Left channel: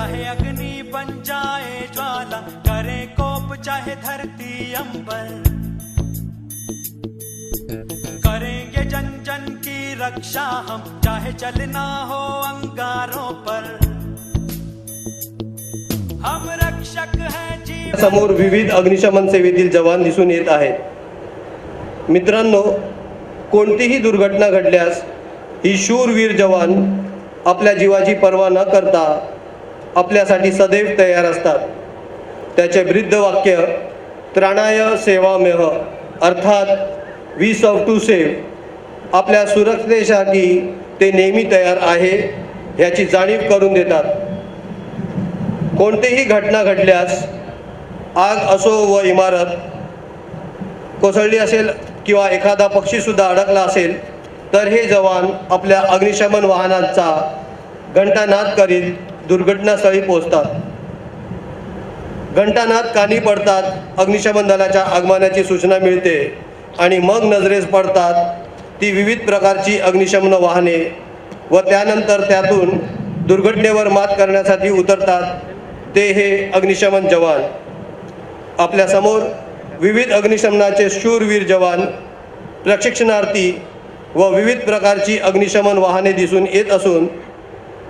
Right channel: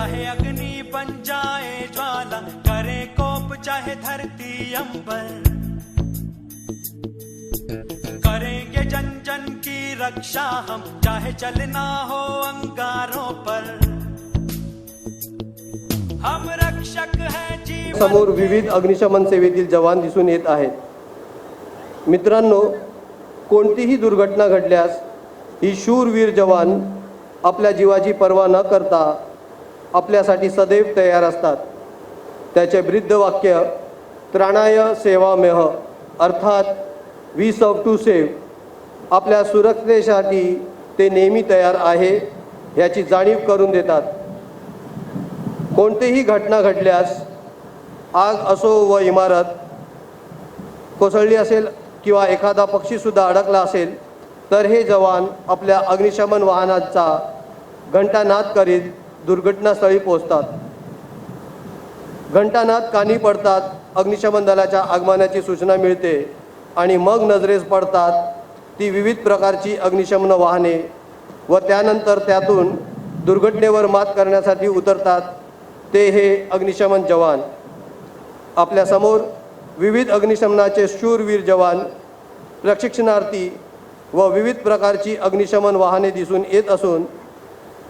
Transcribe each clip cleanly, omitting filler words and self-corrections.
चाहे अग्नि बन जाए ज्वाला, करे कोप चाहे धरती अंबर, करेंगे जन जन की रक्षा हम, चाहे चलना हो अंगारों पर, हम रक्षक हैं जीवन। समोर विविध अग्निशमन सेवेतील जवान दिसून येत आहेत. मित्रांनो, कोणतीही दुर्घटना घडल्यास ही शूरवीर जवान आपल्या जीवाची पर्वा न करता आपल्यासाठी सदैव तयार असतात. त्याचे ब्रीद वाक्य त्राणाय सेवाम्यह अर्थात वी सर्व टू सेव्ह आपल्या सुरक्षेसाठी ते नेहमी तयार आहे याची जाणीव करून देतात. कोणतीही घटना घडल्यास आग असो व इमारत कोसळली असेल किंवा एखादा पक्षी सुद्धा अडकला असेल तर हे जवान आपल्या अग्निशमन वाहनांचा घंटानाद करीत दुर्घटनास्थळी पोहोचतात. घंटानाद कानी पडतात, अग्निशमन दलाच्या आगमनाची सूचना मिळते आणि मग नजरेस पडतात ती विविध प्रकारची अग्निशमन वाहने व त्यानंतर त्यातून दुर्घटनेवर मात करण्यासाठी उतरतात ते हे अग्निशमन जवान. आपल्या समोर विविध अग्निशमनाचे शूरवीर जवान, प्रशिक्षणार्थी व विविध प्रकारची अग्निशमन वाहने दिसून येत असून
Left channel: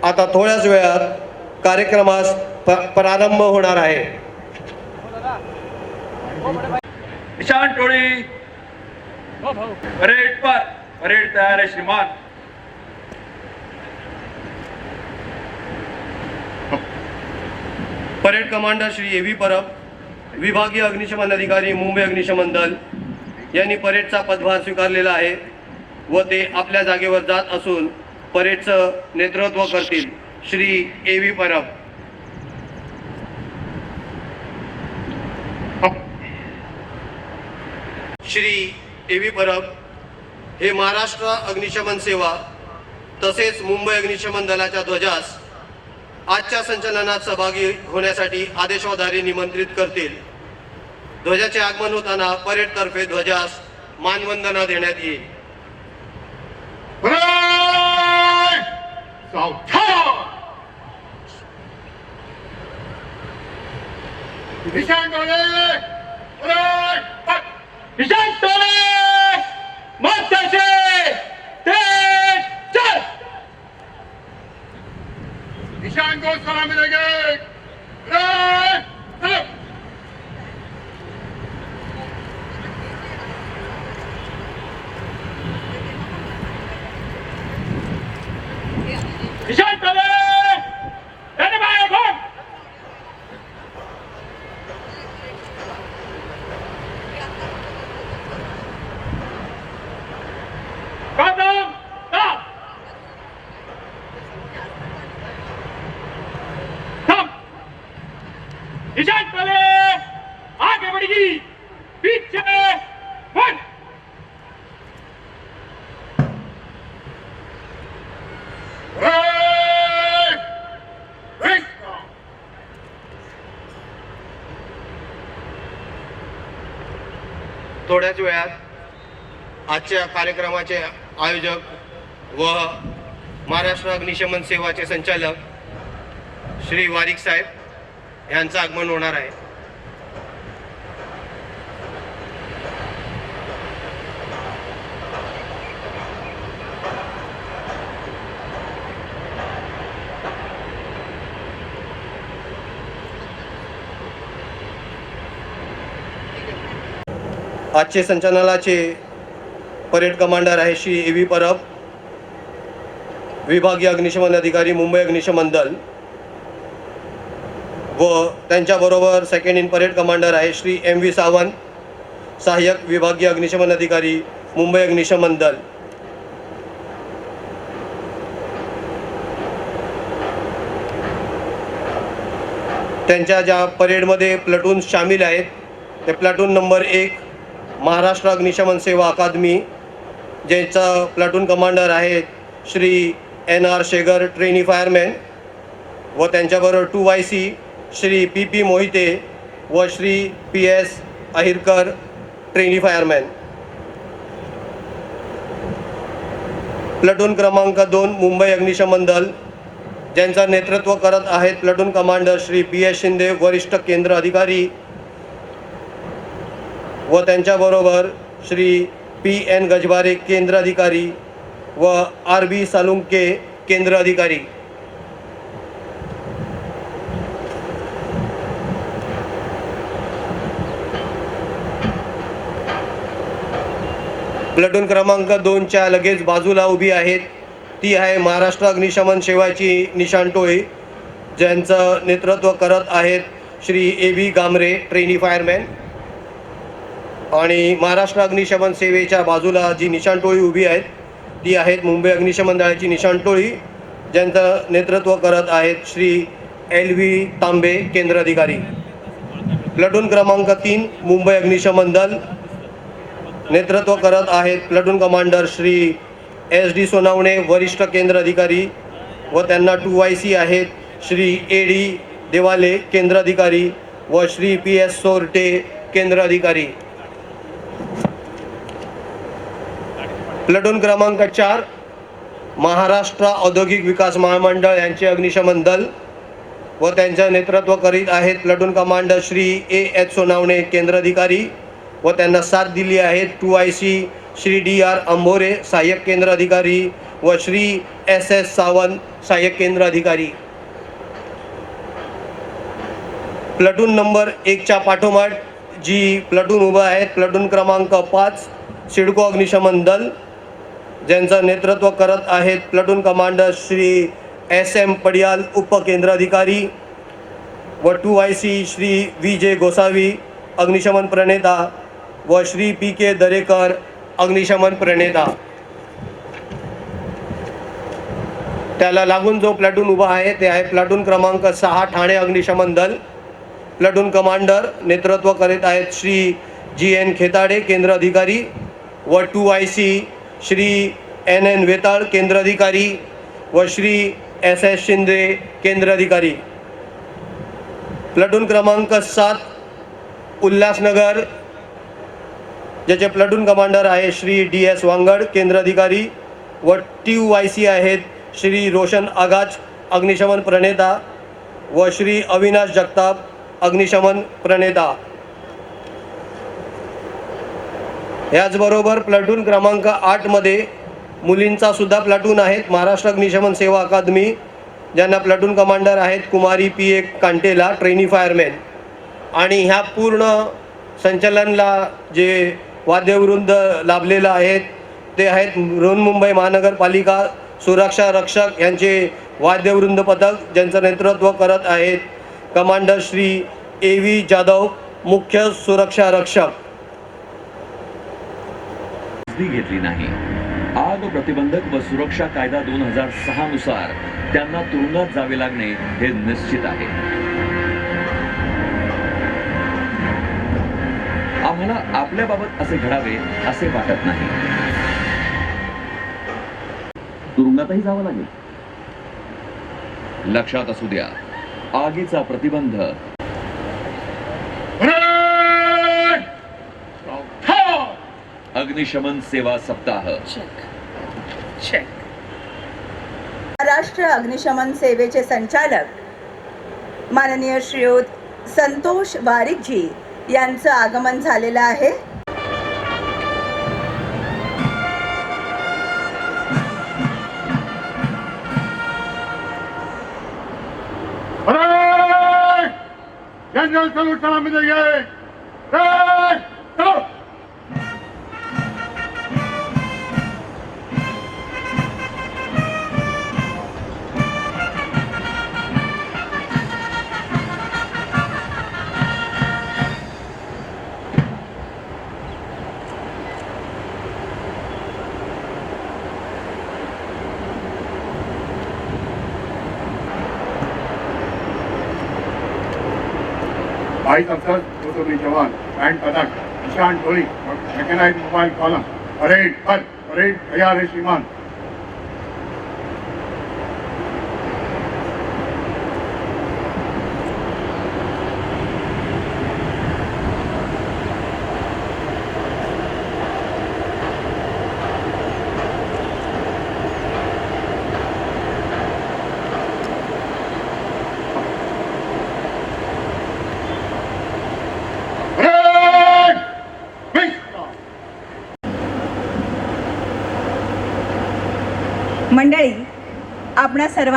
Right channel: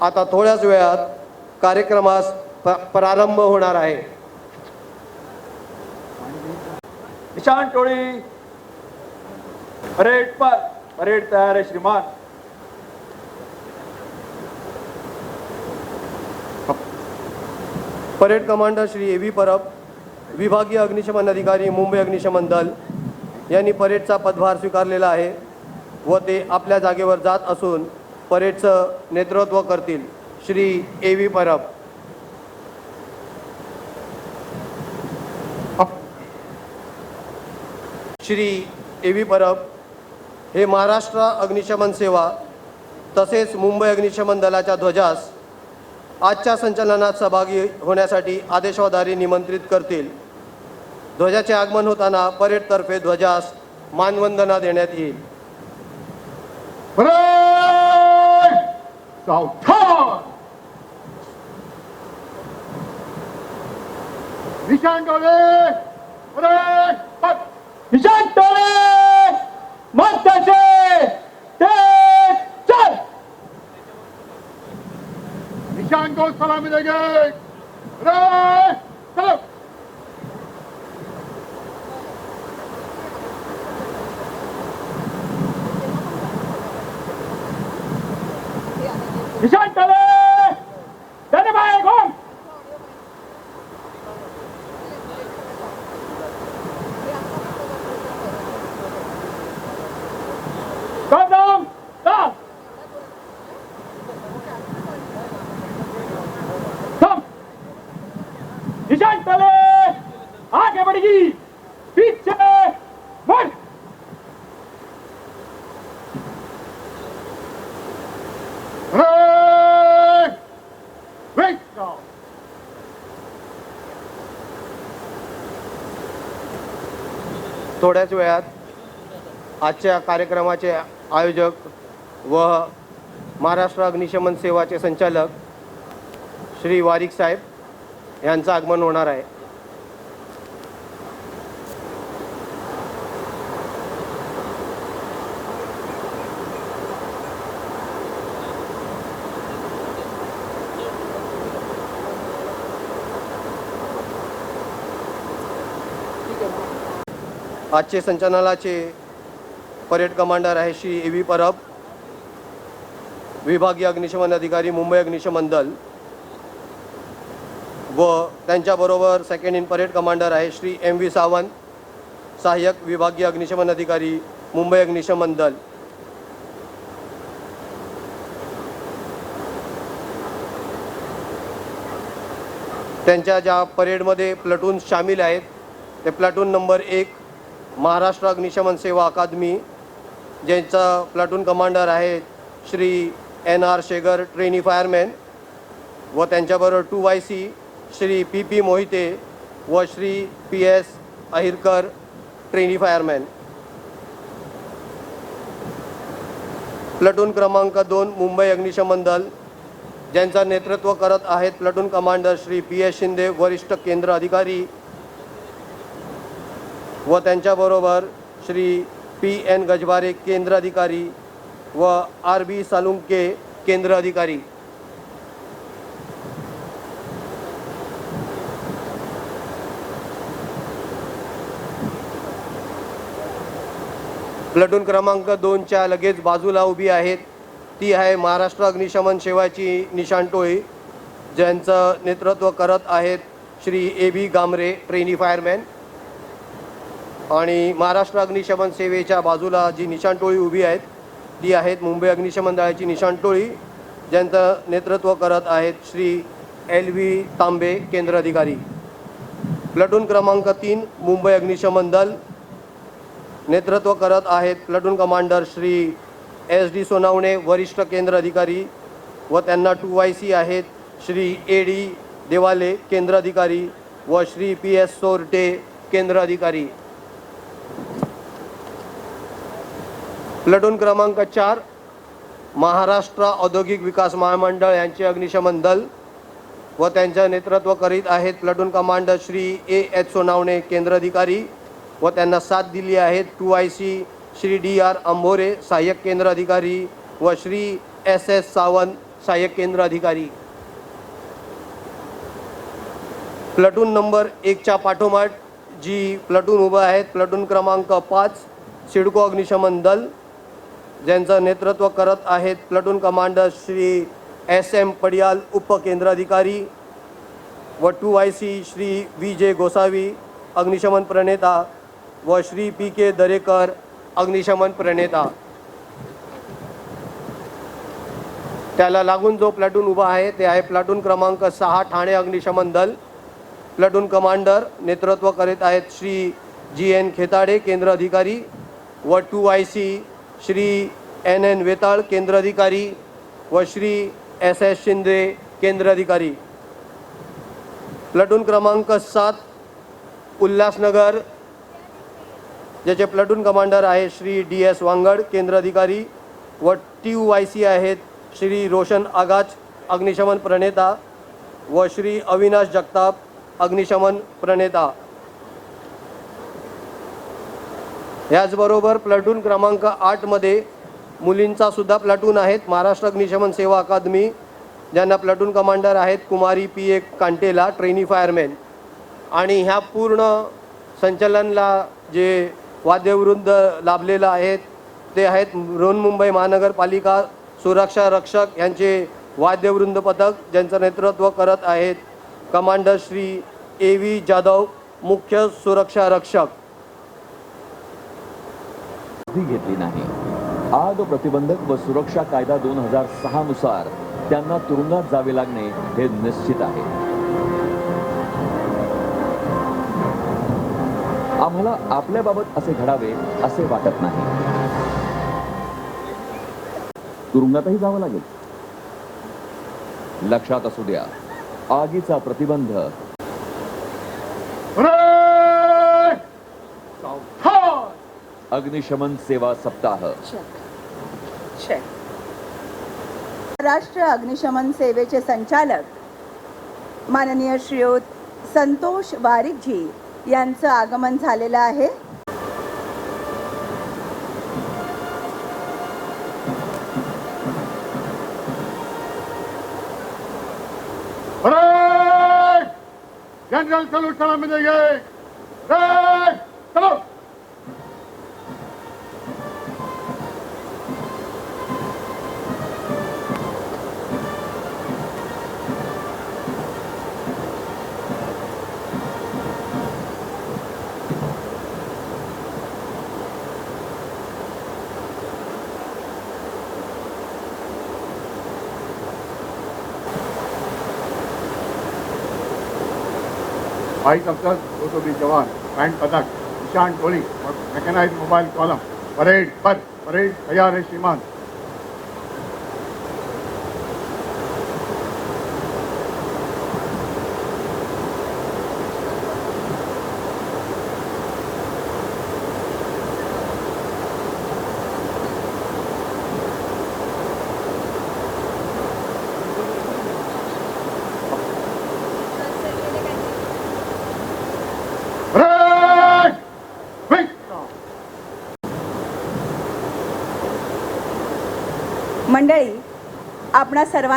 आता थोड्याच वेळात कार्यक्रमास प्रारंभ होणार आहे. किसान टोळी परेड पर, परेड तयार है श्रीमान. Parade commander Shri A V Parab, विभागीय अग्निशमन अधिकारी मुंबई अग्निशमन दल यांनी परेडचा पदभार स्वीकारलेला आहे व ते आपल्या जागेवर जात असून परेडचं नेतृत्व करतील. Shri A V Parab. Shri A V Parab हे महाराष्ट्र अग्निशमन सेवा तसेच मुंबई अग्निशमन दलाच्या ध्वजास आजच्या संचलनात सहभागी होण्यासाठी आदेशाद्वारे निमंत्रित करतील. ध्वजाचे आगमन होताना परेडतर्फे ध्वजास मानवंदना देण्यात येईल. थोड्याच वेळात आजच्या कार्यक्रमाचे आयोजक व महाराष्ट्र अग्निशमन सेवाचे संचालक श्री वारिक साहेब यांचं आगमन होणार आहे. आजचे संचलनाचे परेड कमांडर आहे श्री ए व्ही परब, विभागीय अग्निशमन अधिकारी मुंबई अग्निशमन दल व त्यांच्याबरोबर सेकंड इन परेड कमांडर आहे श्री एम व्ही सावंत, सहाय्यक विभागीय अग्निशमन अधिकारी मुंबई अग्निशमन दल. त्यांच्या ज्या परेडमध्ये प्लटून सामील आहेत ते प्लटून नंबर 1 महाराष्ट्र अग्निशमन सेवा अकादमी, ज्यांचा प्लटून कमांडर आहे Shri N R Shegar, trainee fireman, व त्यांच्याबरोबर 2YC श्री PP मोहिते व Shri PS Ahirkar, trainee fireman. Platoon क्रमांक 2 मुंबई अग्निशमन दल, ज्यांचं नेतृत्व करत आहेत platoon commander Shri P S Shinde वरिष्ठ केंद्र अधिकारी व त्यांच्याबरोबर श्री पी एन गजबारे केंद्र अधिकारी व आर बी सालुंके केंद्र अधिकारी. प्लटून क्रमांक 2च्या लगेच बाजूला उभी आहेत ती आहे महाराष्ट्र अग्निशमन सेवाची निशाण टोळी, ज्यांचं नेतृत्व करत आहेत Shri A B Gamre trainee fireman. आणि महाराष्ट्र अग्निशमन सेवेच्या बाजूला जी निशाण टोळी उभी आहेत ती आहेत मुंबई अग्निशमन दलाची निशाण टोळी, ज्यांचं नेतृत्व करत आहेत श्री एल व्ही तांबे केंद्र अधिकारी. प्लटून क्रमांक 3 मुंबई अग्निशमन दल, नेतृत्व करत आहेत platoon commander Shri S D Sonawane वरिष्ठ केंद्र अधिकारी व त्यांना 2IC आहेत श्री ए डी देवाले केंद्र अधिकारी व श्री पी एस सोरटे केंद्र अधिकारी. प्लटून क्रमांक 4 महाराष्ट्र औद्योगिक विकास महामंडळ यांचे अग्निशमन दल व त्यांचे नेतृत्व करीत आहेत platoon commander Shri A H Sonawane केंद्र अधिकारी व त्यांना साथ दिली आहेत 2IC Shri D R Ambhore सहाय्यक केंद्र अधिकारी व श्री एस एस सावंत सहाय्यक केंद्र अधिकारी. प्लटून नंबर 1च्या पाठोपाठ जी प्लटून उभा आहेत प्लटून क्रमांक 5 सिडको अग्निशमन दल, ज्यांचं नेतृत्व करत आहेत platoon commander Shri S M Padiyal उपकेंद्र अधिकारी व 2IC Shri V J Gosavi अग्निशमन प्रणेता व श्री पी के दरेकर अग्निशमन प्रणेता. त्याला लागून जो प्लटून उभा आहे ते आहे प्लटून क्रमांक 6 ठाणे अग्निशमन दल, प्लटून कमांडर नेतृत्व करीत आहेत श्री जी एन खेताडे केंद्र अधिकारी व 2IC श्री एन एन वेताळ केंद्र अधिकारी व श्री एस एस शिंदे केंद्र अधिकारी. प्लटून क्रमांक 7 उल्हासनगर, ज्याचे प्लटून कमांडर आहे श्री डी एस वांगड केंद्र अधिकारी व 2IC आहेत श्री रोशन आगाच अग्निशमन प्रणेता व श्री अविनाश जगताप अग्निशमन प्रणेता. याचबरोबर प्लटून क्रमांक 8 मध्ये मुलींचा सुद्धा प्लटून आहेत महाराष्ट्र अग्निशमन सेवा अकादमी, ज्यांना प्लटून कमांडर आहेत कुमारी पी ए कांटेला ट्रेनी फायरमॅन. आणि ह्या पूर्ण संचलनला जे वाद्यवृंद लाभलेलं आहेत ते आहेत बृहन्मुंबई महानगरपालिका सुरक्षा रक्षक यांचे वाद्यवृंद पथक, ज्यांचं नेतृत्व करत आहेत commander Shri A V Jadhav मुख्य सुरक्षा रक्षक. घेतली नाही. आग प्रतिबंधक व सुरक्षा कायदा 2006 नुसार त्यांना तुरुंगात जावे लागणे हे निश्चित आहे. आम्हाला आपल्याबाबत असे घडावे असे वाटत नाही. तुरुंगातही जावं लागेल. लक्षात असू द्या, आगीचा प्रतिबंध अग्निशमन सेवा सप्ताह. महाराष्ट्र अग्निशमन सेवेचे संचालक माननीय श्रीयुत संतोष बारिकजी यांचं आगमन झालेलं आहे. जनरल संगठन Vice Officer, Rotary Jawan, and Padak, Ishan Chori, Mechanized Mobile Column, Parade, Parade, Tayar Shriman.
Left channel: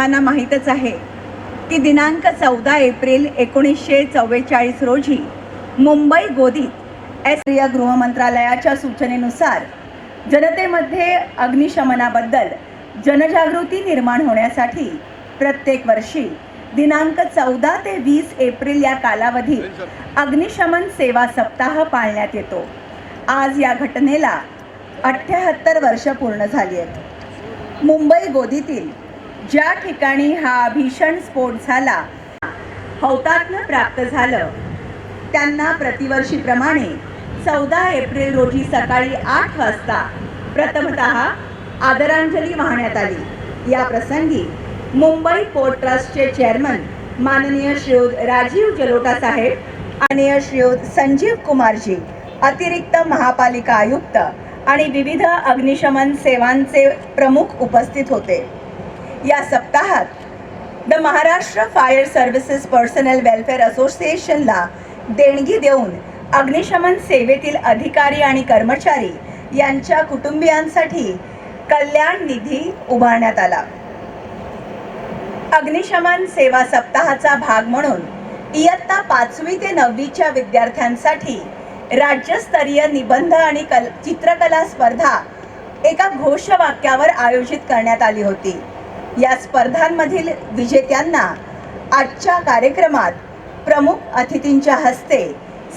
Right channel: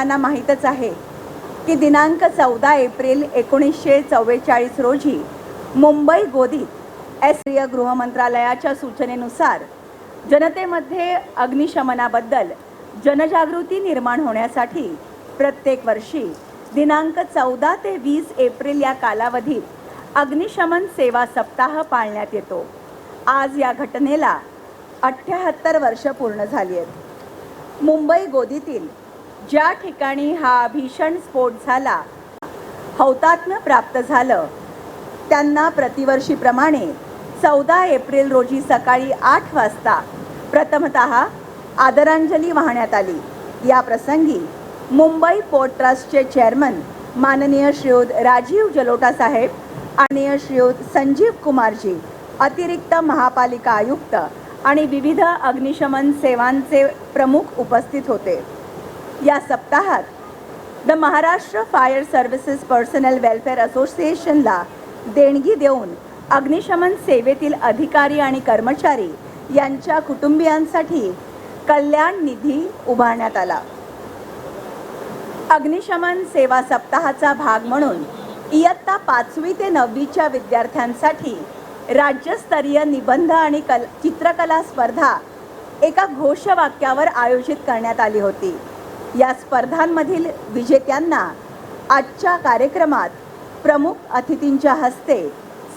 सर्वांना माहीतच आहे की दिनांक 14 एप्रिल 1944 रोजी मुंबई गोदीत केंद्रीय गृह मंत्रालयाच्या सूचनेनुसार जनतेमध्ये अग्निशमनाबद्दल जनजागृती निर्माण होण्यासाठी प्रत्येक वर्षी दिनांक 14 ते 20 एप्रिल या कालावधीत अग्निशमन सेवा सप्ताह पाळण्यात येतो. आज या घटनेला 78 वर्ष पूर्ण झाली आहेत. मुंबई गोदीतील ज्या ठिकाणी हा भीषण स्फोट झाला, हौतात्म्य प्राप्त झालं, त्यांना प्रतिवर्षीप्रमाणे 14 एप्रिल रोजी सकाळी 8 वाजता प्रथमतः आदरांजली वाहण्यात आली. या प्रसंगी मुंबई पोर्ट ट्रस्टचे चेअरमन माननीय श्रीयुत राजीव जलोटा साहेब, माननीय श्रीयुत संजीव कुमारजी, अतिरिक्त महापालिका आयुक्त आणि विविध अग्निशमन सेवांचे प्रमुख उपस्थित होते. या सप्ताहात the Maharashtra fire services personal welfare असोसिएशनला देणगी देऊन अग्निशमन सेवेतील अधिकारी आणि कर्मचारी यांच्या कुटुंबियांसाठी कल्याण निधी उभारण्यात आला. अग्निशमन सेवा सप्ताहाचा भाग म्हणून इयत्ता 5वी ते 9वीच्या विद्यार्थ्यांसाठी राज्यस्तरीय निबंध आणि चित्रकला स्पर्धा एका घोषवाक्यावर आयोजित करण्यात आली होती. या स्पर्धांमधील विजेत्यांना आजच्या कार्यक्रमात प्रमुख अतिथींच्या हस्ते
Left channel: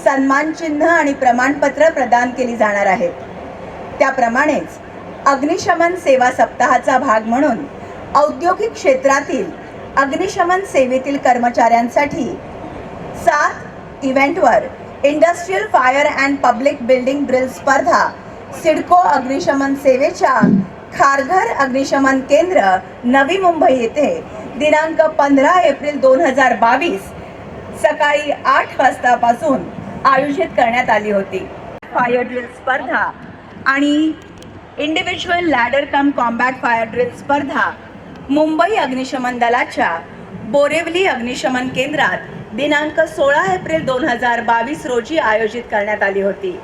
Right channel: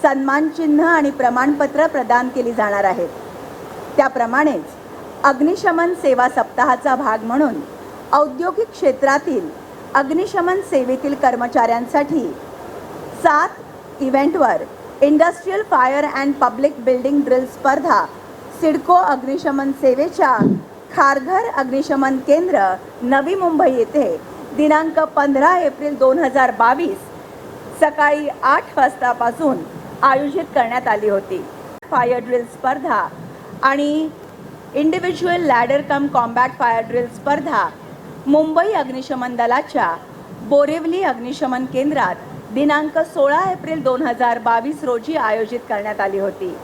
सन्मान चिन्ह आणि प्रमाणपत्र प्रदान केली जाणार आहेत. त्याप्रमाणेच अग्निशमन सेवा सप्ताहाचा भाग म्हणून औद्योगिक क्षेत्रातील अग्निशमन सेवेतील कर्मचाऱ्यांसाठी 7 इव्हेंटवर industrial fire and public building drill स्पर्धा सिडको अग्निशमन सेवेच्या खारघर अग्निशमन केंद्र नवी मुंबई येथे दिनांक 15 एप्रिल 2022 सकाळी 8 वाजतापासून आयोजित करण्यात आली होती. फायर ड्रिल स्पर्धा आणि इंडिव्हिज्युअल लॅडर कम कॉम्बॅट फायर ड्रिल स्पर्धा मुंबई अग्निशमन दलाच्या बोरिवली अग्निशमन केंद्रात दिनांक 16 एप्रिल 2022 रोजी आयोजित करण्यात आली होती.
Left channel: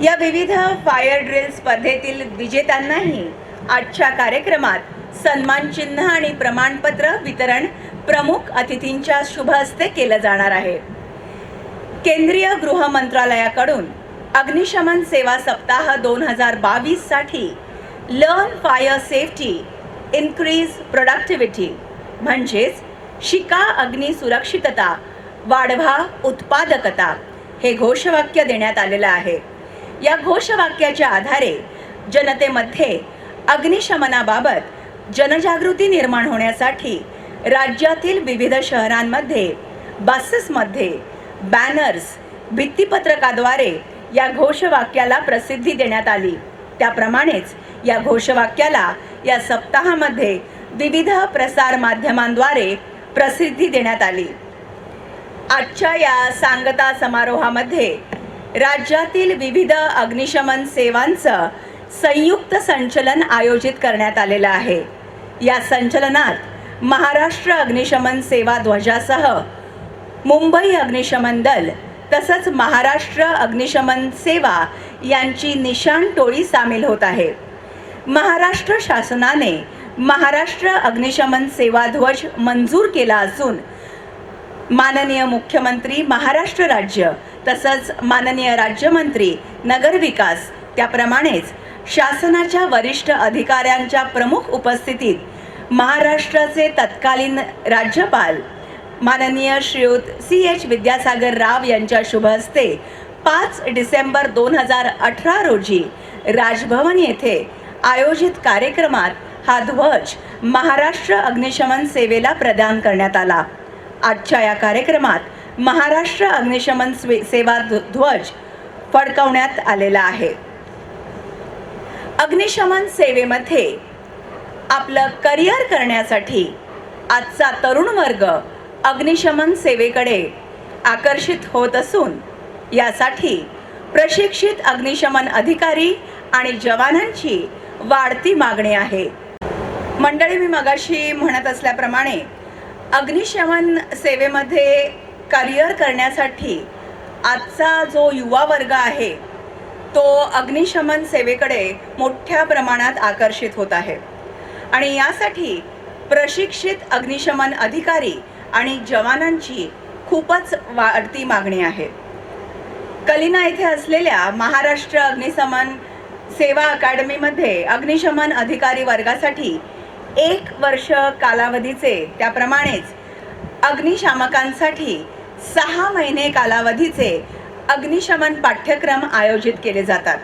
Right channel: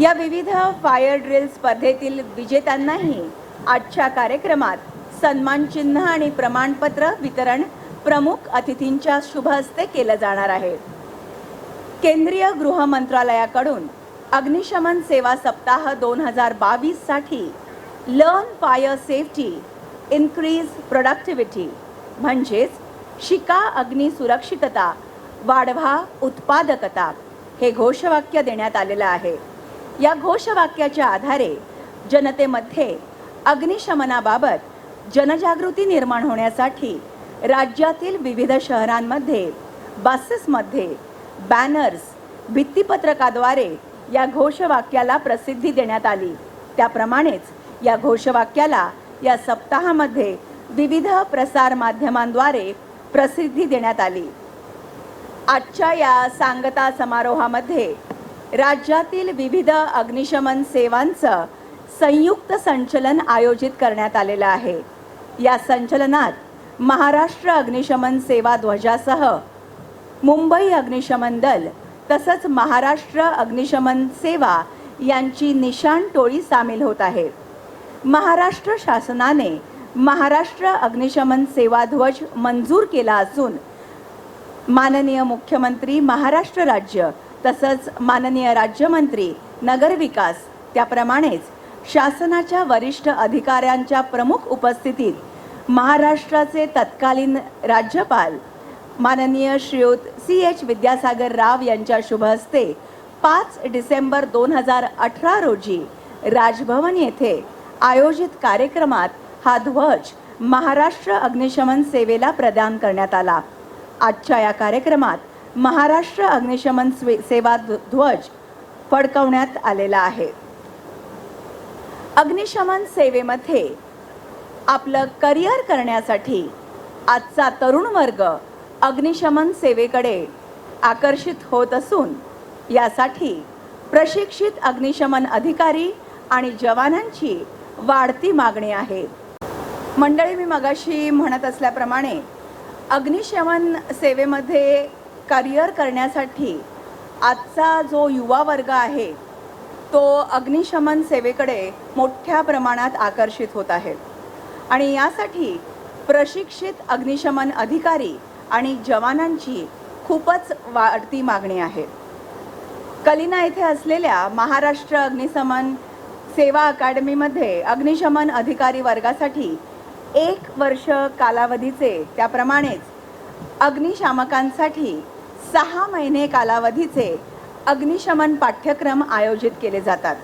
या विविध फायर ड्रिल स्पर्धेतील विजेत्यांनाही आजच्या कार्यक्रमात सन्मान चिन्ह आणि प्रमाणपत्र वितरण प्रमुख अतिथींच्या शुभ हस्ते केलं जाणार आहे. केंद्रीय गृह मंत्रालयाकडून अग्निशमन सेवा सप्ताह 2022 साठी learn fire safety increase productivity म्हणजेच शिका अग्नी सुरक्षितता वाढवा उत्पादकता हे घोषवाक्य देण्यात आलेलं आहे. या घोषवाक्याच्या आधारे जनतेमध्ये अग्निशमनाबाबत जनजागृती निर्माण होण्यासाठी राज्यातील विविध शहरांमध्ये बसेसमध्ये बॅनर्स भित्तिपत्रकाद्वारे या घोषवाक्याला प्रसिद्धी देण्यात आली. त्याप्रमाणेच या घोषवाक्याला या सप्ताहामध्ये विविध प्रसार माध्यमांद्वारे प्रसिद्धी देण्यात आली. आजच्या या सांगता समारोहामध्ये राज्यातील विविध अग्निशमन सेवांचं संयुक्त संचलन आयोजित करण्यात आलेलं आहे. या संचलनात महाराष्ट्र अग्निशमन सेवा ध्वजासह मुंबई अग्निशमन दल तसंच महाराष्ट्र अग्निशमन सेवा यांची निशाण टोळी सामील होत आहे. महाराष्ट्र शासनाने महाराष्ट्र अग्निशमन सेवा ध्वज मंजूर केला असून माननीय मुख्यमंत्री महाराष्ट्र राज्य तसंच माननीय राज्यमंत्री नगरविकास त्याप्रमाणेच शासनाच्या वरिष्ठ अधिकाऱ्यांच्या प्रमुख उपस्थितीत महाराष्ट्राचे तत्कालीन राज्यपाल माननीय श्रीयुत CH विद्यासागर राव यांच्या शुभ हस्ते 5 डिसेंबर 2018 रोजी राजभवन येथे आयोजित कार्यक्रमात हा ध्वज महाराष्ट्र अग्निशमन सेवेला प्रदान करण्यात आला. आजच्या या कार्यक्रमात महाराष्ट्र अग्निशमन सेवा ध्वज फडकवण्यात आलेला आहे. अग्निशमन सेवेमध्ये आपलं करिअर करण्यासाठी आजचा तरुण वर्ग अग्निशमन सेवेकडे आकर्षित होत असून यासाठी प्रशिक्षित अग्निशमन अधिकारी आणि जवानांची वाढती मागणी आहे. मंडळी, मी मगाशी म्हणत असल्याप्रमाणे अग्निशमन सेवेमध्ये करिअर करण्यासाठी आजचा जो युवा वर्ग आहे तो अग्निशमन सेवेकडे मोठ्या प्रमाणात आकर्षित होत आहे आणि यासाठी प्रशिक्षित अग्निशमन अधिकारी आणि जवानांची खूपच वाढती मागणी आहे. कलिना येथे असलेल्या महाराष्ट्र अग्निशमन सेवा अकादमीमध्ये अग्निशमन अधिकारी वर्गासाठी 1 वर्ष कालावधीचे, त्याप्रमाणेच अग्निशामकांसाठी 6 महिने कालावधीचे अग्निशमन पाठ्यक्रम आयोजित केले जातात.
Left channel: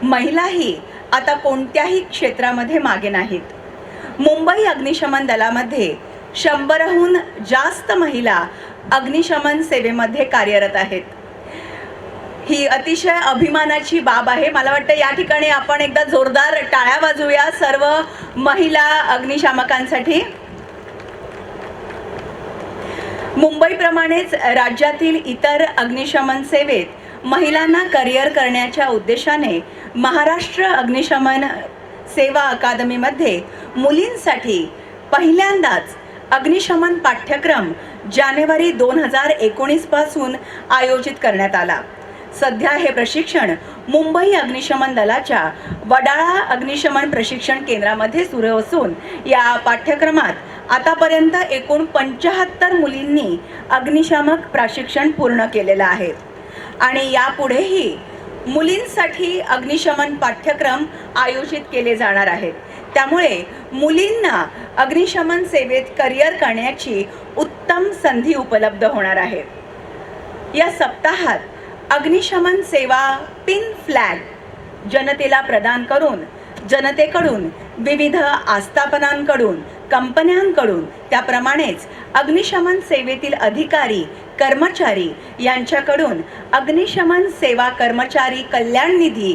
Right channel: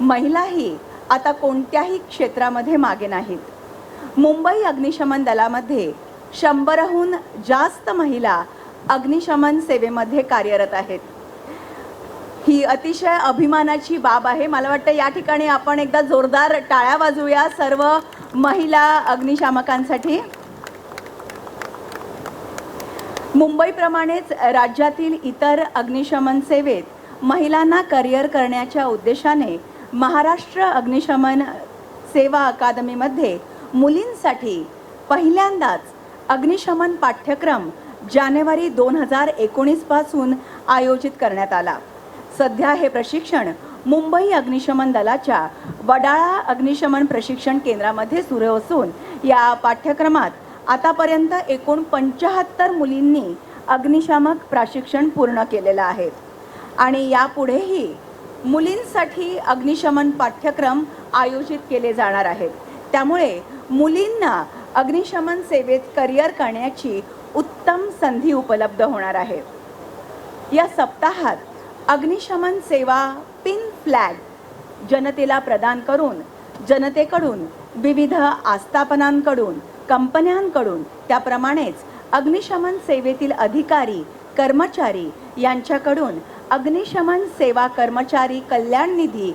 महिलाही आता कोणत्याही क्षेत्रामध्ये मागे नाहीत. मुंबई अग्निशमन दलामध्ये 100हून जास्त महिला अग्निशमन सेवेमध्ये कार्यरत आहेत. ही अतिशय अभिमानाची बाब आहे. मला वाटतं या ठिकाणी आपण एकदा जोरदार टाळ्या वाजवूया सर्व महिला अग्निशामकांसाठी. मुंबईप्रमाणेच राज्यातील इतर अग्निशमन सेवेत महिलांना करिअर करण्याच्या उद्देशाने महाराष्ट्र अग्निशमन सेवा अकादमीमध्ये मुलींसाठी पहिल्यांदाच अग्निशमन पाठ्यक्रम जानेवारी 2019 पासून आयोजित करण्यात आला. सध्या हे प्रशिक्षण मुंबई अग्निशमन दलाच्या वडाळा अग्निशमन प्रशिक्षण केंद्रामध्ये सुरू असून या पाठ्यक्रमात आतापर्यंत एकूण 75 मुलींनी अग्निशामक प्रशिक्षण पूर्ण केलेलं आहे आणि यापुढेही मुलींसाठी अग्निशमन पाठ्यक्रम आयोजित केले जाणार आहेत. त्यामुळे मुलींना अग्निशमन सेवेत करिअर करण्याची उत्तम संधी उपलब्ध होणार आहे. या सप्ताहात अग्निशमन सेवा पिन फ्लॅग जनतेला प्रदान करून जनतेकडून विविध आस्थापनांकडून, कंपन्यांकडून, त्याप्रमाणेच अग्निशमन सेवेतील अधिकारी, कर्मचारी यांच्याकडून अग्निशमन सेवा कर्मचारी कल्याण निधी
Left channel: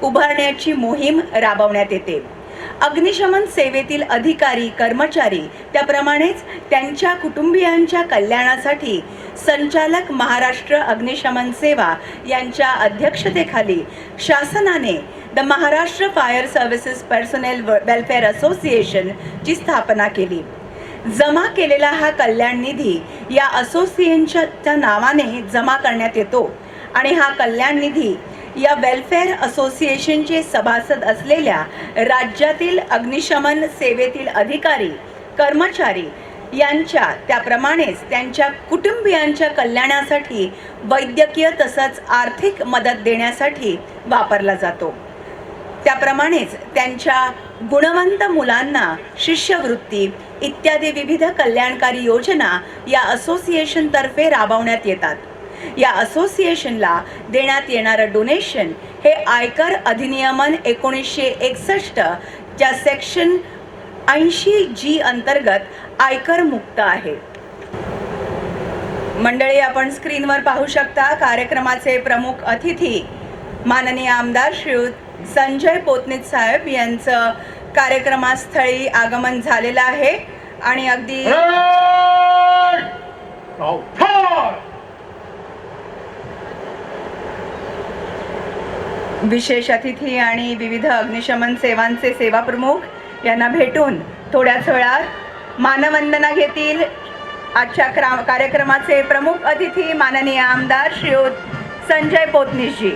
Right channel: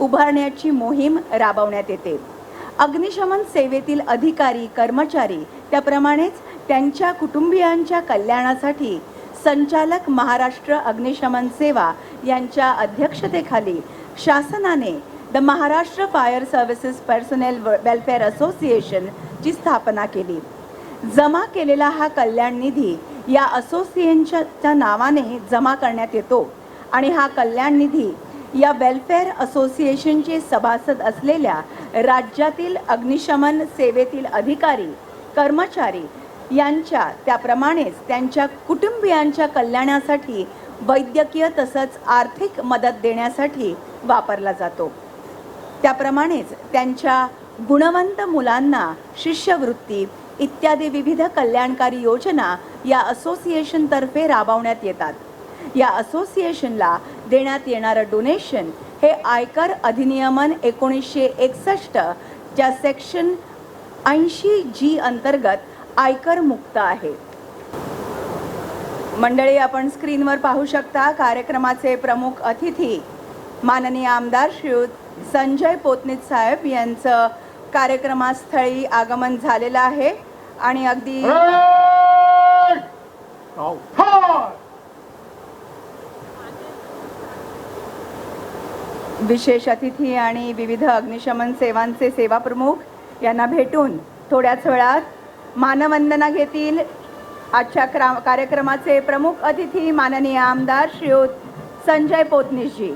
उभारण्याची मोहीम राबवण्यात येते. अग्निशमन सेवेतील अधिकारी, कर्मचारी, त्याप्रमाणेच त्यांच्या कुटुंबियांच्या कल्याणासाठी संचालक महाराष्ट्र अग्निशमन सेवा यांच्या अध्यक्षतेखाली शासनाने the Maharashtra fire services personal welfare association ची स्थापना केली. जमा केलेला हा कल्याण निधी या असोसिएशनच्या नावाने जमा करण्यात येतो आणि हा कल्याण निधी या वेलफेअर असोसिएशनचे सभासद असलेल्या राज्यातील अग्निशमन सेवेतील अधिकारी, कर्मचारी यांच्या, त्याप्रमाणेच त्यांच्या कुटुंबियांच्या कल्याणासाठी वैद्यकीय तसंच आर्थिक मदत देण्यासाठी वापरला जातो. त्याप्रमाणेच त्यांच्या गुणवंत मुलांना शिष्यवृत्ती इत्यादी विविध कल्याणकारी योजना या असोसिएशन तर्फे राबवण्यात येतात. या असोसिएशनला देण्यात येणारं डोनेशन हे आयकर अधिनियमन 1961 च्या सेक्शन 80G अंतर्गत आयकर मुक्त आहे. मंडळी, आपण स्क्रीनवर पाहू शकता कार्यक्रमाचे प्रमुख अतिथी माननीय आमदार श्रीयुत संजय पोतनीस साहेब यांचं कार्यक्रमस्थळी आगमन झालेलं आहे आणि अगदी विशेष अतिथी आणि विविध अग्निशमन सेवांचे सेवा प्रमुख यांना भेटून थोड्याच वेळात मानवंदना घेतील. आजच्या कार्यक्रमाचे प्रमुख अतिथी माननीय आमदार श्रीयुत संजय पोतनीसजी.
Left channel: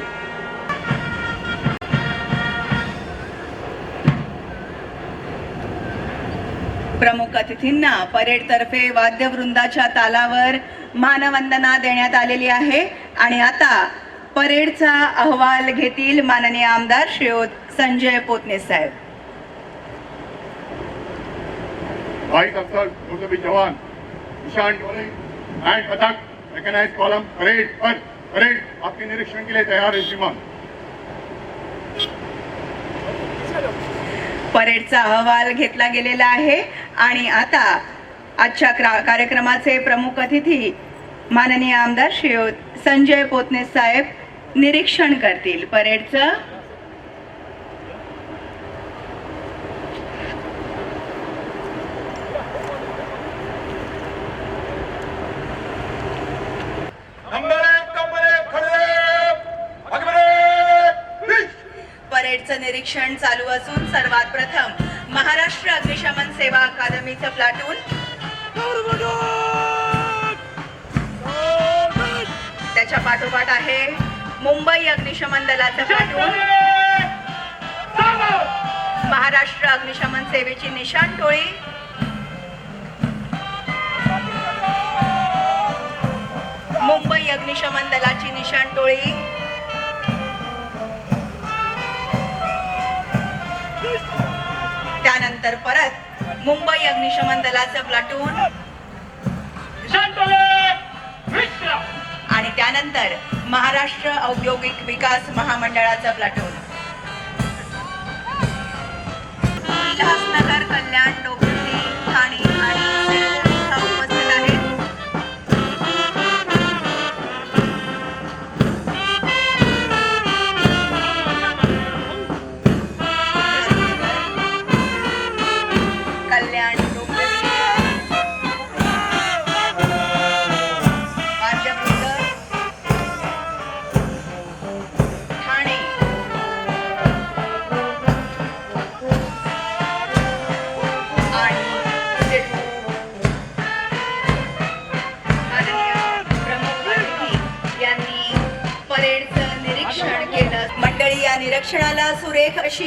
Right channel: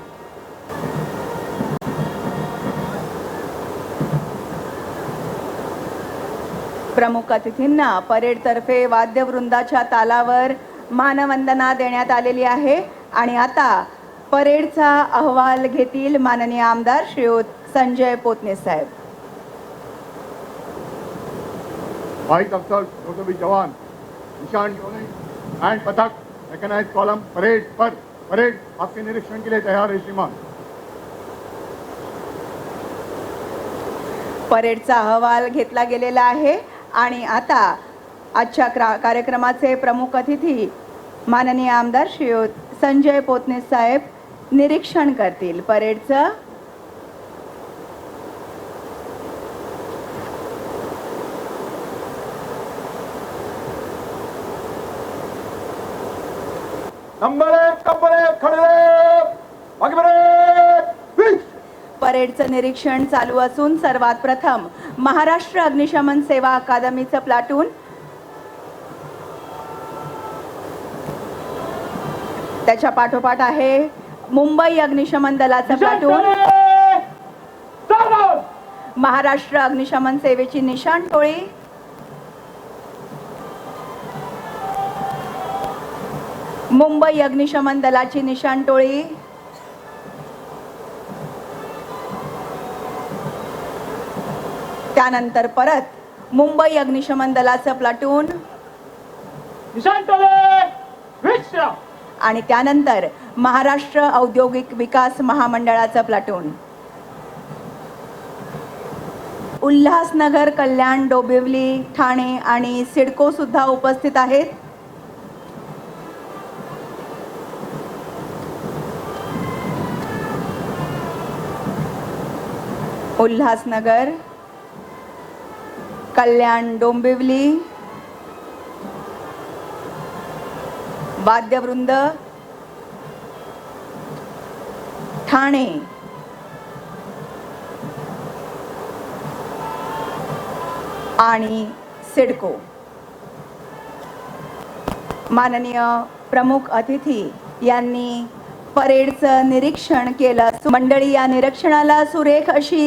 प्रमुख अतिथींना परेड तर्फे वाद्यवृंदाच्या तालावर मानवंदना देण्यात आलेली आहे आणि आता परेडचा अहवाल घेतील माननीय आमदार श्रीयुत संजय पोतनीस साहेब. White Officer, Rotary Jawan, निशान टोली एंड पदक रिकॉग्नाइज कॉलम परेड पर परेड आपके निरीक्षण के लिए तैयार है श्रीमान. परेडचा अहवाल घेतला गेलेला आहे आणि आता आजच्या कार्यक्रमाचे प्रमुख अतिथी माननीय आमदार श्रीयुत संजय पोतनीस साहेब निरीक्षण करतील परेडचं. परेडचं निरीक्षण चालू असून सर्वात प्रथम महाराष्ट्र अग्निशमन सेवा अकादमीचं प्लाटून, त्याच्या पाठोपाठ आहे मुंबई अग्निशमन दलाचं प्लाटून, महाराष्ट्र अग्निशमन सेवेची निशाण टोळी, मुंबई अग्निशमन दलाची निशाण टोळी, त्यानंतर परत मुंबई अग्निशमन दलाचं प्लाटून आणि त्यानंतर महाराष्ट्र औद्योगिक विकास महामंडळाचं प्लाटून. उल्हासनगर, कल्याण, डोंबिवली, ठाणे आणि सिडको सुद्धा उपस्थित आहेत. उल्हासनगर, कल्याण, डोंबिवली, वाद्यवृंद, ठाणे आणि सिडको. माननीय प्रमुख अतिथी यांनी परेडचं निरीक्षण केलं. मंडळी, या निरीक्षणाला सुरेख अशी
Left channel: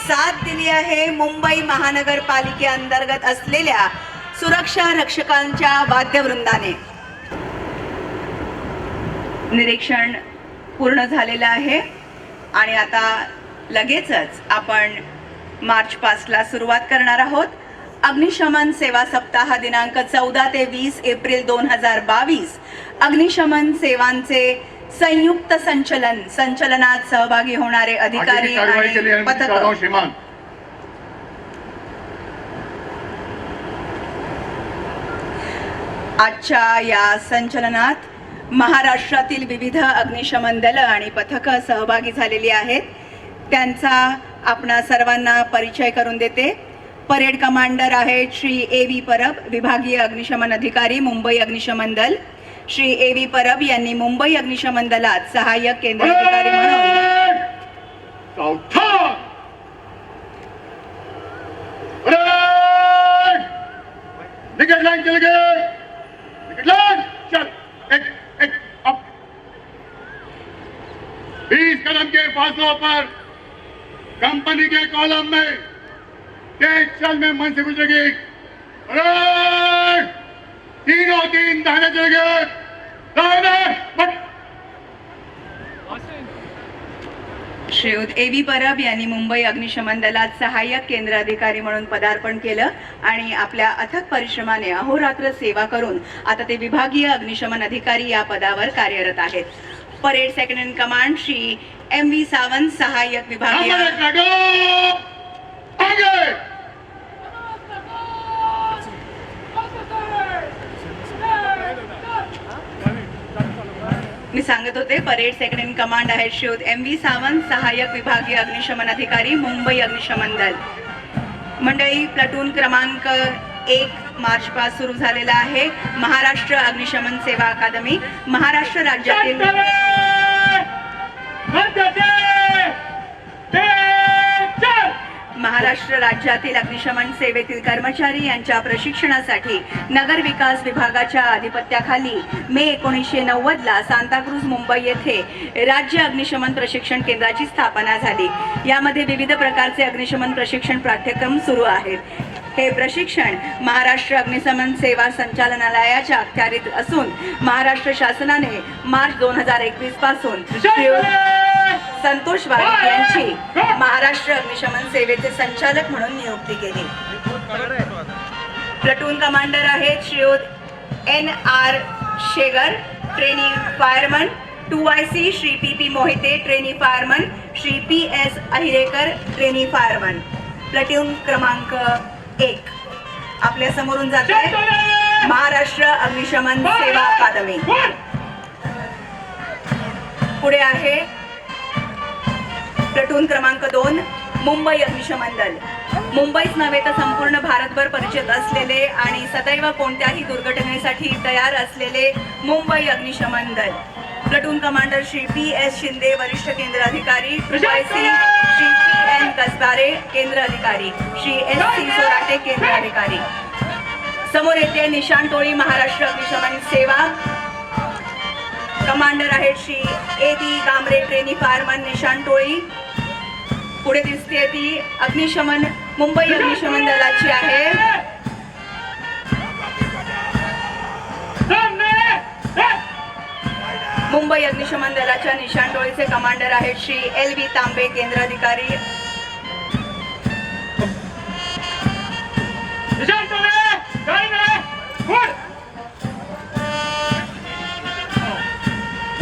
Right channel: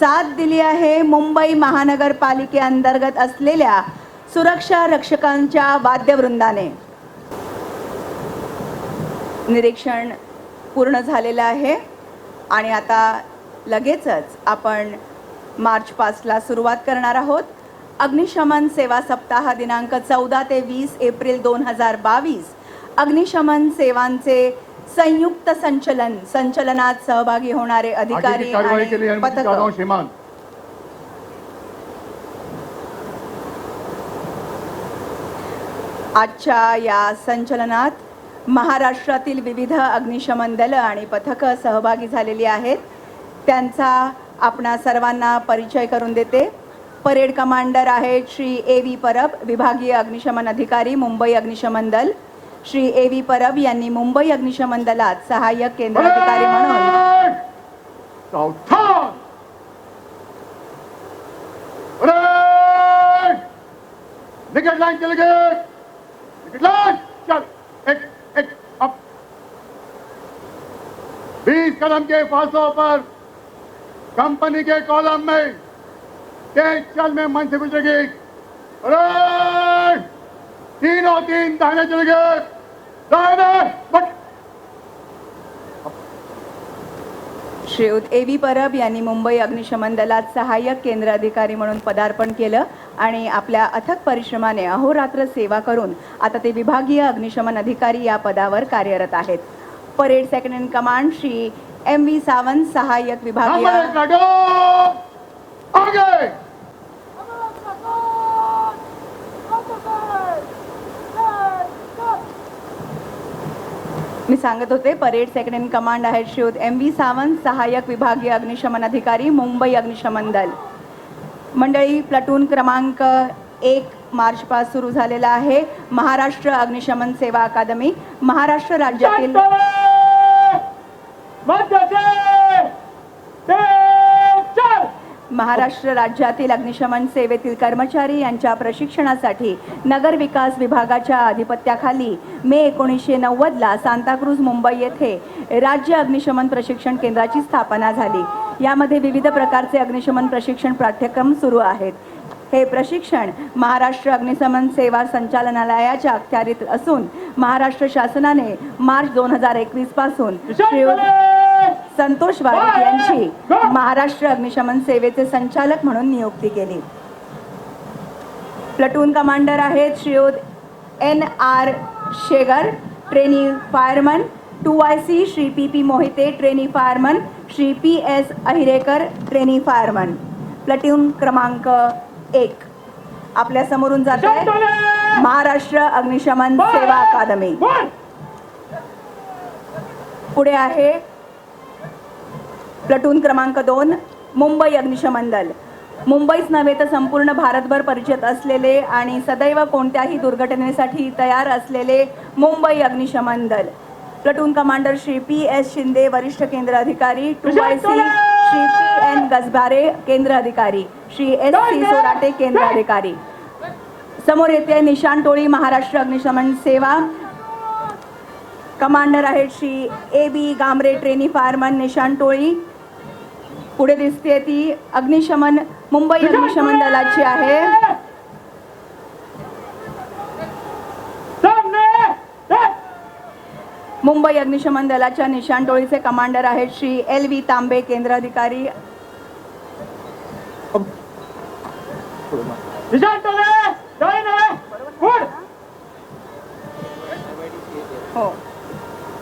साथ दिली आहे मुंबई महानगरपालिकेअंतर्गत असलेल्या सुरक्षा रक्षकांच्या वाद्यवृंदाने. निरीक्षण पूर्ण झालेलं आहे आणि आता लगेचच आपण मार्च 5 ला सुरुवात करणार आहोत. अग्निशमन सेवा सप्ताह दिनांक 14 ते 20 एप्रिल 2022 अग्निशमन सेवांचे संयुक्त संचलनात सहभागी होणारे अधिकारी आणि पथक. आजच्या या संचलनात महाराष्ट्रातील विविध अग्निशमन दल आणि पथकं सहभागी झालेली आहेत. त्यांचा आपणा सर्वांना परिचय करून देते. परेड कमांडर आहेत श्री A.V. परब, विभागीय अग्निशमन अधिकारी, मुंबई अग्निशमन दल. श्री A.V. परब यांनी मुंबई अग्निशमन दलात सहाय्यक केंद्र अधिकारी म्हणून कलम के फासलों पर कंपनी के कॉलम में तेज कल में मंच मिलेगी. तीनों तीन धागे चलेंगे. श्रीयुत A.V. परब यांनी मुंबई अग्निशमन दलात सहाय्यक केंद्र अधिकारी म्हणून पदार्पण केलं आणि आपल्या अथक परिश्रमाने अहोरात्र सेवा करून आता ते विभागीय अग्निशमन अधिकारी या पदावर कार्यरत आहेत. Parade second in command Shri M.V. Sawant, सहाय्यक विभागीय. मी सांगत होते, परेड सेकंड इन कमांड आहे श्री M.V. सावंत, सहाय्यक विभागीय अग्निशमन अधिकारी, मुंबई अग्निशमन दल. मंडळी, प्लाटून क्रमांक 1 मार्च पासून सुरू झालेला आहे. महाराष्ट्र अग्निशमन सेवा अकादमी, महाराष्ट्र राज्यातील अग्निशमन सेवेतील कर्मचारी यांच्या प्रशिक्षणासाठी नगर विकास विभागाच्या अधिपत्याखाली मे 1990 ला सांताक्रूज, मुंबई येथे राज्य अग्निशमन प्रशिक्षण केंद्राची स्थापना झाली. यामध्ये विविध प्रकारचे अग्निशमन प्रशिक्षण पाठ्यक्रम सुरू आहेत. हे प्रशिक्षण महाराष्ट्र अग्निशमन सेवा संचालनालयाच्या अखत्यारीत असून महाराष्ट्र शासनाने मार्च 2021 पासून संतोष वाघ यांची महाराष्ट्र अग्निशमन सेवेचे संचालक म्हणून नियुक्ती केली. प्लाटून कमांडर आहेत Shriyut N.R. Shegar, trainee fireman. 2IC Shri P.P. Mohite, trainee fireman. Shri P.S. Ahirekar, trainee fireman. Platoon क्रमांक 1 आपल्या समोरून जाते महाराष्ट्र अग्निशमन सेवा अकादमी. पुढे आहे प्लाटून क्रमांक 2 मुंबई अग्निशमन दल. मुंबईत नव्हे तर संपूर्ण भारतभर परिचित असलेले आणि सदैव कोणत्याही दुर्घटनेसाठी तयार असलेले मुंबई अग्निशमन दल. Platoon commander Shri P.S. Shinde, वरिष्ठ केंद्र अधिकारी. 2IC Shri P.N. गजबारे, केंद्र अधिकारी. श्री S.C. सोलाटे, केंद्र अधिकारी. समोर येथे निशाण टोळी महाराष्ट्र अग्निशमन सेवा. कमांडर आहे श्री A.V. गांबरे, ट्रेनी फायरमन, निशाण टोळी. पुढे दिसते ती अग्निशमन मुंबई अग्निशमन दलाची आहे. मुंबई अग्निशमन दलाच्या निशाण टोळीचे कमांडर आहेत श्री एल व्ही तांबे, केंद्र अधिकारी.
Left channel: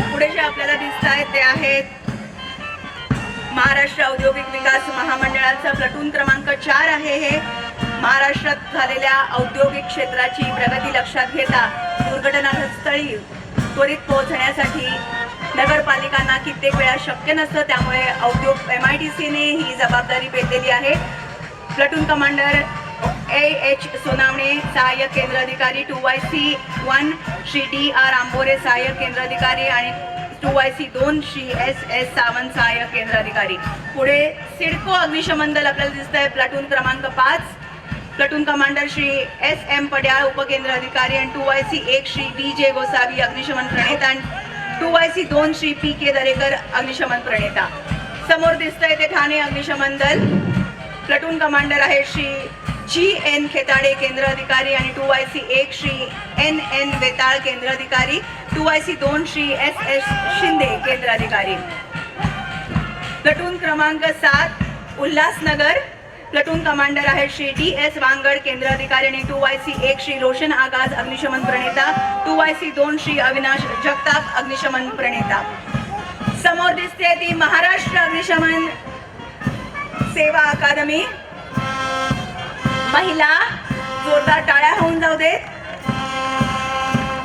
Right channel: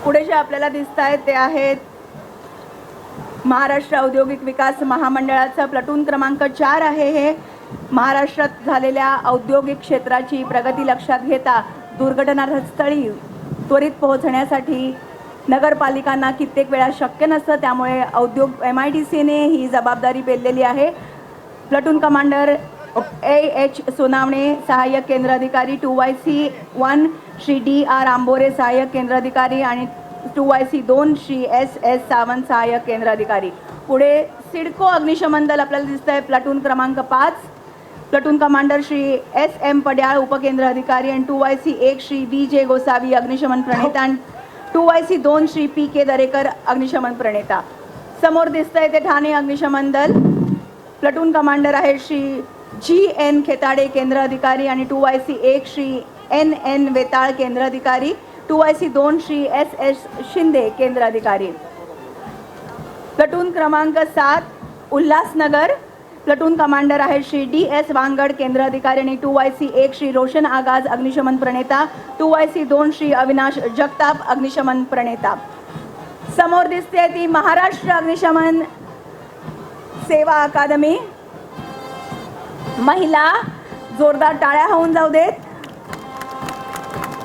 पुढे जे आपल्याला दिसत आहेत ते आहेत महाराष्ट्र औद्योगिक विकास महामंडळाचा प्लटून क्रमांक 4 आहे. हे महाराष्ट्रात झालेल्या औद्योगिक क्षेत्राची प्रगती लक्षात घेता दुर्घटनास्थळी त्वरित पोहोचण्यासाठी नगरपालिकांना कित्येक वेळा शक्य नसतं, त्यामुळे औद्योगिक MIDCने ही जबाबदारी पेललेली आहे. प्लटून कमांडर AH सुनामे, सहाय्यक केंद्र अधिकारी 2YC1 श्री DR आंबोरे, सहाय्यक केंद्र अधिकारी, आणि 2YC2 श्री SS सावंत, सहाय्यक केंद्र अधिकारी. पुढे सिडको अग्निशमन दल आपल्याला दिसत आहे प्लटून क्रमांक 5. प्लटून कमांडर श्री SM पड्याळ, उपकेंद्र अधिकारी, आणि 2YC1 श्री DJ गोसावी, अग्निशमन प्रणेता, आणि 2YC2 श्री PK दरेकर, अग्निशमन प्रणेता. समोर दिसत आहे ते ठाणे अग्निशमन दल. प्लटून कमांडर आहे श्री GN खेताडे, केंद्र अधिकारी, आणि 2YC1 श्री NN वेताळ, केंद्र अधिकारी, 2YC2 श्री SS शिंदे, केंद्र अधिकारी. प्लटून क्रमांक 7 उल्हासनगर. प्लटून कमांडर आहे श्री DS वांगड, केंद्र अधिकारी, आणि 2YC1 श्री रोशन आगाज, अग्निशमन प्रणेता, 2YC2 श्री अविनाश जगताप, अग्निशमन प्रणेता. समोर दिसते की महाराष्ट्र अग्निशमन सेवा अकादमी. महिला जोरदार टाळ्या होऊन जाऊ देत.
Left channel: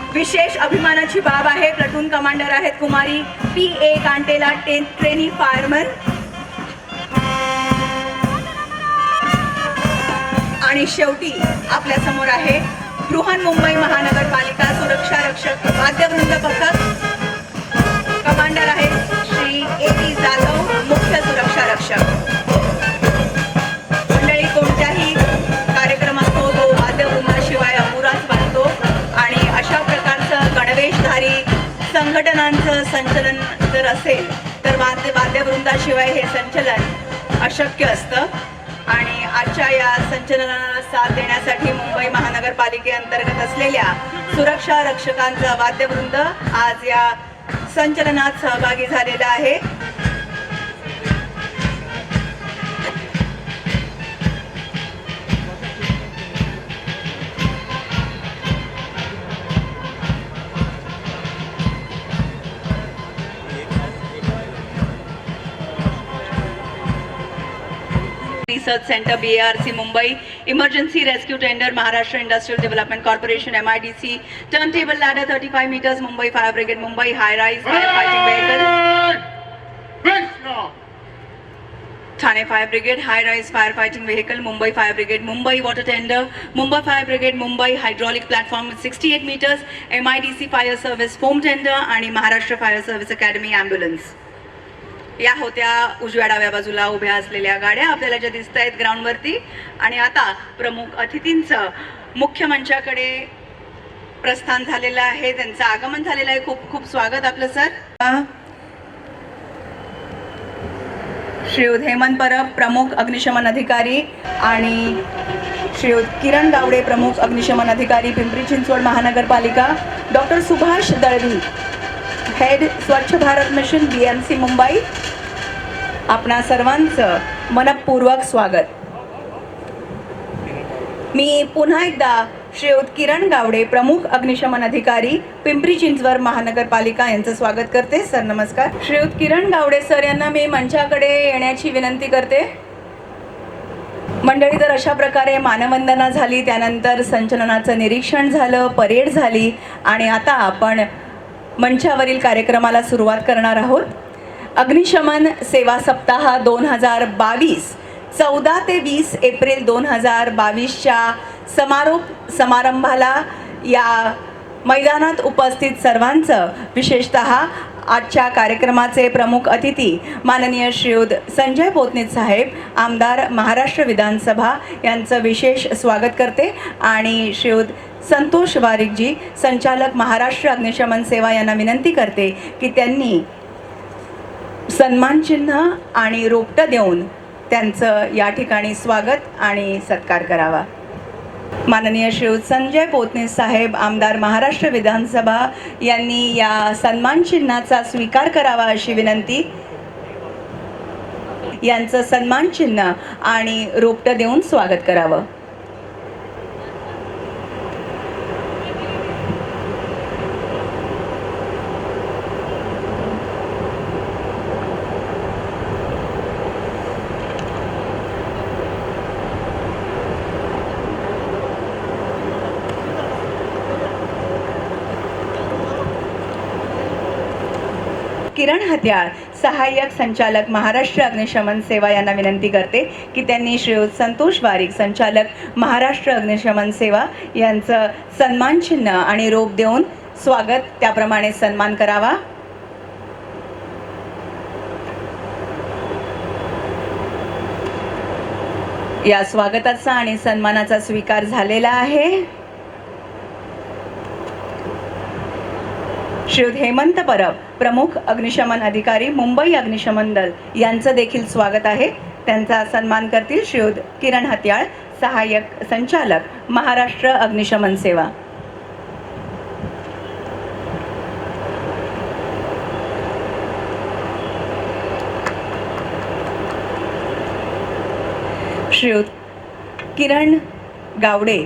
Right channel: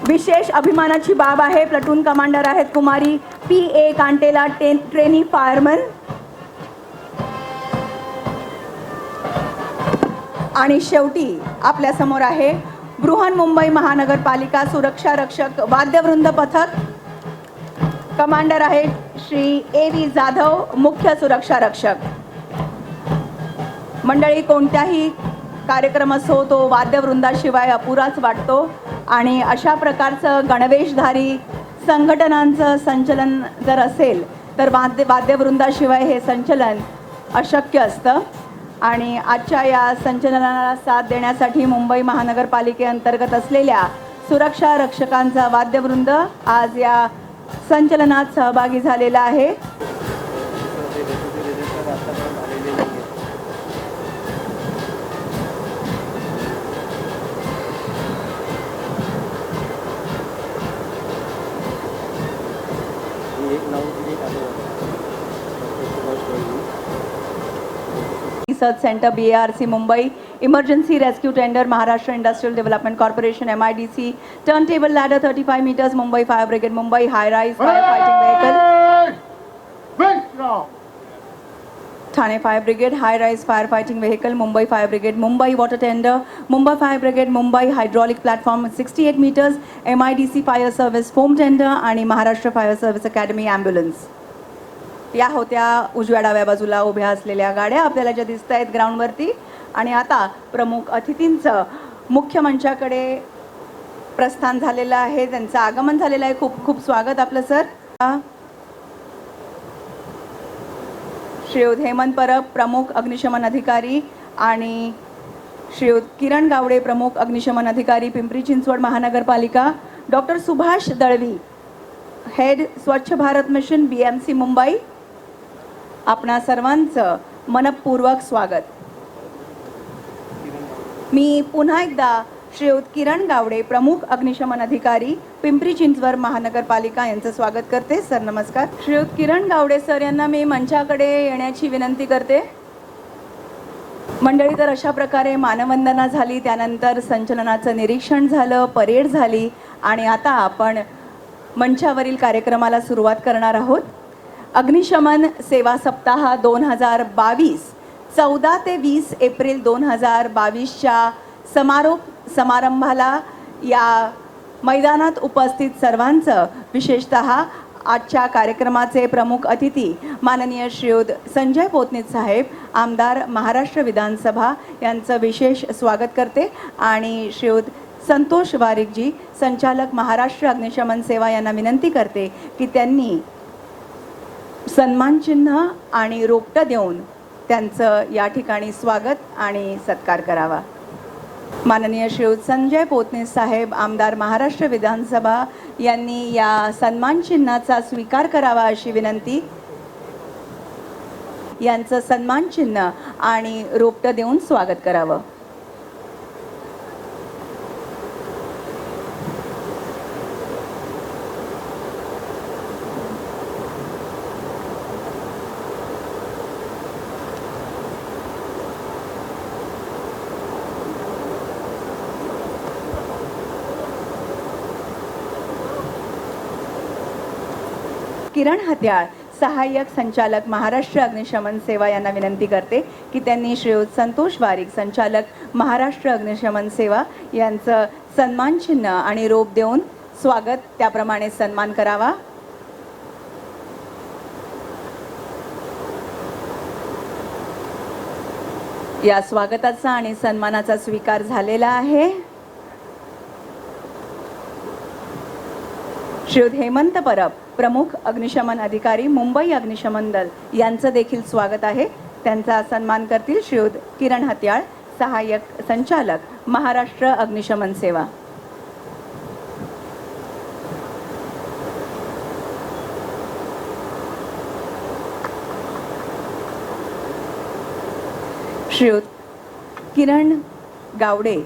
विशेष अभिमानाची बाब आहे. प्लटून कमांडर आहेत कुमारी PA कांडेला, ट्रेनी फायरमन. आणि शेवटी आपल्या समोर आहे बृहन्मुंबई महानगरपालिका सुरक्षा रक्षक वाद्यवृंद पथक. कमांडर आहेत श्री AB जाधव, मुख्य सुरक्षा रक्षक. मंडळी, कोणत्याही कार्यक्रम असो तो वाद्यवृंदाशिवाय अपुराच वाटतो, आणि अशा प्रकारचं गणवेशधारी संघटनांचं संचलन जर असेल तर वाद्यवृंदाशिवाय हे संचलन अशक्य असतं. आणि आजच्या या संचलनाला साथ देण्यासाठी मुंबई महानगरपालिकेअंतर्गत असलेल्या सुरक्षा रक्षकांचा वाद्यवृंद आज या संचलनात सहभागी झालेला आहे. Research Center BRC Mumbai, Emergency Rescue Tender Maharashtra Industrial Development Corporation MIDC, Turntable Ladder 35 meters Mumbai Fire Brigade Mumbai, High Rise Firefighting Vehicle, Thane Fire Brigade High Rise Firefighting Vehicle, Mumbai Fire Brigade Mumbai Water Tender, Mumbai Fire Brigade Mumbai Hydraulic Platform 68 meters, MIDC Fire Service Foam Tender, आणि Maharashtra Fire Service Academy Ambulance. या होत्या उजव्या डाव्या बाजूला उभ्या असलेल्या गाड्या आपल्याला ज्या दिसत आहेत ग्राउंडवरती. आणि आता प्रमुख अतिथींचं मुख्य मंचाकडे प्रस्थान झालेलं आहे, त्यांचं आगमन झालेलं आहे. खूप खूप स्वागत आपलं सर. श्रीयुत हेमंत परब, प्रमुख अग्निशमन अधिकारी, आणि श्रीयुत किरण गावडे, प्रमुख अग्निशमन अधिकारी पिंपरी चिंचवड महानगरपालिका. डॉक्टर सुभाष दळवी, हेड स्वच्छ भारत मिशन BMC मुंबई. आपणा सर्वांचं मनपूर्वक स्वागत. मी पुन्हा एकदा श्रीयुत किरण गावडे, प्रमुख अग्निशमन अधिकारी पिंपरी चिंचवड महानगरपालिका यांचं स्वागत करते. सर नमस्कार. श्रीयुत किरण गावडे सर यांना मी मंचाकडे येण्याची विनंती करते. मंडळी, तर अशा प्रकारे मानवंदना झाली, त्यानंतर संचलनाचं निरीक्षण झालं, परेड झाली, आणि आता आपण मंचावरील कार्यक्रमाला सुरुवात करणार आहोत. अग्निशमन सेवा सप्ताह 2022 14 ते 20 एप्रिल 2022च्या समारोप समारंभाला या मैदानात उपस्थित सर्वांचं, विशेषतः आजच्या कार्यक्रमाचे प्रमुख अतिथी माननीय श्रीयुत संजय पोतनीत साहेब, आमदार महाराष्ट्र विधानसभा यांचं विशेष स्वागत करते. आणि श्रीयुत संतोष वारिकजी, संचालक महाराष्ट्र अग्निशमन सेवा यांना विनंती करते की त्यांनी सन्मान चिन्ह आणि रोपटं देऊन त्यांचं या ठिकाणी स्वागत आणि सत्कार करावा. माननीय श्री संजय पोतने साहेब आमदार महाराष्ट्र विधानसभा यांनी या सन्मान चिन्हाचा स्वीकार करावा अशी विनंती. यांचं सन्मान चिन्ह आणि रोपटं देऊन स्वागत करावं. किरण हत्याळ सहाय्यक संचालक महाराष्ट्र अग्निशमन सेवा यांना विनंती करते की त्यांनी श्रीयुत संतोष वारीक संचालक महाराष्ट्र अग्निशमन सेवा यांचं सन्मान चिन्ह आणि रोप देऊन स्वागत त्याप्रमाणे सन्मान करावा. या स्वागताचा आणि सन्मानाचा स्वीकार झालेला आहे. श्रीयुत हेमंत परब प्रमुख अग्निशमन अधिकारी मुंबई अग्निशमन दल यांचं देखील स्वागत आहे. त्यांचा सन्मान करतील श्रीयुत किरण हत्याळ सहाय्यक संचालक महाराष्ट्र अग्निशमन सेवा. श्रीयुत किरण गावडे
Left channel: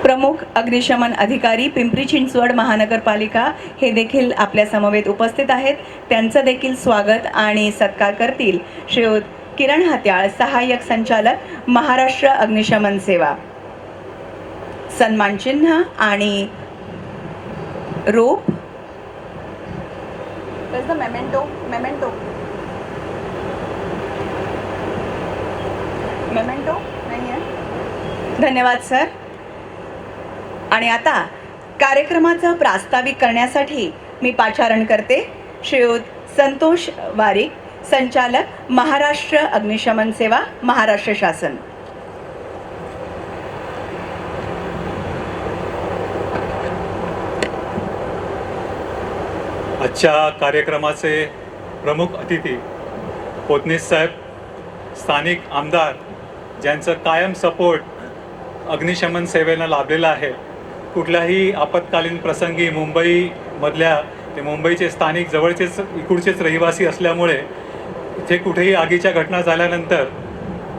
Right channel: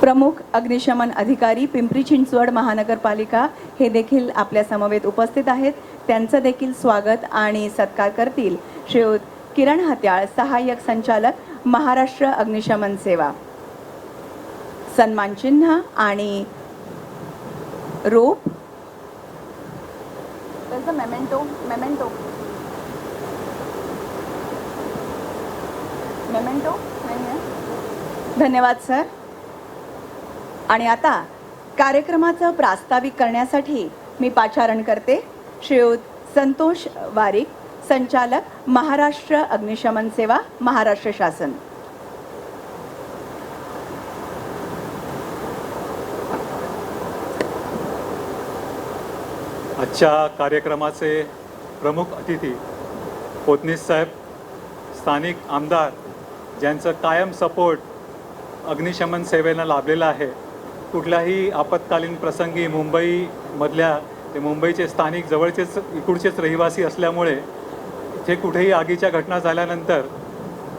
प्रमुख अग्निशमन अधिकारी पिंपरी चिंचवड महानगरपालिका हे देखील आपल्या समवेत उपस्थित आहेत. त्यांचं देखील स्वागत आणि सत्कार करतील श्रीयुत किरण हत्याळ सहाय्यक संचालक महाराष्ट्र अग्निशमन सेवा. सन्मान चिन्ह आणि रोप मेमेंटो मेमेंटो मेमेंटो धन्यवाद सर. आणि आता कार्यक्रमाचं प्रास्ताविक करण्यासाठी मी पाचारण करते श्रीयुत संतोष वारीक संचालक महाराष्ट्र अग्निशमन सेवा महाराष्ट्र शासन. आजच्या कार्यक्रमाचे प्रमुख अतिथी पोतने साहेब, स्थानिक आमदार ज्यांचं कायम सपोर्ट अग्निशमन सेवेला लाभलेला आहे. कुठल्याही आपत्कालीन प्रसंगी मुंबईचे स्थानिक जवळचेच इकडचेच रहिवासी असल्यामुळे जे कुठेही आगीच्या घटना झाल्यानंतर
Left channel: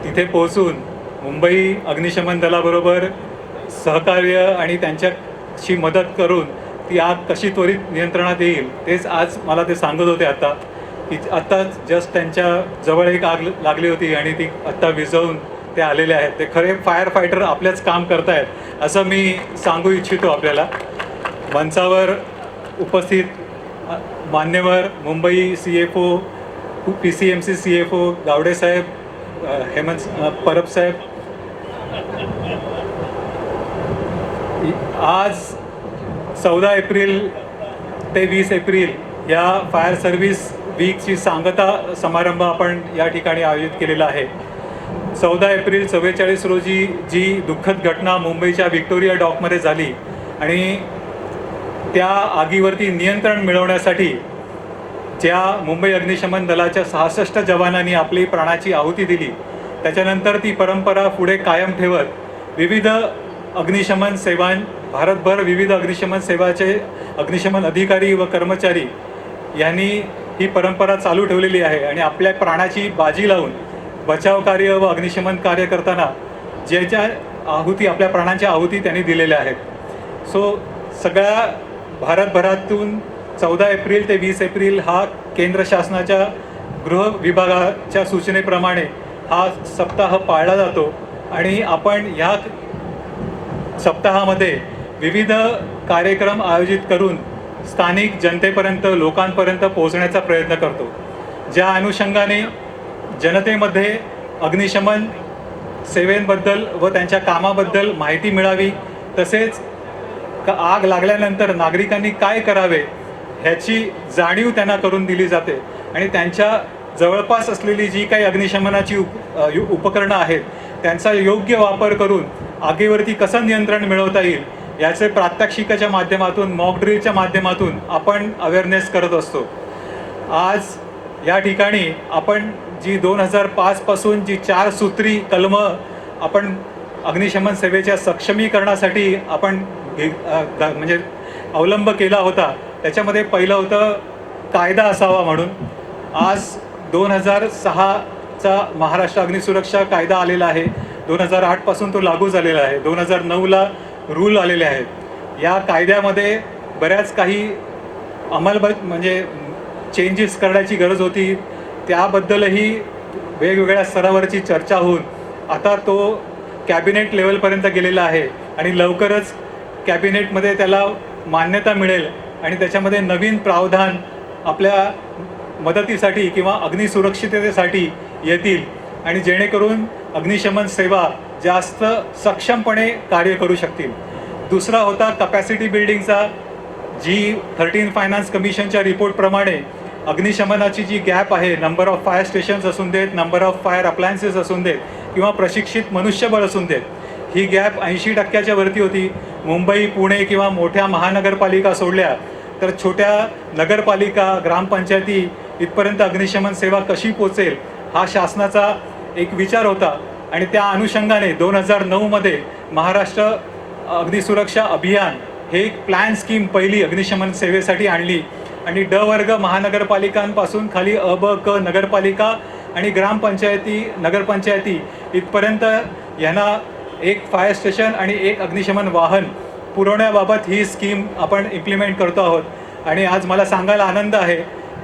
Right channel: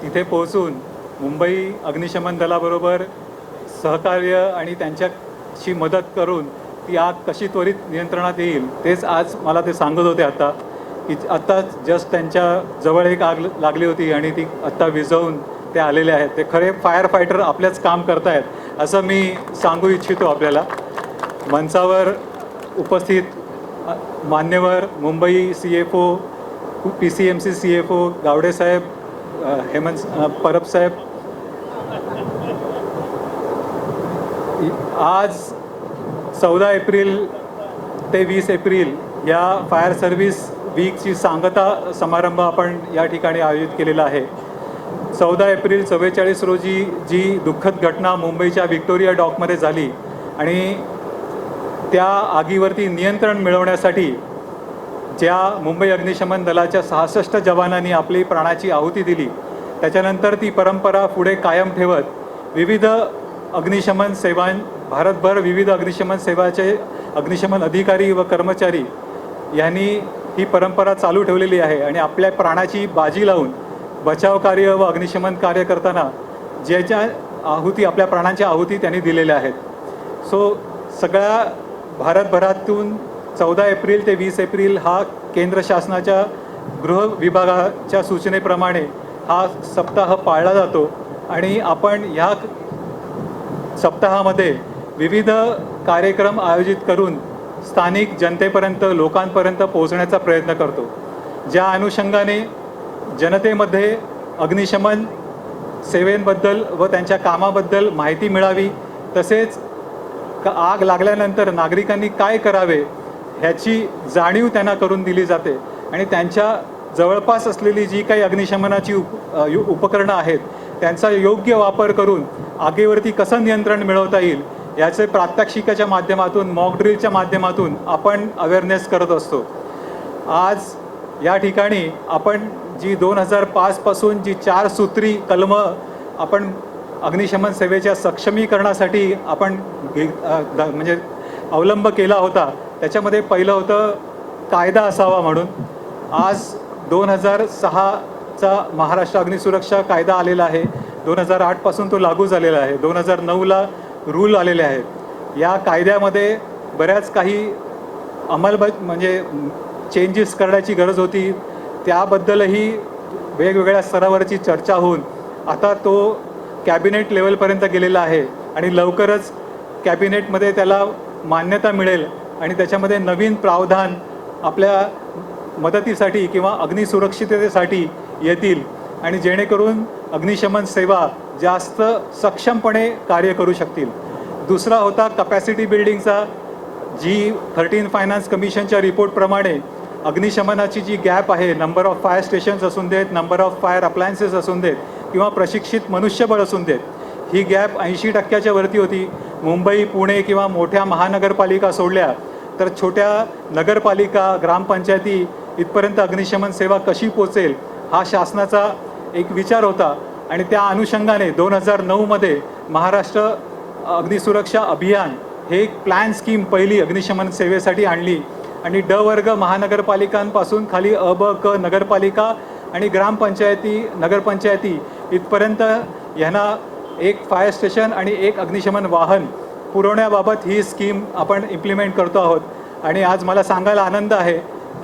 तिथे पोहोचून मुंबई अग्निशमन दलाबरोबर सहकार्य आणि त्यांच्याशी मदत करून ती आग कशी त्वरित नियंत्रणात येईल तेच आज मला ते सांगत होते. आता जस्ट त्यांच्या जवळ एक आग लागली होती आणि ती आता विझवून ते आलेले आहेत. ते खरे फायर फायटर आपल्याच काम करतायत असं मी सांगू इच्छितो. आपल्याला मंचावर उपस्थित मान्यवर Mumbai CFO PCMC CFO Gawade साहेब, हेमंत परब साहेब, आज 14 एप्रिल ते 20 एप्रिल या फायर सर्व्हिस वीकची सांगता समारंभ आपण या ठिकाणी आयोजित केलेला आहे. 14 एप्रिल 44 रोजी जी दुःखद घटना मुंबईच्या व्हिक्टोरिया डॉकमध्ये झाली आणि त्या आगीवरती नियंत्रण मिळवण्यासाठी ज्या मुंबई अग्निशमन दलाच्या 66 जवानांनी आपली प्राणाची आहुती दिली, त्याच्यानंतर ती परंपरा पुढे कायम ठेवत विविध अग्निशमन सेवा भारतभर विविध अग्निशमन सेवाचे अग्निशमन अधिकारी व कर्मचारी यांनी ही परंपरा चालू ठेवलेली आहे आणि आपल्या प्राणाची बाजी लावून बचाव कार्य व अग्निशमन कार्य करताना ज्याच्या आहुती आपल्या प्राणांच्या आहुती त्यांनी दिलेल्या आहेत. सो सगळ्या भारतभरातून 14 एप्रिल ते 20 एप्रिल हा केंद्र शासनाच्या गृह विभागाच्या सूचनेप्रमाणे हा सप्ताह पाळला जातो आणि आपण ह्या सप्ताहामध्ये विविध कार्यक्रम आयोजित करून स्थानिक जनतेपर्यंत लोकांपर्यंत पोहोचण्याचा प्रयत्न करतो. ज्या अनुषंगाने जनतेमध्ये अग्निशमन सेवेबद्दल व त्यांच्या कामाबद्दल माहिती मिळावी, तसेच आग लागल्यानंतर नागरिकांनी काय करावे ह्याची जाणीव त्यांना करून दिली जाते आणि त्यांच्या जवळपास असलेली जी काही अग्निशमनाची उपकरणं आहेत त्यांचा योग्य वापर करून आगीवरती कसं नियंत्रण मिळवता येईल याचे प्रात्यक्षिकाच्या माध्यमातून मॉक ड्रिलच्या माध्यमातून आपण अवेअरनेस करत असतो. आज या ठिकाणी आपण जी 2005 पासून जी 4 सूत्री कलमं आपण अग्निशमन सेवेच्या सक्षमीकरणासाठी आपण म्हणजे अवलंब केला होता, त्याच्यामध्ये पहिलं होतं कायदा असावा म्हणून. आज 2006चा महाराष्ट्र अग्निसुरक्षा कायदा आलेला आहे. 2008 पासून तो लागू झालेला आहे. 2009ला रूल आलेले आहेत. या कायद्यामध्ये बऱ्याच काही म्हणजे चेंजेस करण्याची गरज होती. त्याबद्दलही वेगवेगळ्या स्तरावरची चर्चा होऊन आता तो कॅबिनेट लेवलपर्यंत गेलेला आहे आणि लवकरच कॅबिनेटमध्ये त्याला मान्यता मिळेल आणि त्याच्यामध्ये नवीन प्रावधान आपल्या मदतीसाठी किंवा अग्निसुरक्षिततेसाठी येतील आणि जेणेकरून अग्निशमन सेवा जास्त सक्षमपणे कार्य करू शकतील. दुसरा होता कपॅसिटी बिल्डिंगचा. जी 13 फायनान्स कमिशनच्या रिपोर्टप्रमाणे अग्निशमनाची जी गॅप आहे, नंबर ऑफ फायर स्टेशन्स असून देत, नंबर ऑफ फायर अप्लायन्सेस असून देत किंवा प्रशिक्षित मनुष्यबळ असून देत, ही गॅप 80% वरती होती. मुंबई, पुणे किंवा मोठ्या महानगरपालिका सोडल्या तर छोट्या नगरपालिका, ग्रामपंचायती इथपर्यंत अग्निशमन सेवा कशी पोहोचेल हा शासनाचा एक विचार होता आणि त्या अनुषंगाने 2009 मध्ये महाराष्ट्र अग्निसुरक्षा अभियान हे प्लॅन स्कीम पहिली अग्निशमन सेवेसाठी आणली आणि ड वर्ग महानगरपालिकांपासून खाली अ, ब, क नगरपालिका आणि ग्रामपंचायती, नगरपंचायती इथपर्यंत यांना एक फायर स्टेशन आणि एक अग्निशमन वाहन पुरवण्याबाबत ही स्कीम आपण इम्प्लिमेंट करतो आहोत. आणि आज मला सांगायला आनंद आहे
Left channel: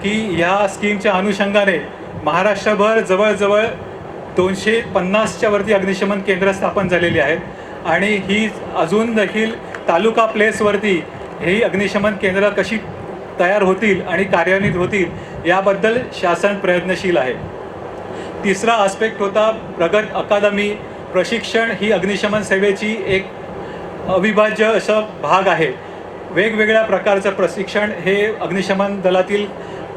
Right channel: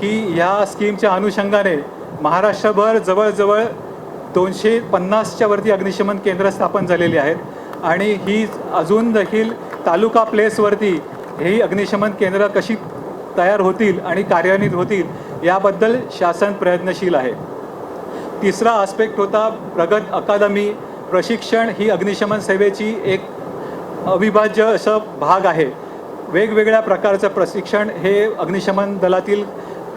की ह्या स्कीमच्या अनुषंगाने महाराष्ट्रभर जवळजवळ 250च्या वरती अग्निशमन केंद्र स्थापन झालेली आहेत आणि ही अजून देखील तालुका प्लेसवरती ही अग्निशमन केंद्र कशी तयार होतील आणि कार्यान्वित होतील याबद्दल शासन प्रयत्नशील आहे. तिसरा आस्पेक्ट होता प्रगत अकादमी. प्रशिक्षण ही अग्निशमन सेवेची एक अविभाज्य असा भाग आहे. वेगवेगळ्या प्रकारचं प्रशिक्षण हे अग्निशमन दलातील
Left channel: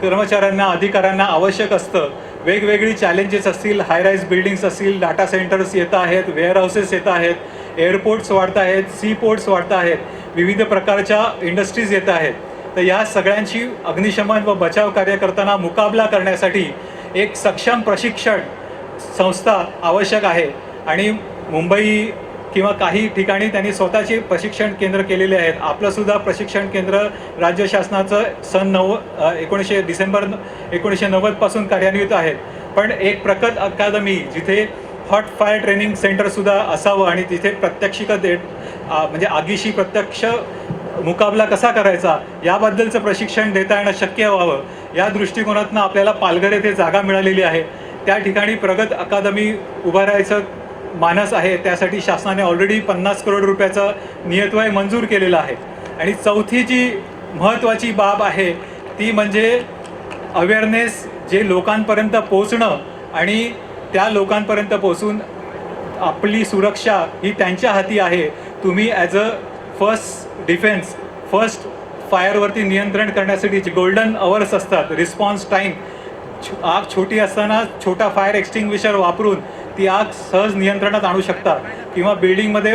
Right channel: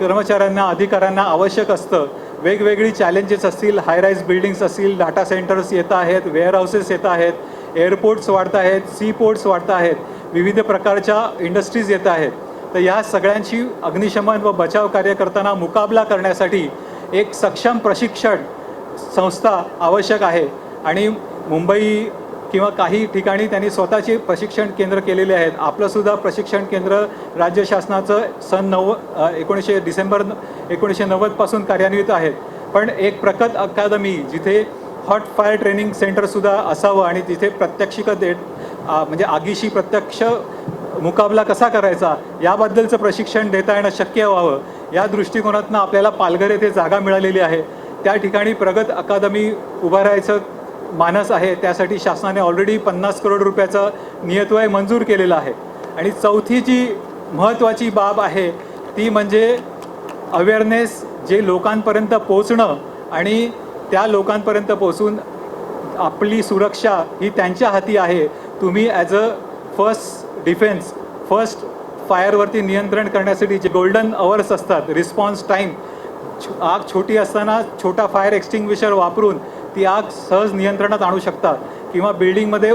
कर्मचाऱ्यांना, अधिकाऱ्यांना आवश्यक असतं. वेगवेगळी चॅलेंजेस असतील, हाय राईज बिल्डिंग्स असतील, डाटा सेंटर्स येत आहेत, वेअर हाऊसेस येत आहेत, एअरपोर्ट्स वाढत आहेत, सी पोर्ट्स वाढत आहेत, विविध प्रकारच्या इंडस्ट्रीज येत आहेत. तर या सगळ्यांची अग्निशमन व बचाव कार्य करताना मुकाबला करण्यासाठी एक सक्षम प्रशिक्षण संस्था आवश्यक आहे आणि मुंबई किंवा काही ठिकाणी त्यांनी स्वतःचे प्रशिक्षण केंद्र केलेले आहेत. आपलं सुद्धा प्रशिक्षण केंद्र राज्य शासनाचं सन 19 डिसेंबर 1990 पासून कार्यान्वित आहे. पण एक प्रगत अकादमी जिथे हॉट फायर ट्रेनिंग सेंटर सुद्धा असावं आणि तिथे म्हणजे आगीशी प्रत्यक्ष मुकाबला कसा करायचा याबद्दलचं प्रशिक्षण देता येणं शक्य व्हावं या दृष्टिकोनातून आपल्याला पालघर येथे जागा मिळालेली आहे. त्या ठिकाणी प्रगत अकादमी उभारायचं मानस आहे. त्यासाठी शासनाने ऑलरेडी 50 करोड रुपयाचा नियतव्यय मंजूर केलेला आहे. आणि चौथी जी महत्त्वाची बाब आहे ती म्हणजे अवेअरनेस, जे लोकांपर्यंत पोहोचणं आणि त्या लोकांपर्यंत पोहोचून आपली सुरक्षा ही त्यांच्या हाती आहे. तुम्ही as a first defence, first फायरवरती नियंत्रण करण्यासाठी जे गोल्डन अवर्स असतात, रिस्पॉन्स टाईम, आग छोटी असताना छोटा फायर एक्सटिंग्विशर वापरून ती आग सहज नियंत्रणात आणू शकतात किंवा बिल्डिंगमध्ये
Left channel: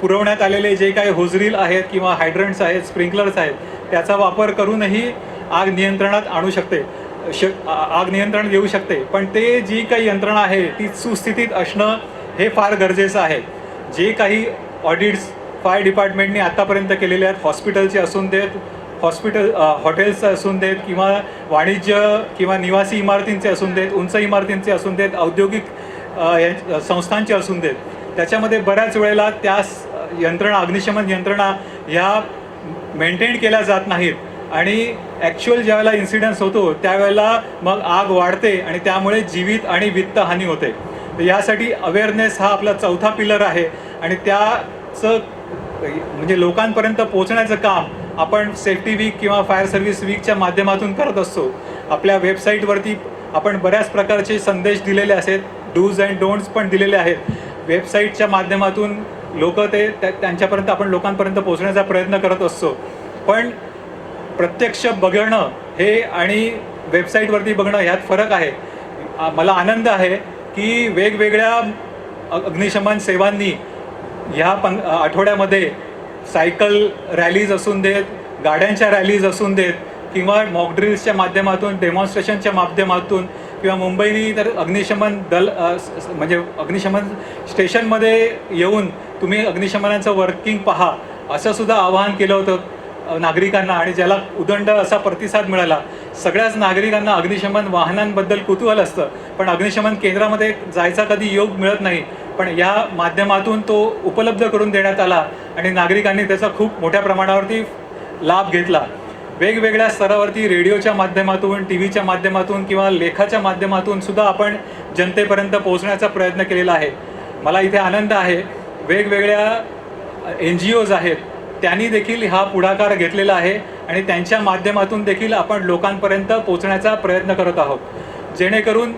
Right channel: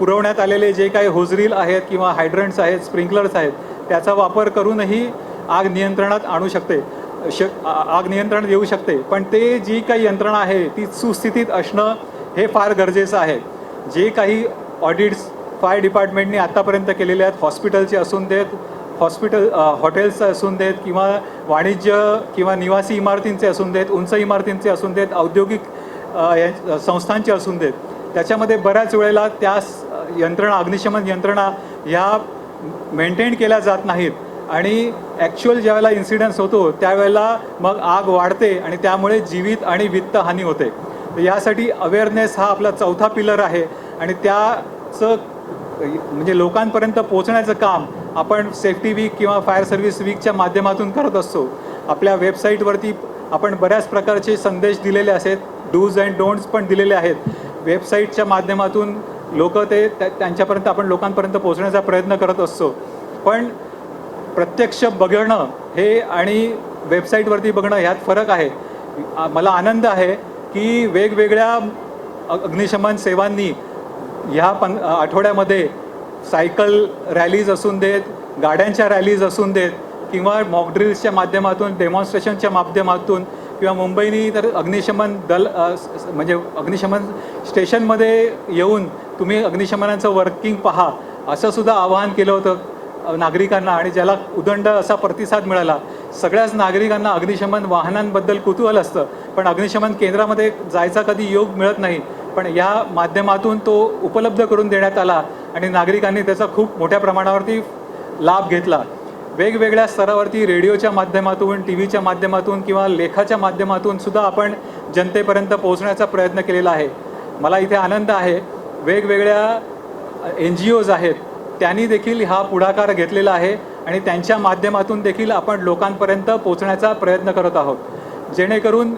पुरवण्यात आलेले जे काही होजरील आहेत किंवा हायड्रंट्स आहेत, स्प्रिंकलर्स आहेत, त्याचा वापर करूनही आग नियंत्रणात आणू शकते, आग नियंत्रण देऊ शकते. पण ते जी काही यंत्रणा आहे ती सुस्थितीत असणं हे फार गरजेचं आहे. जे काही ऑडिट्स फायर डिपार्टमेंटने आतापर्यंत केलेले आहेत, हॉस्पिटलचे असून देत, हॉटेल्स असून देत किंवा वाणिज्य किंवा निवासी इमारतींचे असून देत, उंच इमारतींचे असून देत, औद्योगिक संस्थांचे असून देत, त्याच्यामध्ये बऱ्याच वेळेला त्या यंत्रणा, अग्निशमन यंत्रणा ह्या मेंटेन केल्या जात नाहीत आणि ॲक्च्युअल ज्यावेळेला इन्सिडन्स होतो त्यावेळेला मग आग वाढते आणि त्यामुळे जीवित आणि वित्त हानी होते. तर यासाठी अवेअरनेस हा आपला चौथा पिलर आहे आणि त्याचं म्हणजे लोकांपर्यंत पोहोचण्याचं काम आपण सेफ्टी वीक किंवा फायर सर्व्हिस वीकच्या माध्यमातून करत असतो. आपल्या वेबसाईटवरती आपण बऱ्याच प्रकारचे संदेश दिलेले आहेत, डूज अँड डोंट्स पण दिलेले आहेत. वेबसाईटच्या माध्यमातून लोक त्यांच्यापर्यंत आपण लोकांपर्यंत पोहोचण्याचा प्रयत्न करत असतो. पण प्रत्यक्ष बघणं हे आणि वेबसाईटवरती बघणं ह्यात फरक आहे. मला आनंद आहे की वेगवेगळ्या अग्निशमन सेवांनी ह्या आठवड्यामध्ये सायकल रॅलीज असून देत, गाड्यांच्या रॅलीज असून देत किंवा मॉक ड्रिल्सच्या माध्यमातून, डेमॉन्स्ट्रेशनच्या माध्यमातून किंवा मुंबईनी तर अग्निशमन दल म्हणजे अग्निशमन स्टेशनमध्ये येऊन तुम्ही अग्निशमनाचं वर्किंग पहा असं सुद्धा आवाहन केलं होतं नागरिकांना, आणि ज्याला उदंड असा प्रतिसाद मिळाला. सगळ्याच नागरिकांना अग्निशमन वाहनांबद्दल कुतूहल असतं, पण अग्निशमन केंद्रामध्ये जायचा कधी योग मिळत नाही. पण या माध्यमातून तो उपलब्ध करून देण्यात आला आणि नागरिकांनी त्याचा खूप मोठ्या प्रमाणावरती लाभ घेतला. वेगवेगळ्या स्तरावरती रेडिओच्या माध्यमातून, टीव्हीच्या माध्यमातून किंवा लेखाच्या माध्यमातून सुद्धा आपण जनतेपर्यंत पोहोचण्याचा प्रयत्न केलेला आहे. मला इथे आनंद आहे, वेगवेगळ्या NGOज आहेत त्यांनी देखील हा पुढाकार घेतलेला आहे आणि त्यांच्या माध्यमातून देखील आपण लोकांपर्यंत पोहोचण्याचा प्रयत्न करत आहोत, जेणेकरून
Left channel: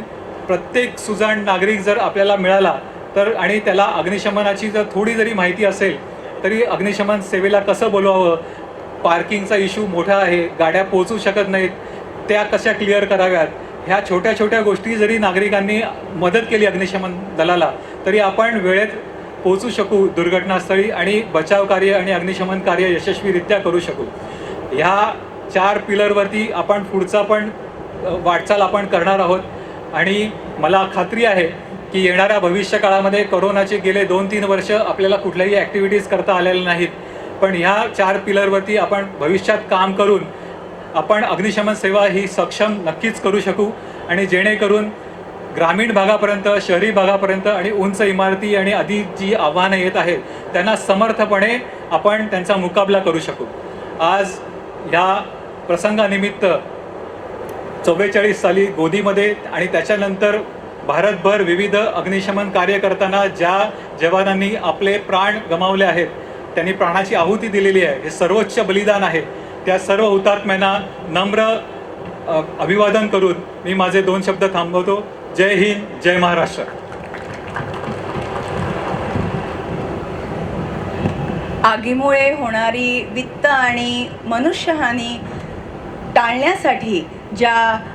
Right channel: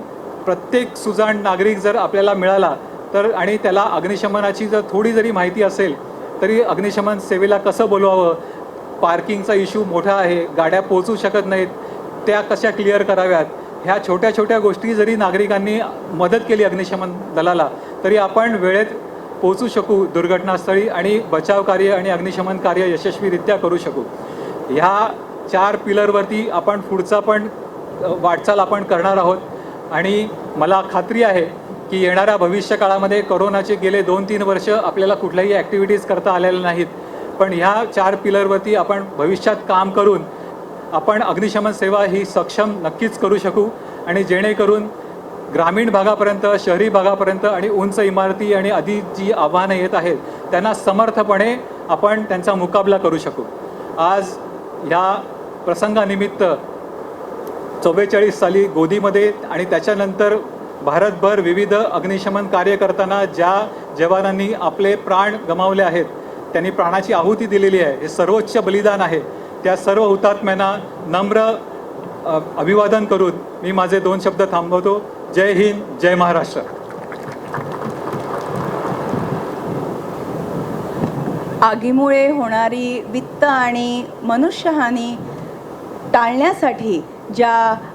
प्रत्येक सुजाण नागरिक जर आपल्याला मिळाला तर आणि त्याला अग्निशमनाची जर थोडी जरी माहिती असेल तरी अग्निशमन सेवेला कसं बोलवावं, पार्किंगचा इश्यू मोठा आहे, गाड्या पोहोचू शकत नाहीत, त्या कशा क्लिअर कराव्यात, ह्या छोट्या छोट्या गोष्टी जरी नागरिकांनी मदत केली अग्निशमन दलाला तरी आपण वेळेत पोहोचू शकू दुर्घटनास्थळी आणि बचाव कार्य आणि अग्निशमन कार्य यशस्वीरित्या करू शकू. ह्या 4 पिलरवरती आपण पुढचा पण वाटचाल आपण करणार आहोत आणि मला खात्री आहे की येणाऱ्या भविष्य काळामध्ये कोरोनाचे गेले 2-3 वर्ष आपल्याला कुठल्याही ॲक्टिव्हिटीज करता आलेल्या नाहीत, पण ह्या 4 पिलरवरती आपण भविष्यात काम करून आपण अग्निशमन सेवा ही सक्षम नक्कीच करू शकू आणि जेणेकरून ग्रामीण भागापर्यंत, शहरी भागापर्यंत आणि उंच इमारती आणि आधी जी आव्हानं येत आहेत त्यांना समर्थपणे आपण त्यांचा मुकाबला करू शकू. आज ह्या प्रसंगानिमित्त 44 साली गोदीमध्ये आणि त्याच्यानंतर भारतभर विविध अग्निशमन कार्य करताना ज्या जवानांनी आपले प्राण गमावले आहेत, त्यांनी प्राणाची आहुती दिलेली आहे, हे सर्वोच्च बलिदान आहे. त्या सर्व हुतात्म्यांना नम्र अभिवादन करून मी माझे 2 शब्द थांबवतो. जय हिंद, जय महाराष्ट्र. आगीमुळे होणारी वित्त आणि मनुष्यहानी टाळण्यासाठी ज्या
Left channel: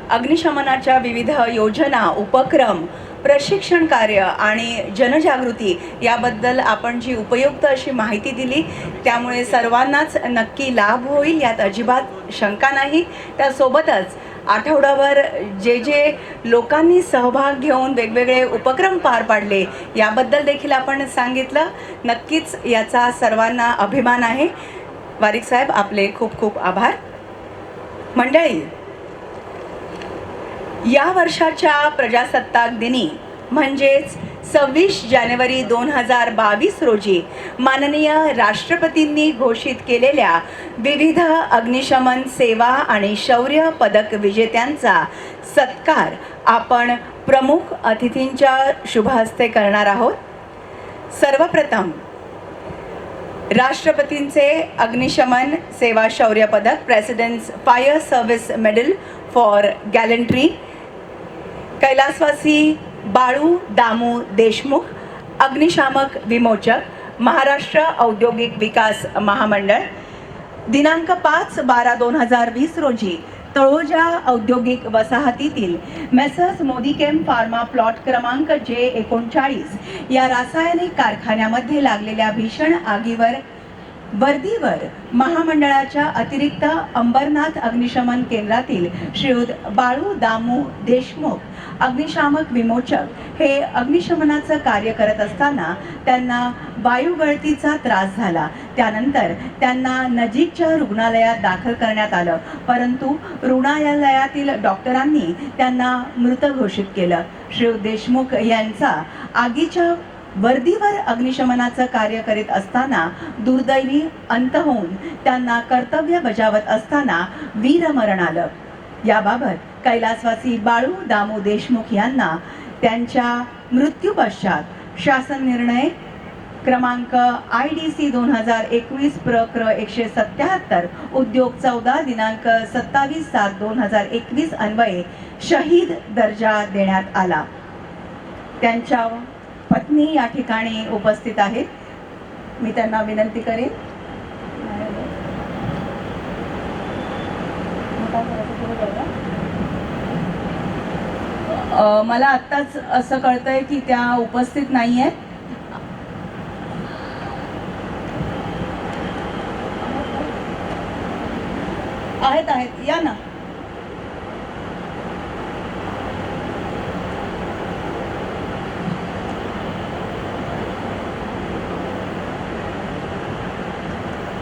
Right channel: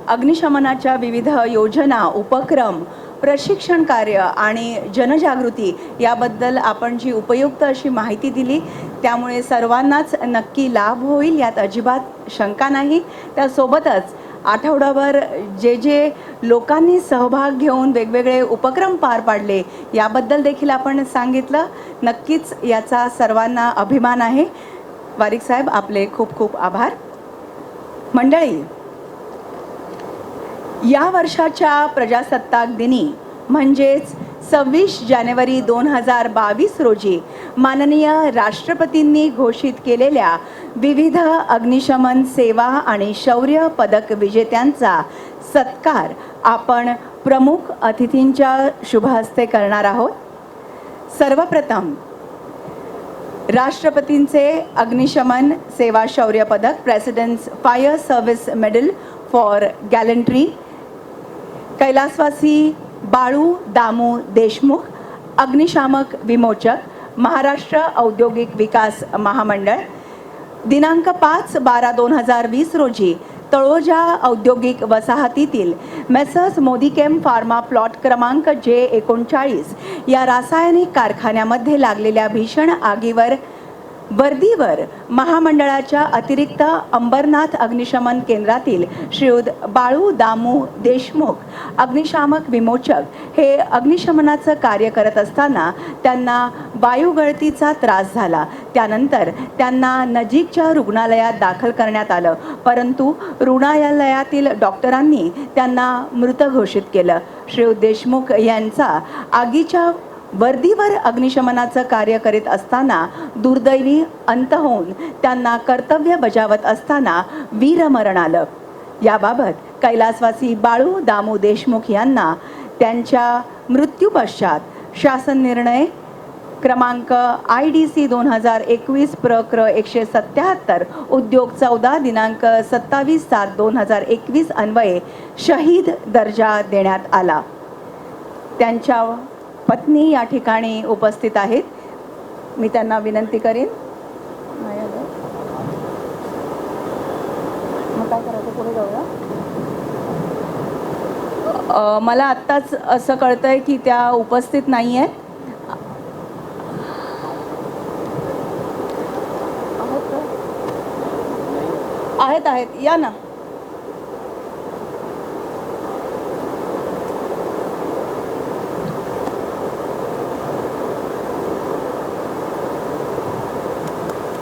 अग्निशमनाच्या विविध योजना, उपक्रम, प्रशिक्षण कार्य आणि जनजागृती याबद्दल आपण जी उपयुक्त अशी माहिती दिली त्यामुळे सर्वांनाच नक्की लाभ होईल यात अजिबात शंका नाही. त्यासोबतच आठवड्याभर जे लोकांनी सहभाग घेऊन वेगवेगळे उपक्रम पार पाडले याबद्दल देखील आपण सांगितलं. नक्कीच याचा सर्वांना अभिमान आहे. वारिक साहेब आपले खूप खूप आभार. मंडळी, या वर्षाच्या प्रजासत्ताक दिनी म्हणजेच 26 जानेवारी 2022 रोजी माननीय राष्ट्रपतींनी घोषित केलेल्या विविध अग्निशमन सेवा आणि शौर्य पदक विजेत्यांचा सत्कार आपण प्रमुख अतिथींच्या शुभ हस्ते करणार आहोत. सर्वप्रथम राष्ट्रपतींचे अग्निशमन सेवा शौर्य पदक, president's fire service medal for gallantry, कैलासवासी बाळू दामू देशमुख, अग्निशामक विमोचक, महाराष्ट्र औद्योगिक विकास महामंडळ. दिनांक 5/12/2020 रोजी तळोजा औद्योगिक वसाहतीतील मेसर्स मोदीकेम फार्मा प्लॉट क्रमांक J39 या रासायनिक कारखान्यामध्ये लागलेल्या भीषण आगीवर वर्दीवर महामंडळाच्या अतिरिक्त अंबरनाथ अग्निशमन केंद्रातील श्रीयुत बाळू दामू देशमुख अग्निशामक विमोचक हे अग्निशमनाचं कार्य करत असताना त्यांना वायुगळतीचा त्रास झाला. त्यानंतर त्यांना नजीकच्या रुग्णालयात दाखल करण्यात आलं, परंतु रुग्णालयातील डॉक्टरांनी त्यांना मृत घोषित केलं. श्रीयुत देशमुख यांचा आगीच्या वर्दीवर अग्निशमनाचं कार्य करीत असताना दुर्दैवी अंत होऊन त्यांना कर्तव्य बजावत असताना वीरमरण आलं. याबाबत कैलासवासी बाळू दामू देशमुख यांना त्यांच्या मृत्यू पश्चात शासन निर्णय क्रमांक IDC 2021 प्रक्र 177 उद्योग 14 दिनांक 27/7/2021 अन्वये शहीद दर्जा देण्यात आला. त्यांच्या पत्नी या ठिकाणी उपस्थित आहेत. मी त्यांना विनंती करेन. मला आत्ताच असं कळतंय की त्या उपस्थित नाही आहेत. आहेत या ना.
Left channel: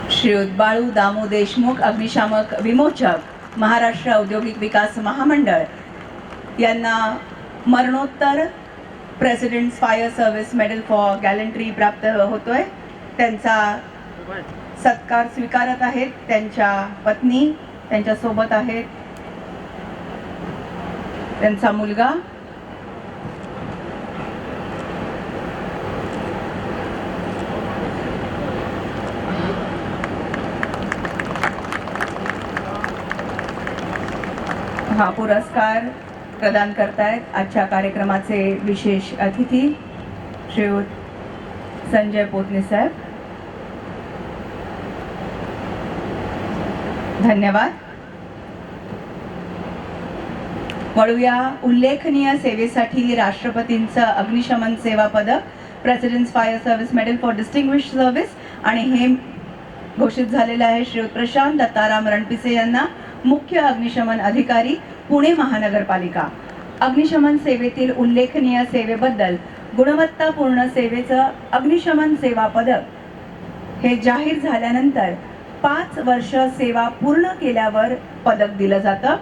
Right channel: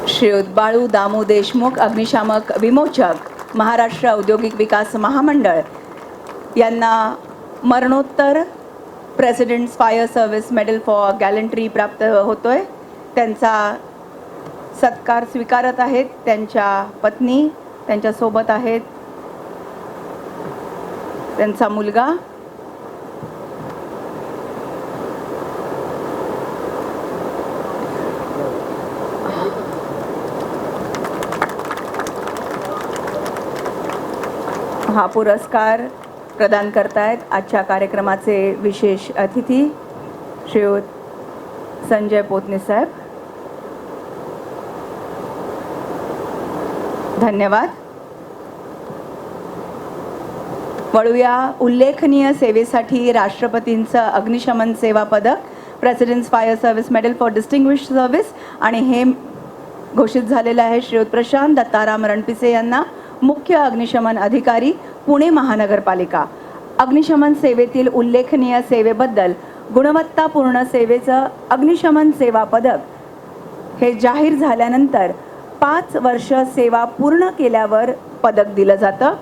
श्रीयुत बाळू दामू देशमुख अग्निशामक विमोचक महाराष्ट्र औद्योगिक विकास महामंडळ यांना मरणोत्तर president fire service medal for gallantry प्राप्त होतोय. त्यांचा सत्कार स्वीकारत आहेत त्यांच्या पत्नी, त्यांच्या सोबत आहेत त्यांचा मुलगा. हा पुरस्कार प्रदान करतायत आजच्या कार्यक्रमाचे विशेष अतिथी श्रीयुत संजय पोतने साहेब. धन्यवाद. वळूया उल्लेखनीय सेवेसाठी राष्ट्रपतींचं अग्निशमन सेवा पदक, president's fire service medal for distinguished service, आणि हे घोषित झालेलं आहे श्रीयुत प्रशांत दत्ताराम रणपिसे यांना, मुख्य अग्निशमन अधिकारी, पुणे महानगरपालिका. अग्निशमन सेवेतील उल्लेखनीय सेवेबद्दल गुणवत्तापूर्ण सेवेचं अग्निशमन सेवा पदक हे जाहीर झाल्यानंतर 5 वर्ष सेवा पूर्ण केल्यावर पदक दिलं जातं.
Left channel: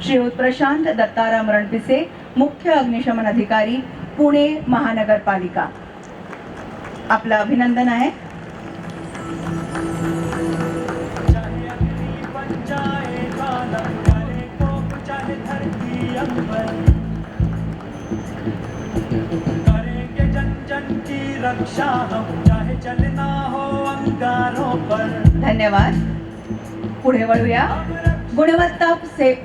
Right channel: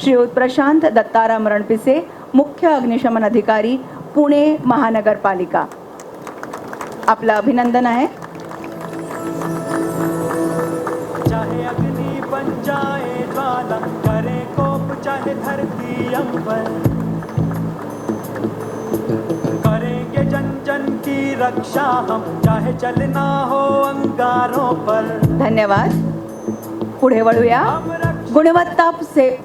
श्रीयुत प्रशांत दत्ताराम रणपिसे, मुख्य अग्निशमन अधिकारी, पुणे महानगरपालिका. आपलं अभिनंदन आहे. चाहे अग्नि बन जाए ज्वाला, करे कोप चाहे धरती अकबर, करेंगे जन जन की रक्षा हम, चाहे चलना हो अंगारों पर. धन्यवाद. पुढे वळूया. गुणवत्ता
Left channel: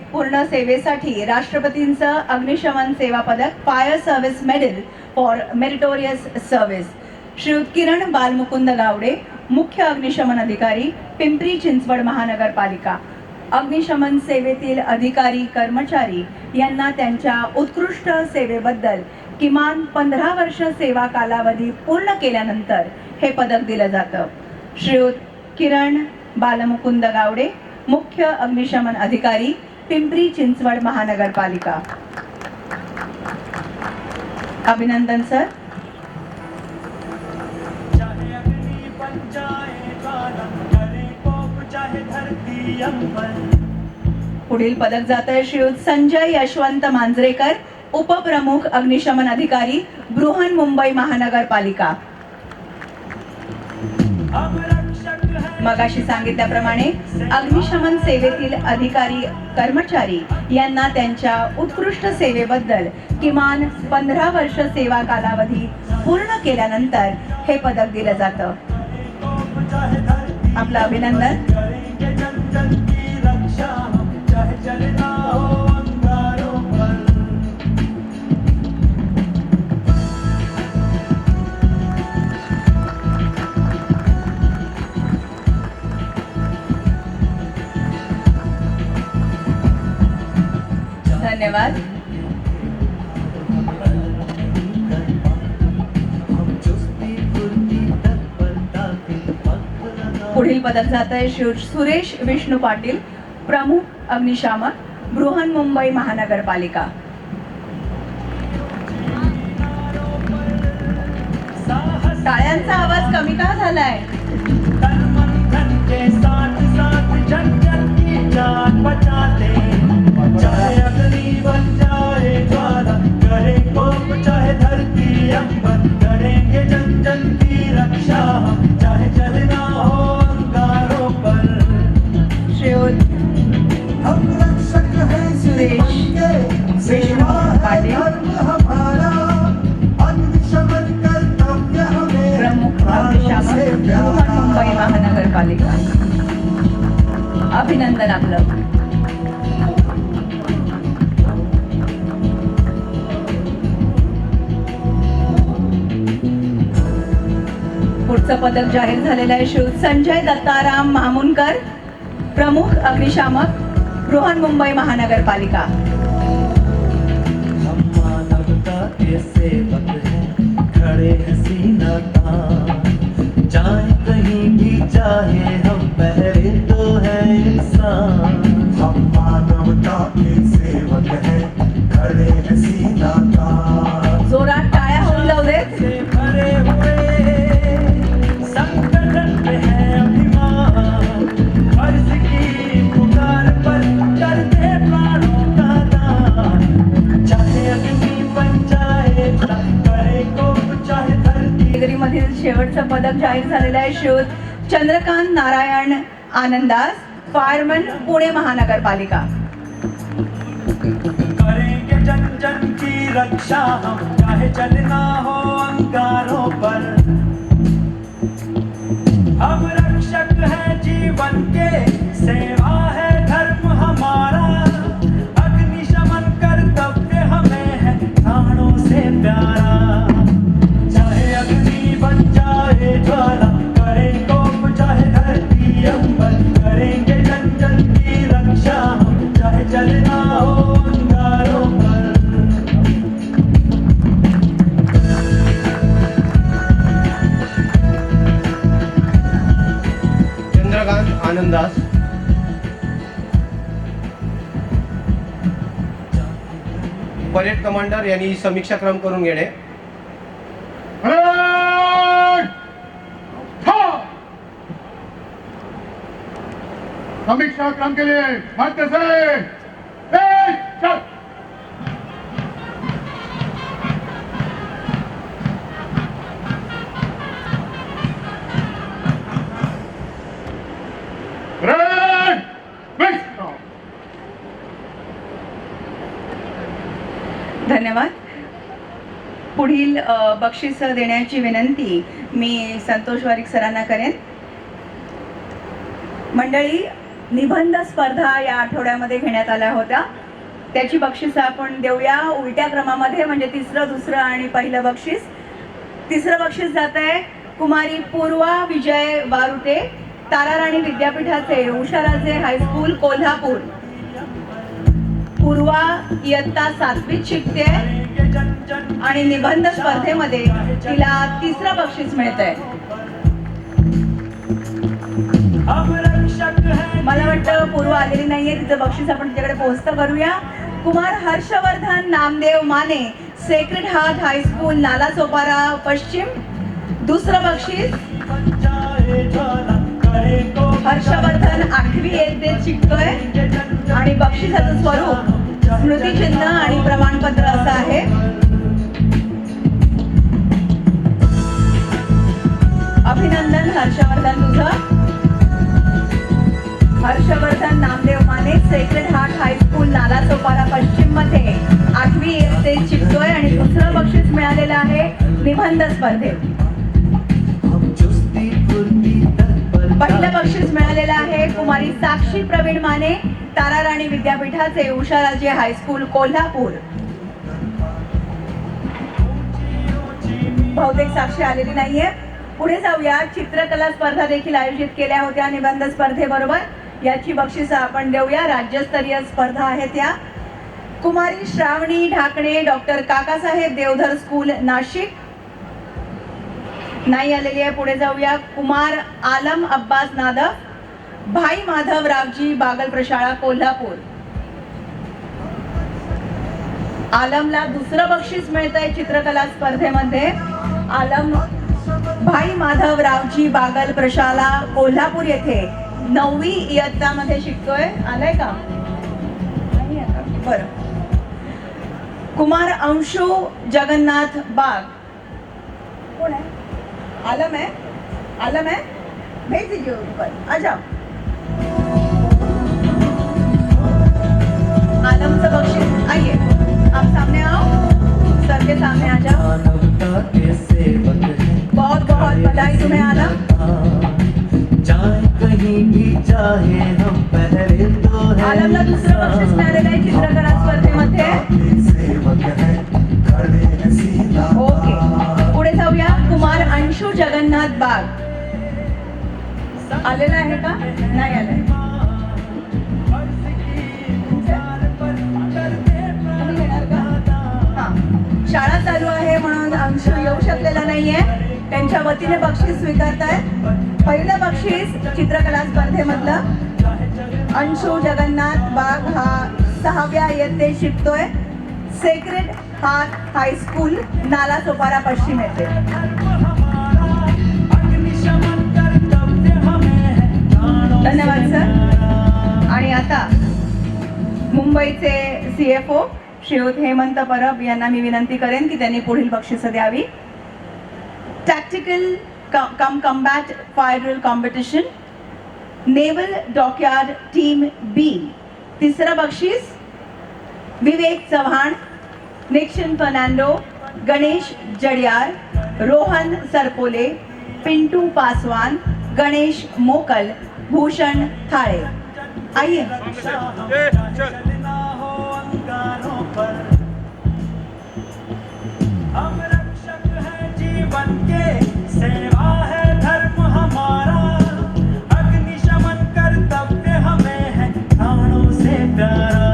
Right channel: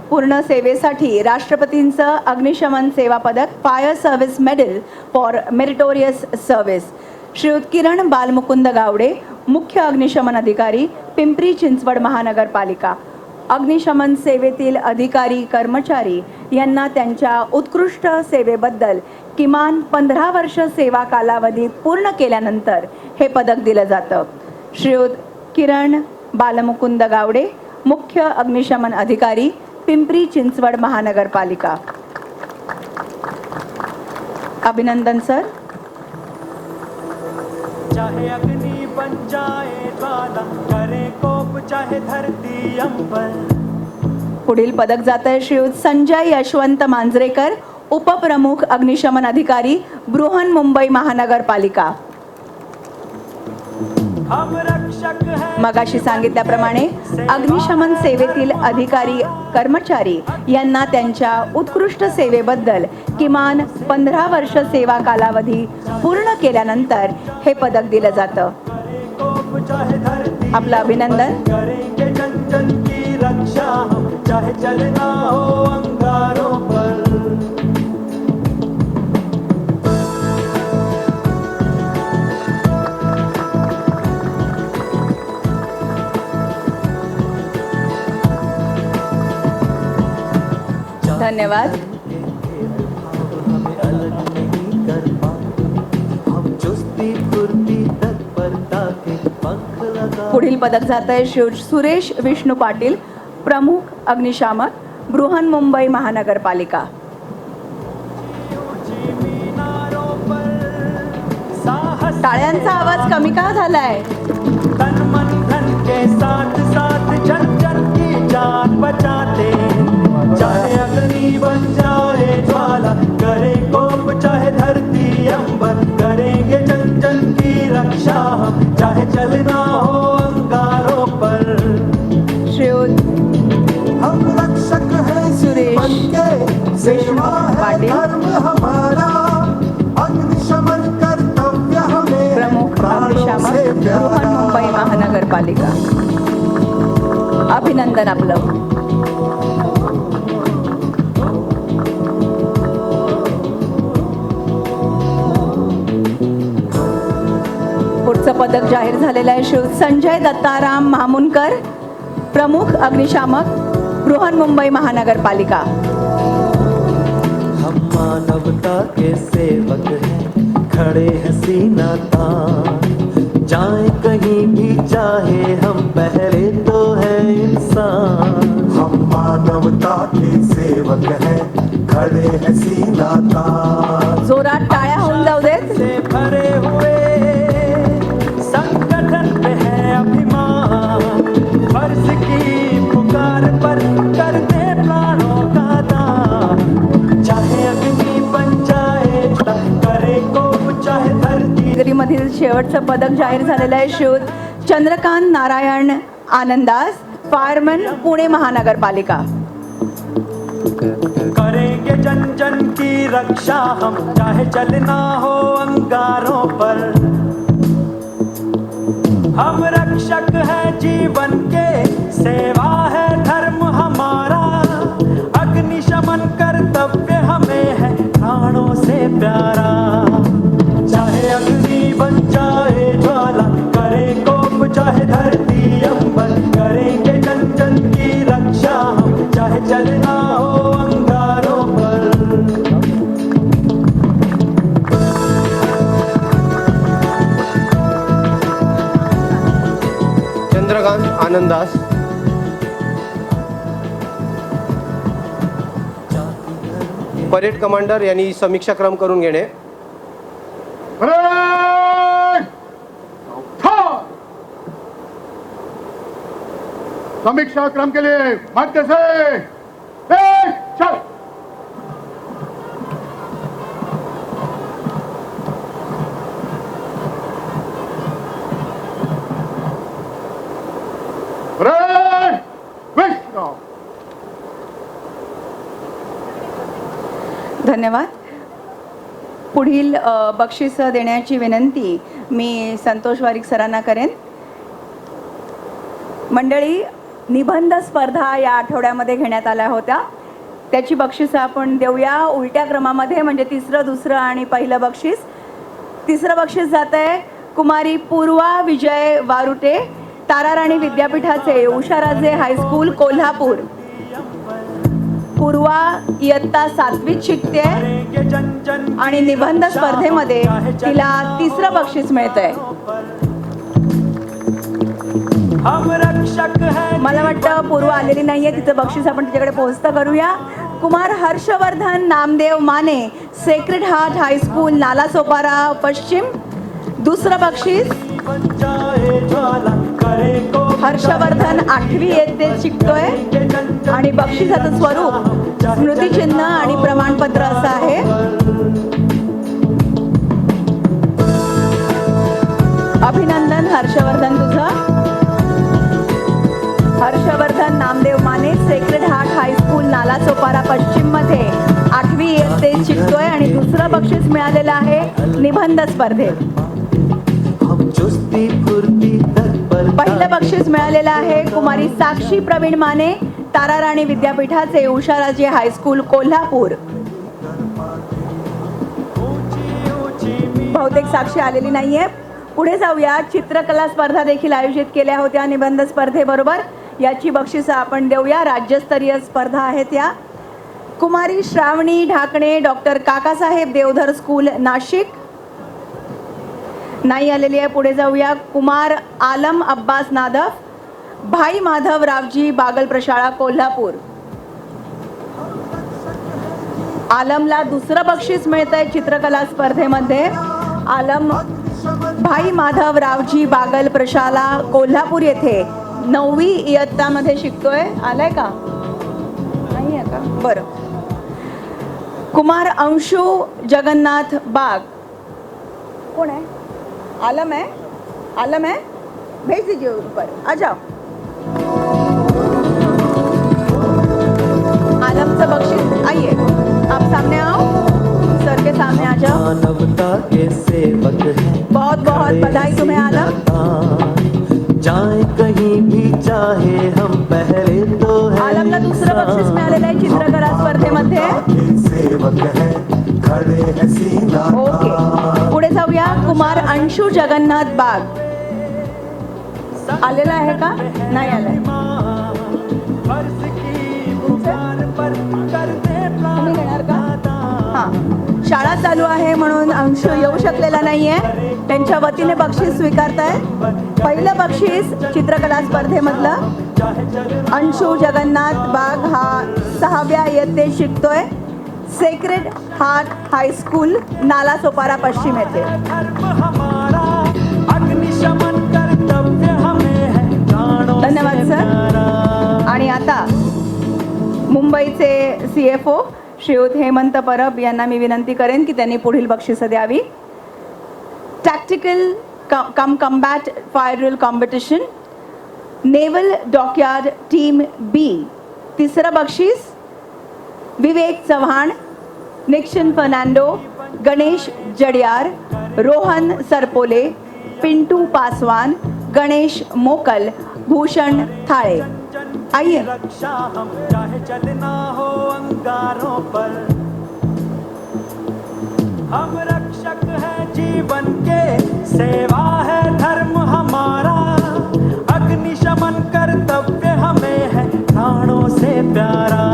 पूर्ण सेवेसाठी राष्ट्रपतींचं अग्निशमन सेवा पदक, fire service medal for meritorious service, Shriyut Kiran Balmukund Gawde, मुख्य अग्निशमन अधिकारी, पिंपरी चिंचवड महानगरपालिका. अग्निशमन सेवेतील अधिकारी कर्मचारी यांना त्यांच्या उत्कृष्ट सेवेबद्दल किमान 15 वर्ष सेवा कालावधी पूर्ण केल्यानंतर हे पदक दिलं जातं. श्रीयुत किरण बालमुकुंद गावडे, मुख्य अग्निशमन अधिकारी, पिंपरी चिंचवड महानगरपालिका. अभिनंदन सर. चाहे अग्नि बन जाए ज्वाला, करे कोप चाहे धरती अकबर. पुढील पदक जात आहे श्रीयुत संजय यशवंत मांजरेकर, उपप्रमुख अग्निशमन अधिकारी, बृहन्मुंबई महानगरपालिका. हम रक्षक हैं. मगाशी सांगितल्याप्रमाणे अग्निशमन सेवेतील अधिकारी कर्मचारी यांना त्यांच्या उत्कृष्ट सेवेबद्दल किमान 15 वर्ष सेवा कालावधी पूर्ण केल्यानंतर हे पदक दिलं जातं. कोप चाहे धरती आपलं अभिनंदन. करेंगे जन जन की रक्षा हम, चाहे चलना हो अंगारों पर. धन्यवाद. पुढील पदक जात आहे श्री सुरेश विष्णू पाटील, प्रमुख अग्निशामक, बृहन्मुंबई महानगरपालिका. टाळ्यांचा आवाज कमी का झालाय? तन मन धन के साथ साथ जन जन की जान बचाते. चाहे अग्नि बन जाए ज्वाला, करे कोप चाहे धरती अंबर, करेंगे जन जन की रक्षा हम, चाहे चलना हो अंगारों पर. श्रीयुत हम रक्षक हैं सुरेश विष्णू पाटील, अग्निशमन कर्तव्य हमें, प्रमुख अग्निशामक, बृहन्मुंबई महानगरपालिका. अभिनंदन आपलं. पुढचं पदक जाहीर झालेलं आहे श्री संजय दत्ताराम मामुनकर, प्रमुख अग्निशामक, बृहन्मुंबई महानगरपालिका. हम मानवता के सेवक हैं, खड़े हैं सीना तान, जाए कहीं भी चाहे हम, पहरे तो है इंसान. हम मानवता के सेवक हैं, खड़े हैं सीना तान. जोरात टाळ्या होऊन जाऊ देत. से भरे हुए संगठन में है अभिमान. पदक जाहीर झालेलं आहे. श्रीयुत चंद्रकांत नारायण आनंदास, फायरमन, पुणे महानगरपालिका. करेंगे जन जन की रक्षा हम, चाहे चलना हो अंगारों पर. हम रक्षक हैं जीवन के, सेवा है धर्म हमारा. अग्निशमन कर्तव्य हमें है प्राणों से प्यारा. चाहे अग्नि बन जाए ज्वाला, करें कोप चाहे धरती अंबर. करेंगे जन जन की रक्षा हम, चाहे चलना हो अंगारों पर. चंद्रकांत आनंदास. परेड कमांडर यांनी समीक्षा क्रम करून घेणे. परेड! था! समीक्षा क्रम के लिए मध्य से एक चल. परेड! विश्राम. धन्यवाद. पुढील बक्षीस देण्याची विनंती मी संतोष वारिक सरांना करेन. मंडळी, निबंध स्पर्धा या आठवड्यामध्ये घेण्यात आल्या होत्या. त्याची बक्षिसं आपण देऊया उलट्या क्रमामध्ये, म्हणजे तिसरं, दुसरं आणि पहिलं बक्षीस. तिसरं बक्षीस जात आहे कुमारी पूर्वा विजय वारुटे, ताराराणी विद्यापीठाचे, उषाराजे हायस्कूल, कोल्हापूर. पूर्वा इयत्ता 7वीत शिकते आणि निबंध स्पर्धेमध्ये तिला तिसरं बक्षीस मिळतंय. हम रक्षक हैं. मला वाटतं पूर्व आलेली नाहीये, तिचं बक्षीस आपण तिच्याकडे पोहोचतं करूया. Kumar Harshvardhan Namdev Mane, sacred heart high school, Nalasopara, पश्चिम. दुसरं बक्षीस हर्षवर्धन 8वी इयत्तेत शिकतोय आणि बक्षिसाचं स्वरूप स्मृतिचिन्ह आणि प्रमाणपत्र असं आहे. अभिनंदन हर्षवर्धन तुझं. Harshvardhan Namdev Mane, sacred heart high school, Nalasopara, पश्चिम मध्ये 8वी इयत्तेत शिकतोय आणि दुसरं बक्षीस मिळालेलं आहे निबंध स्पर्धेत. हम चुस्ती फुर्ती तत्पर. पहिलं बक्षीस मिळालेलं आहे कुमारी साक्षी प्रवीण माने, ताराराणी विद्यापीठाचे, उषाराजे हायस्कूल, कोल्हापूर. बहुतेक साक्षी आलेली नाहीये. पुढे जाऊया. चित्रकला स्पर्धा देखील आयोजित केल्या होत्या निबंध स्पर्धेबरोबर. याची बक्षिसं आपण देऊया. राज्यस्तरीय स्पर्धा आहेत या. कुमारी श्रावणी ढाकणे, डॉक्टर काकासाहेब देवधर स्कूल, नाशिक. नाही आलेली आहे. पुढे जाऊया. कुमार आलम अब्बास नादफ, भाई माधव रावजी बागल प्रशाळा, कोल्हापूर. आलमला दुसरं बक्षीस मिळतंय चित्रकला स्पर्धेमध्ये. आलम भाई माधव रावजी बागल प्रशाला, कोल्हापूर येथे 9वी इयत्तामध्ये शिकतोय. आलाय का? नाही आता. बरं. कुमार अंशु जगन्नाथ बाग. कोण आहे? आलम है? आलम है? भेज दीजिए ऊपर. आ जाओ. आलमचं बक्षीस. आइए, आप सामने आओ. सर के सामने आ जाओ. मानवता के सेवक हैं. बहुत बहुत बधाई तुम्हें आलम. जाए कहीं भी चाहे हम, पहले तो है आलमला दुसरं बक्षीस मिळालेलं आहे चित्रकला स्पर्धेमध्ये. सेवक है खड़े हैं सीना ओके. पुढे जाऊया. कुमार अंशु जगन्नाथ बाग. आलेला आहे का? नाही आलाय. तुम्ही घेणार का? हां. शाळा चालू आहे म्हणून अंशु येऊ शकलेला नाहीये. त्यांच्या वतीने बक्षीस स्वीकारताय. पहिलं बक्षीस चित्रकला स्पर्धेमधलं अंशु जगन्नाथ बाग हा 6व्या इयत्तेत शिकतोय. सेक्रेड हार्ट हायस्कूल, नालासोपारा, पश्चिम येथे. धन्यवाद सर. आणि आता मुंबईचे CFO श्रीयुत हेमंत परब यांना मी विनंती करेन की त्यांनी पुढील बक्षिसं द्यावी. Tactical combat fire drill competition. Naval Dockyard Team B. तिसरा बक्षीस विवेक चव्हाण, निक्शन फर्नांडो, गणेश जडियार, रोहन सरपोले, पिंटू पासवान, गणेश मोकल, भूषण थाळे. आइए चलना हो अंगारों पर, हम रक्षक है जीवन के, सेवा है धर्म हमारा, अग्निशमन कर्तव्य हमें है प्राणों से प्यारा.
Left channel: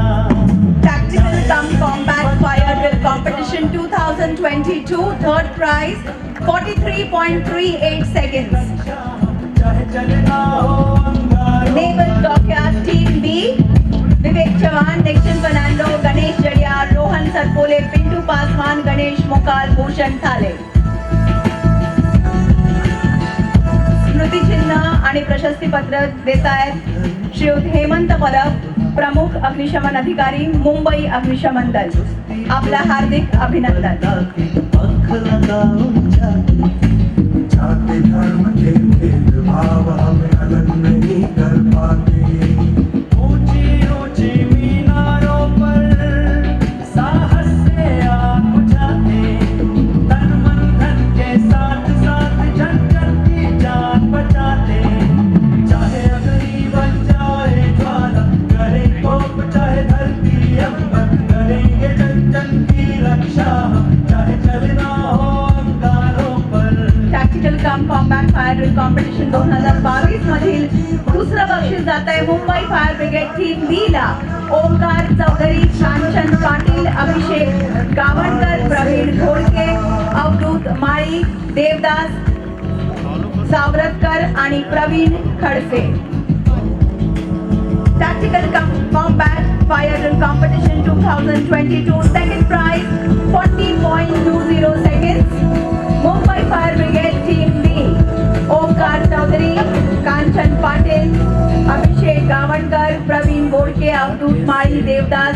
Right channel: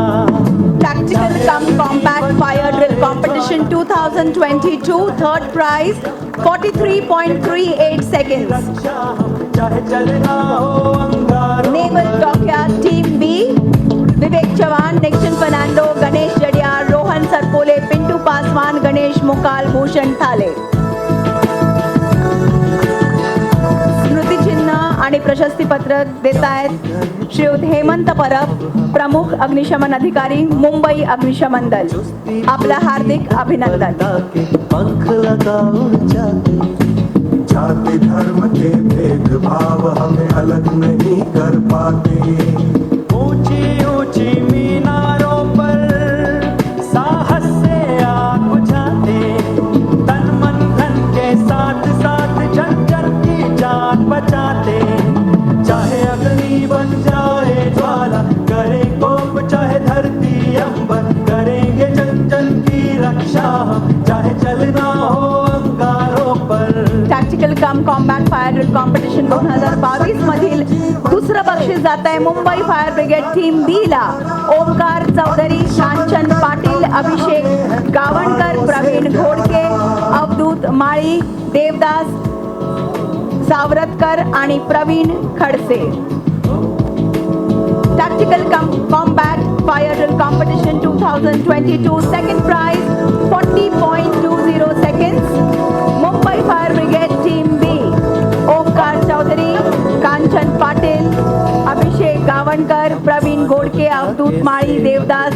Tactical cum combat fire drill competition 2022, third prize 43.38 seconds. चाहे चलना हो अंगारों Naval Dockyard Team B. विवेक चव्हाण, निक्शन फर्नांडो, गणेश जडियार, रोहन सरपोले, पिंटू पासवान, गणेश मोकाल, भूषण थाले. स्मृतिचिन्ह आणि प्रशस्तीपत्र देत आहेत श्रीयुत हेमंत परब, प्रमुख अग्निशमन अधिकारी, मुंबई अग्निशमन दल. आपलं हार्दिक अभिनंदन. पंख लगाओ जाति धर्म के भेदभाव हमें अलग नहीं कर पाते. ऊंची ऊंची मीनारों पर साहस से आग बुझाते, तन मन धन के साथ साथ जन जन की जान बचाते. चाहे अग्नि बन जाए ज्वाला, करे कोप चाहे धरती अंबर, करेंगे जन जन की रक्षा, चाहे चलना हो अंगारों पर. टॅक्टिकल कम कॉम्बॅट फायर ड्रिल कॉम्पिटिशन 2022 मधील दुसरं बक्षीस जात आहे मुंबई फायर ब्रिगेड टीम बी ला. ओंकार चौधरी, कांचन पाटील, अभिषेक गावणकर, प्रवीण घोडके, अवधूत माळी, देवदास सावरतकर आणि Pravin Khadse. Tactical Combat Fire Drill Competition 2022, second prize 40.20 seconds. Mumbai Fire Brigade Team B. Omkar Chaudhari, Kanchan Patil, अभिषेक गावणकर, प्रवीण गोडके, अवधूत माळी, देवदास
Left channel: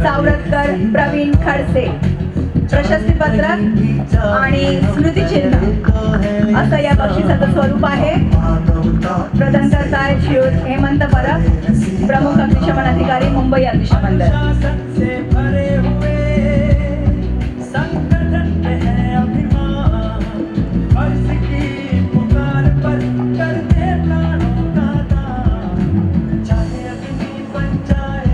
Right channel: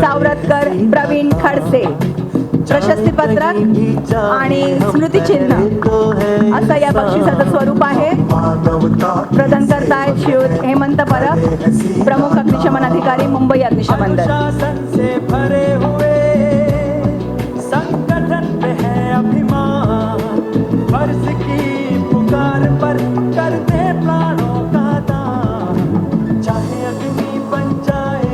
सावरतकर, प्रवीण खडसे. प्रशस्तीपत्र आणि स्मृतिचिन्ह असं या बक्षिसाचं स्वरूप आहे. प्रदान करतायत श्रीयुत हेमंत परब, प्रमुख अग्निशमन अधिकारी, मुंबई अग्निशमन दल. शासन से भरे हुए संगठन में है अभिमान, फर्ज की पुकार पर करते प्राणों का दान. चाहे अग्नि बन जाए,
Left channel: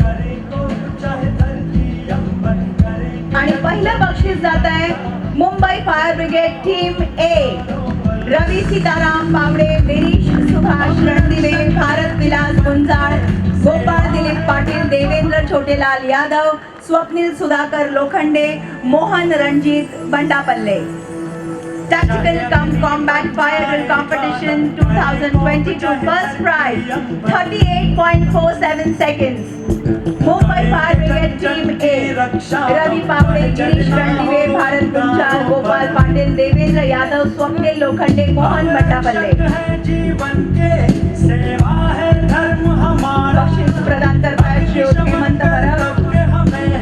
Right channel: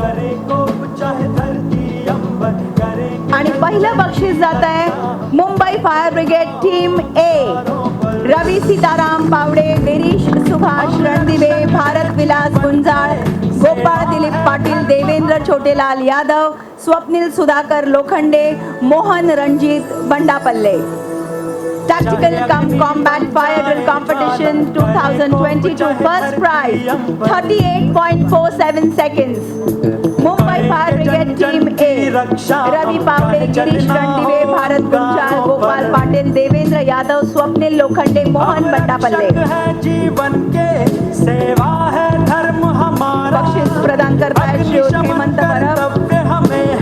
करे कोप चाहे धरती अंबर, करेंगे आणि पहिलं बक्षीस जात आहे Mumbai fire brigade team A. Ravi Sitaram Pawde, Virish Subhash Randive, Bharat Vilas Gunjal, Gopal Dilip Patil, Devendra Chhotelal Yadav, Swapnil Sudhakar Lokhande, Mohan Ranjit Bandapalle. Tactical Combat Fire Drill Competition 2022, first prize 38.47 seconds. Mumbai Fire Brigade Team A. Ravi Pawde, Girish Randive, Bharat Gunjal, Gopal Patil, Devendra Yadav, Swapnil Lokhande, Mohan Bandapalle. जीवन के, सेवा है धर्म हमारा, बक्षीस प्रदान करतायत श्रीयुत हेमंत परब,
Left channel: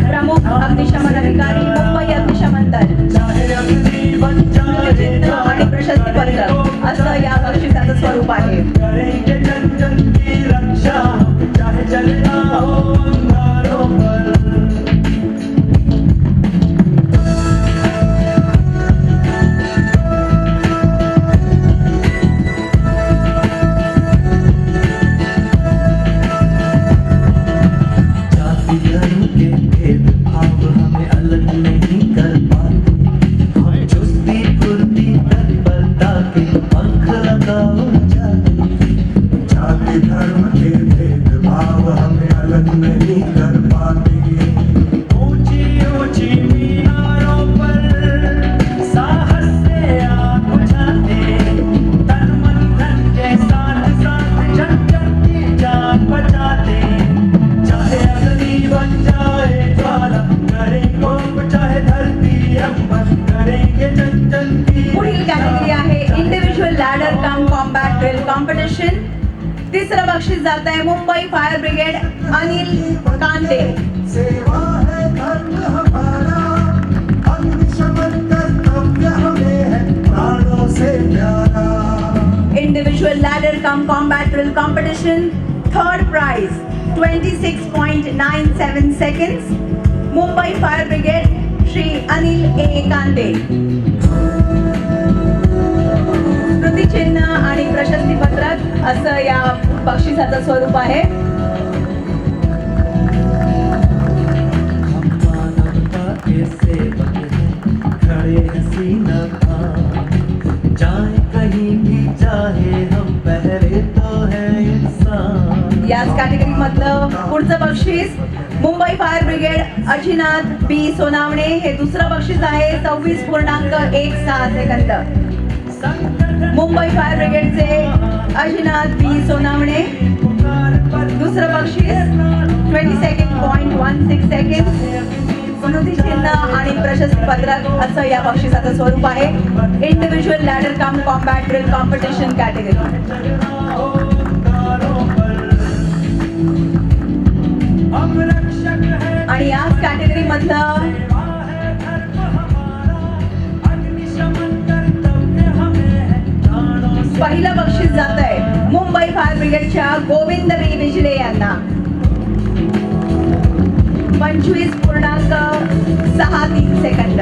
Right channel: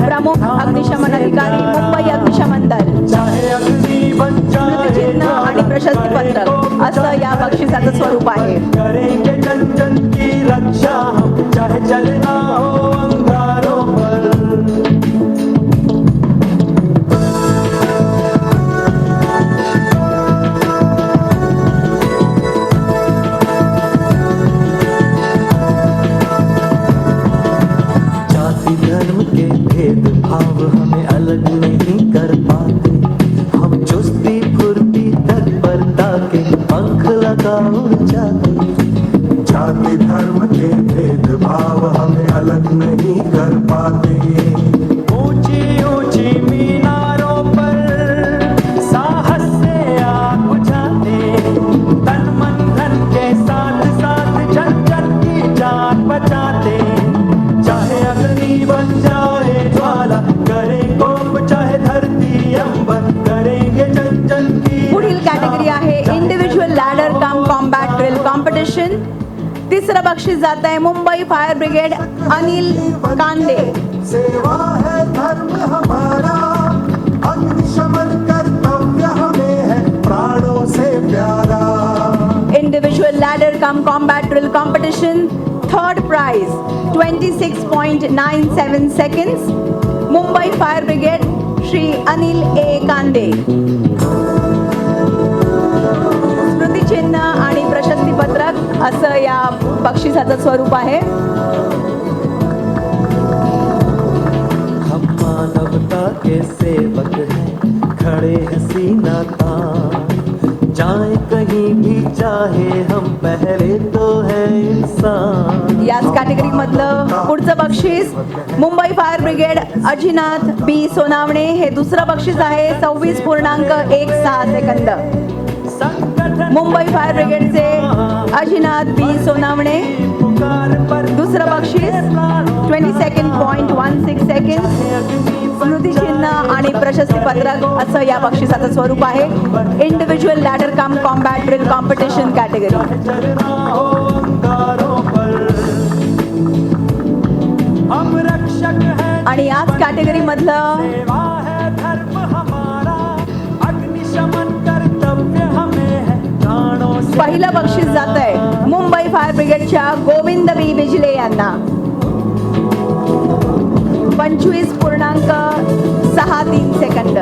प्रमुख अग्निशमन अधिकारी, मुंबई अग्निशमन दल. चाहे अग्नि बन जाए स्मृतिचिन्ह आणि प्रशस्तीपत्र असं या बक्षिसाचं स्वरूप आहे. करेंगे जन जन की रक्षा, चाहे चलना हो अंगारों पर. जाति धर्म के भेदभाव हमें अलग नहीं कर पाते, हम चुस्ती फुर्ती तत्परता के पंख लगाओ जाति धर्म के भेदभाव हमें अलग नहीं कर पाते. ऊंची ऊंची मीनारों पर साहस से आग बुझाते, तन मन धन के साथ साथ जन जन की जान बचाते. चाहे अग्नि बन जाए ज्वाला, करे कोप चाहे धरती अंबर, करेंगे जन जन की. पुढील कॅटेगरी आहे इंडिव्हिज्युअल लॅडर कम कॉम्बॅट ड्रिल कॉम्पिटिशन. तिसरं बक्षीस जात आहे मुंबई फायर ब्रिगेड अनिल कांडे. सेवा है धर्म हमारा, अग्निशमन कर्तव्य हमें है प्राणों से combat drill competition. Third prize, 26.97 seconds. Mumbai Fire Brigade, Shri Anil A. Kande. स्मृतिचिन्ह आणि प्रशस्तीपत्रक असं या बक्षिसाचं स्वरूप आहे. हम मानवता के सेवक हैं, खड़े हैं सीना तान, जाए कहीं भी चाहे हम पहरे तो है इंसान. याच कॅटेगरी मधलं पुढचं बक्षीस मुंबई फायर ब्रिगेड अजिनाथ बी सोनावणे. हे दुसरं बक्षीस आहे 26.16 सेकंद. मुंबई फायर ब्रिगेडचे अजिनाथ बी सोनावणे. दुसरं बक्षीस 22.16 सेकंड. स्मृतिचिन्ह आणि प्रशस्तीपत्रक असं या बक्षिसाचं स्वरूप आहे. इंडिव्हिज्युअल लॅडर कम कॉम्बॅट ड्रिल कॉम्पिटिशन कॅटेगरी. आणि याच कॅटेगरी मधलं पहिलं बक्षीस जात आहे मुंबई फायर ब्रिगेडच्या गोविंद बी बिजले यांना. 25.63 सेकंद.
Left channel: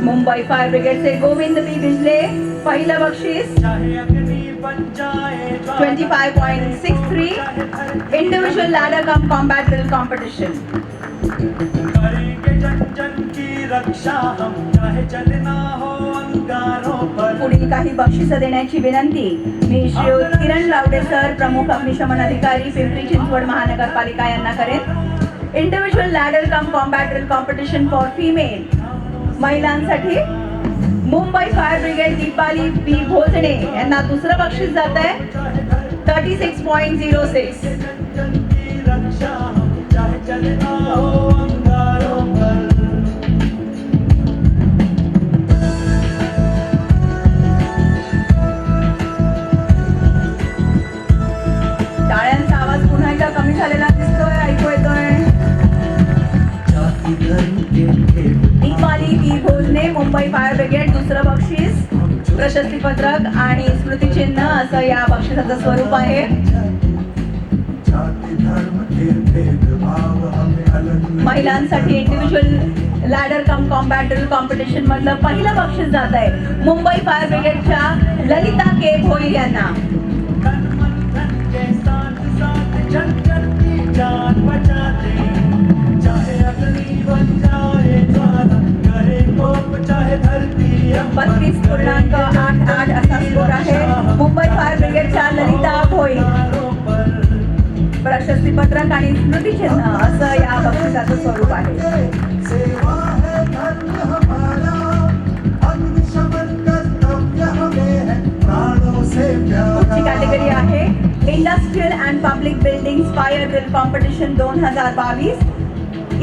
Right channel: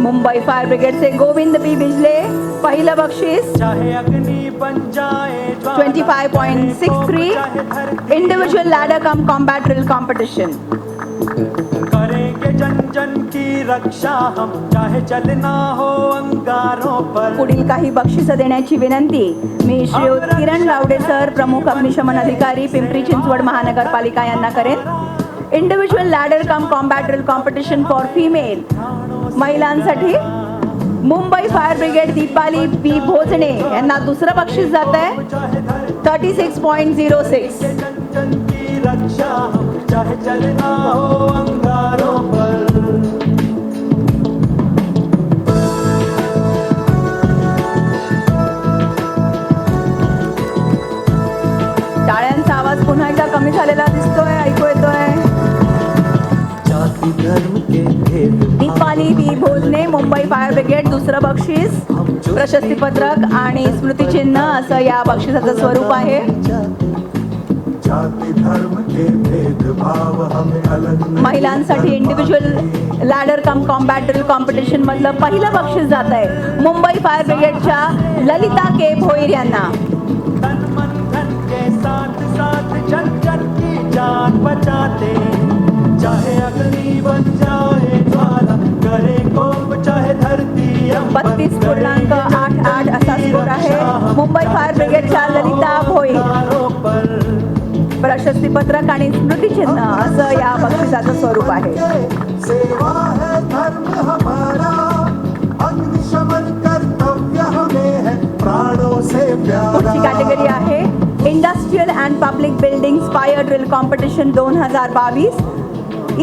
मुंबई फायर ब्रिगेडचे गोविंद बी बिजले पहिलं बक्षीस चाहे अग्नि बन जाए 25.63. इंडिव्हिज्युअल लॅडर कम कॉम्बॅट ड्रिल कॉम्पिटिशन. करेंगे जन जन की रक्षा हम, चाहे चलना हो अंगारों पर. पुढील काही बक्षिसं देण्याची विनंती मी श्री किरण रावडे सर, प्रमुख अग्निशमन अधिकारी, पिंपरी चिंचवड महानगरपालिका यांना करेन. Individual ladder come combat drill competition for female, महिलांसाठी मुंबई फायर ब्रिगेड दीपाली बी भोजने यांना दुसरं बक्षीस जात आहे 36.06. की रक्षा हम, चाहे चलना हो अंगारों पर. टाळ्यांचा आवाज पुन्हा एकदा कमी झालेला दिसतोय, ऐकू येतोय. जाति धर्म के भेद दीपाली बी भोजने, मुंबई फायर ब्रिगेड. दुसरं बक्षीस प्रशस्तीपत्रक आणि स्मृतिचिन्ह असं या बक्षिसाचं स्वरूप आहे. जाति धर्म के भेदभाव हमें अलग नहीं महिलांसाठी इंडिव्हिज्युअल लॅडर कम कॉम्बॅट ड्रिल कॉम्पिटिशन मधलं पहिलं बक्षीस जात आहे मुंबई फायर ब्रिगेडच्या ललिता के भोईर यांना. तन मन धन के साथ साथ जन जन की जान बचाते, चाहे अग्नि बन जाए ज्वाला, करे कोप चाहे धरती. 32.88 असा स्कोर आहे मुंबई फायर ब्रिगेडच्या ललिता भोईर. प्रशस्तीपत्रक आणि स्मृतिचिन्ह असं या बक्षिसाचं स्वरूप आहे. सेवा है धर्म हमारा, अग्निशमन कर्तव्य हमें है प्राणों से पुढची प्यारा. कॅटेगरी आहे industrial and public building fire drill competition 2022.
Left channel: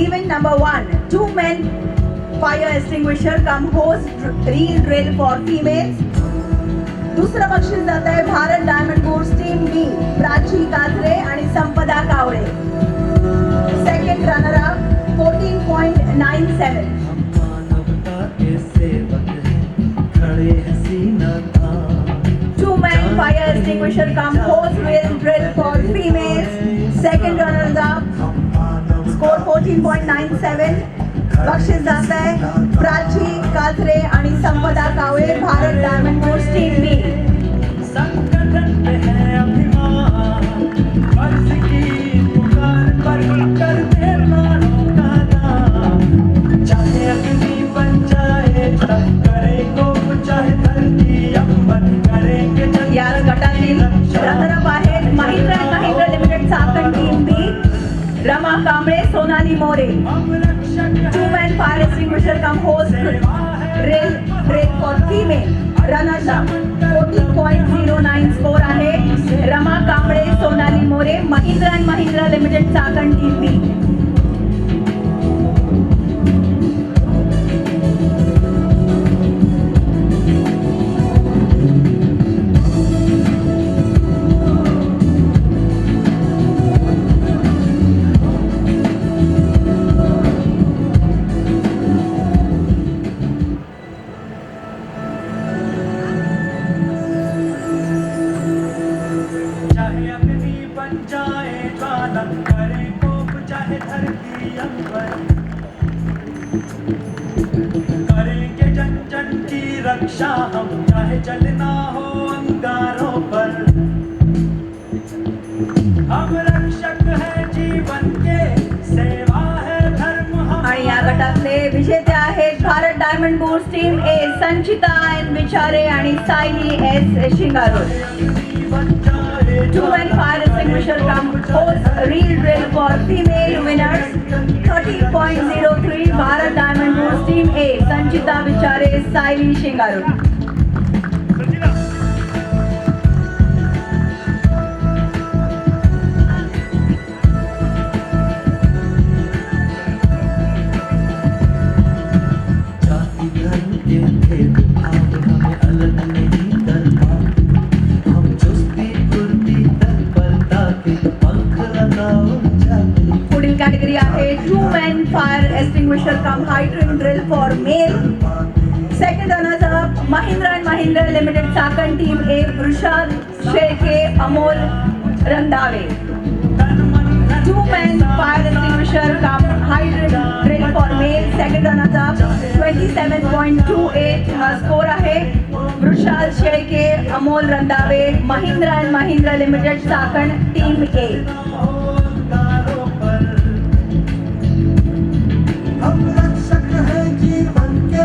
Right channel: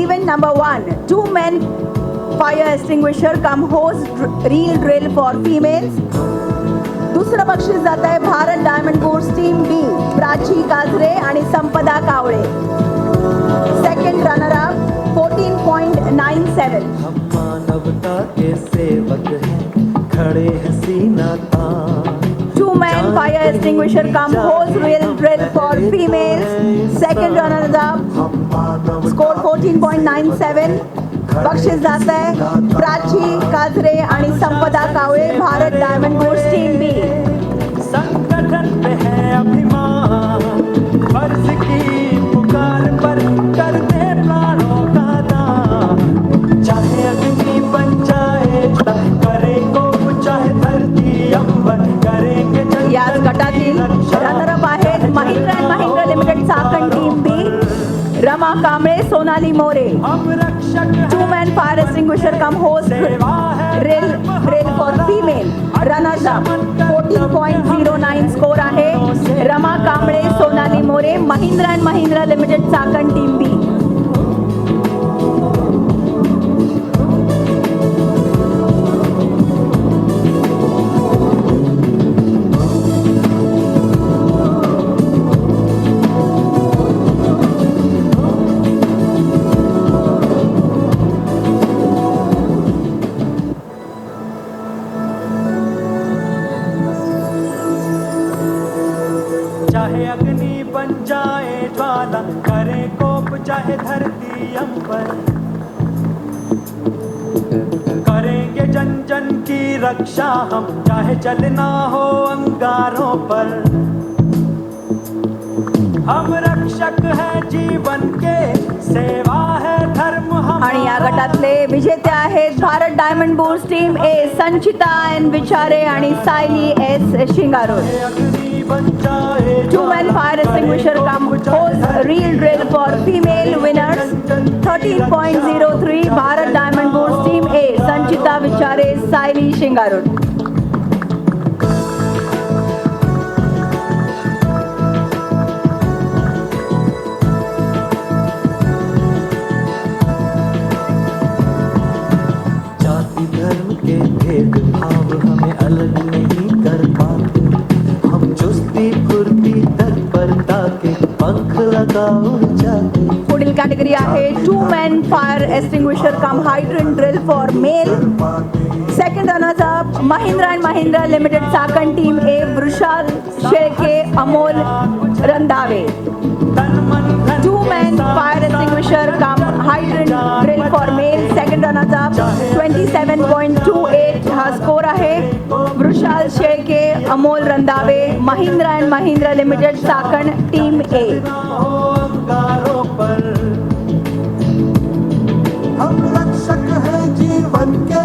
Event number 1, 2 men fire extinguisher cum hose reel drill for females. दुसरं बक्षीस जात आहे Bharat Diamond Course team B, Prachi Kajre आणि Sampada Kawale. Second runner up 14.97. हम मानवता के सेवक हैं, खड़े हैं सीना तान. 2 men fire extinguisher come hose reel drill for females. Second runners up, score 14.97. बक्षीस जात आहे प्राची काजरे आणि संपदा कावळे, भारत डायमंड कोर्स टीम बी. संगठन में है अभिमान, फर्ज की पुकार पर करने वालों का नाम. चाहे अग्नि बन जाए, करे कोप चाहे धरती अंबर, करेंगे जन याच गटातील रनरअप आहेत Mahindra and Mahindra Limited Chakan team B, Rama Kamble, Sonali More. हम रक्षक 2 men fire extinguisher come hose drill for female. Runners up 14.09 score आहे Rama Kamble, Sonali More, Mahindra and Mahindra Limited Chakan team B. रक्षा हम चाहे चलना हो अंगारों पर हम रक्षक है जीवन के सेवा है धर्म आणि या गटातले विजेते आहेत Bharat diamond bulls team A Sanchita N Vichare आणि Sayali S Shingaro. Two-man fire extinguisher hose reel drill for female winners 13.03 Bharat Diamond Bulls Team A Sanchita Vichare Saili Shingaru. जाति धर्म के भेदभाव हमें अलग नहीं कर पाते हम चुस्ती फुर्ती तत्परता के पंख लगाओ जाते पुढील कॅटेगरी आहे two-man fire extinguisher cum hydrant drill for male. Second runners up Mahindra and Mahindra Limited Sakan Team A Brushal Sherke Amol Randave. Two-man fire extinguisher cum hydrant drill for male. Second runners up 27.28 हा score आहे. Brushal Sherke Amol Randave Mahindra and Mahindra Limited Sakan Team A. अंगारों पर हम रक्षक है जीवन के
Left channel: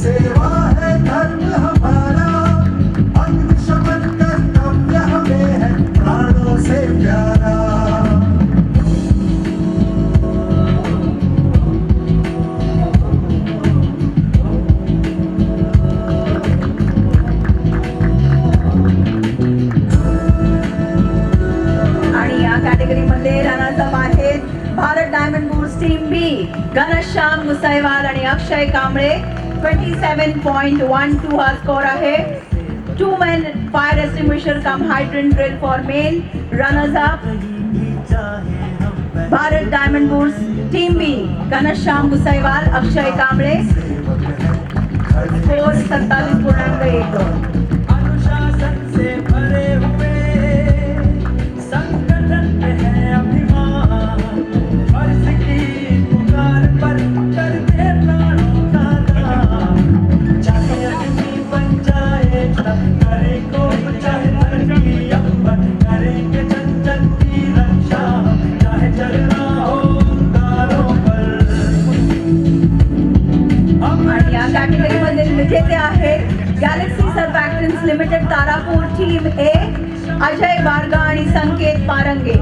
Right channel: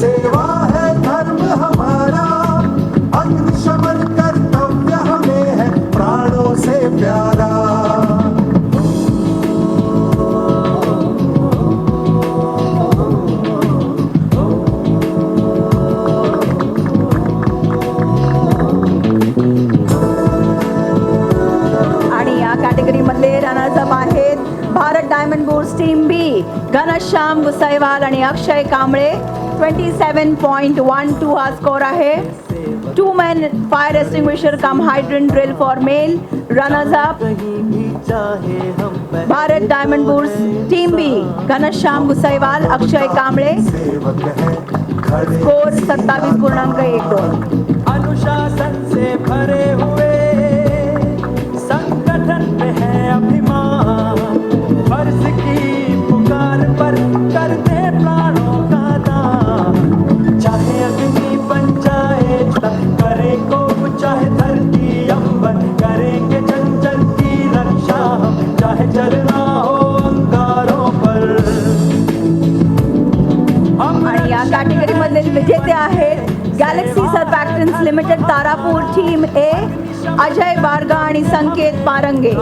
सेवा है धर्म हमारा अग्निशमन कर्तव्य हमें है प्राणों से प्यारा आणि या कॅटेगरी मधले रनर्स अप आहेत Bharat diamond bulls team B Ghanshyam Gusaiwal आणि अक्षय कांबळे 27.12 हा स्कोर आहे. Two man fire extinguisher cum hydrant drill for male. Runners up चाहे हम Bharat diamond bulls team B Ghanshyam Gusaiwal Akshay Kamble. Score 27.12. अनुशासन से भरे हुए संगठन में है अभिमान फर्ज की पुकार पर करते प्राणों का दान चाहे अग्नि बन जाए करे कोप चाहे धरती अंबर करेंगे जन जन की रक्षा हम चाहे जलना हो अंगारों पर आणि या कॅटेगरी मध्ये विजेते आहेत Galaxy सर्फॅक्टन्स limited Tarapur team A Ajay Barga आणि Sanket Parange.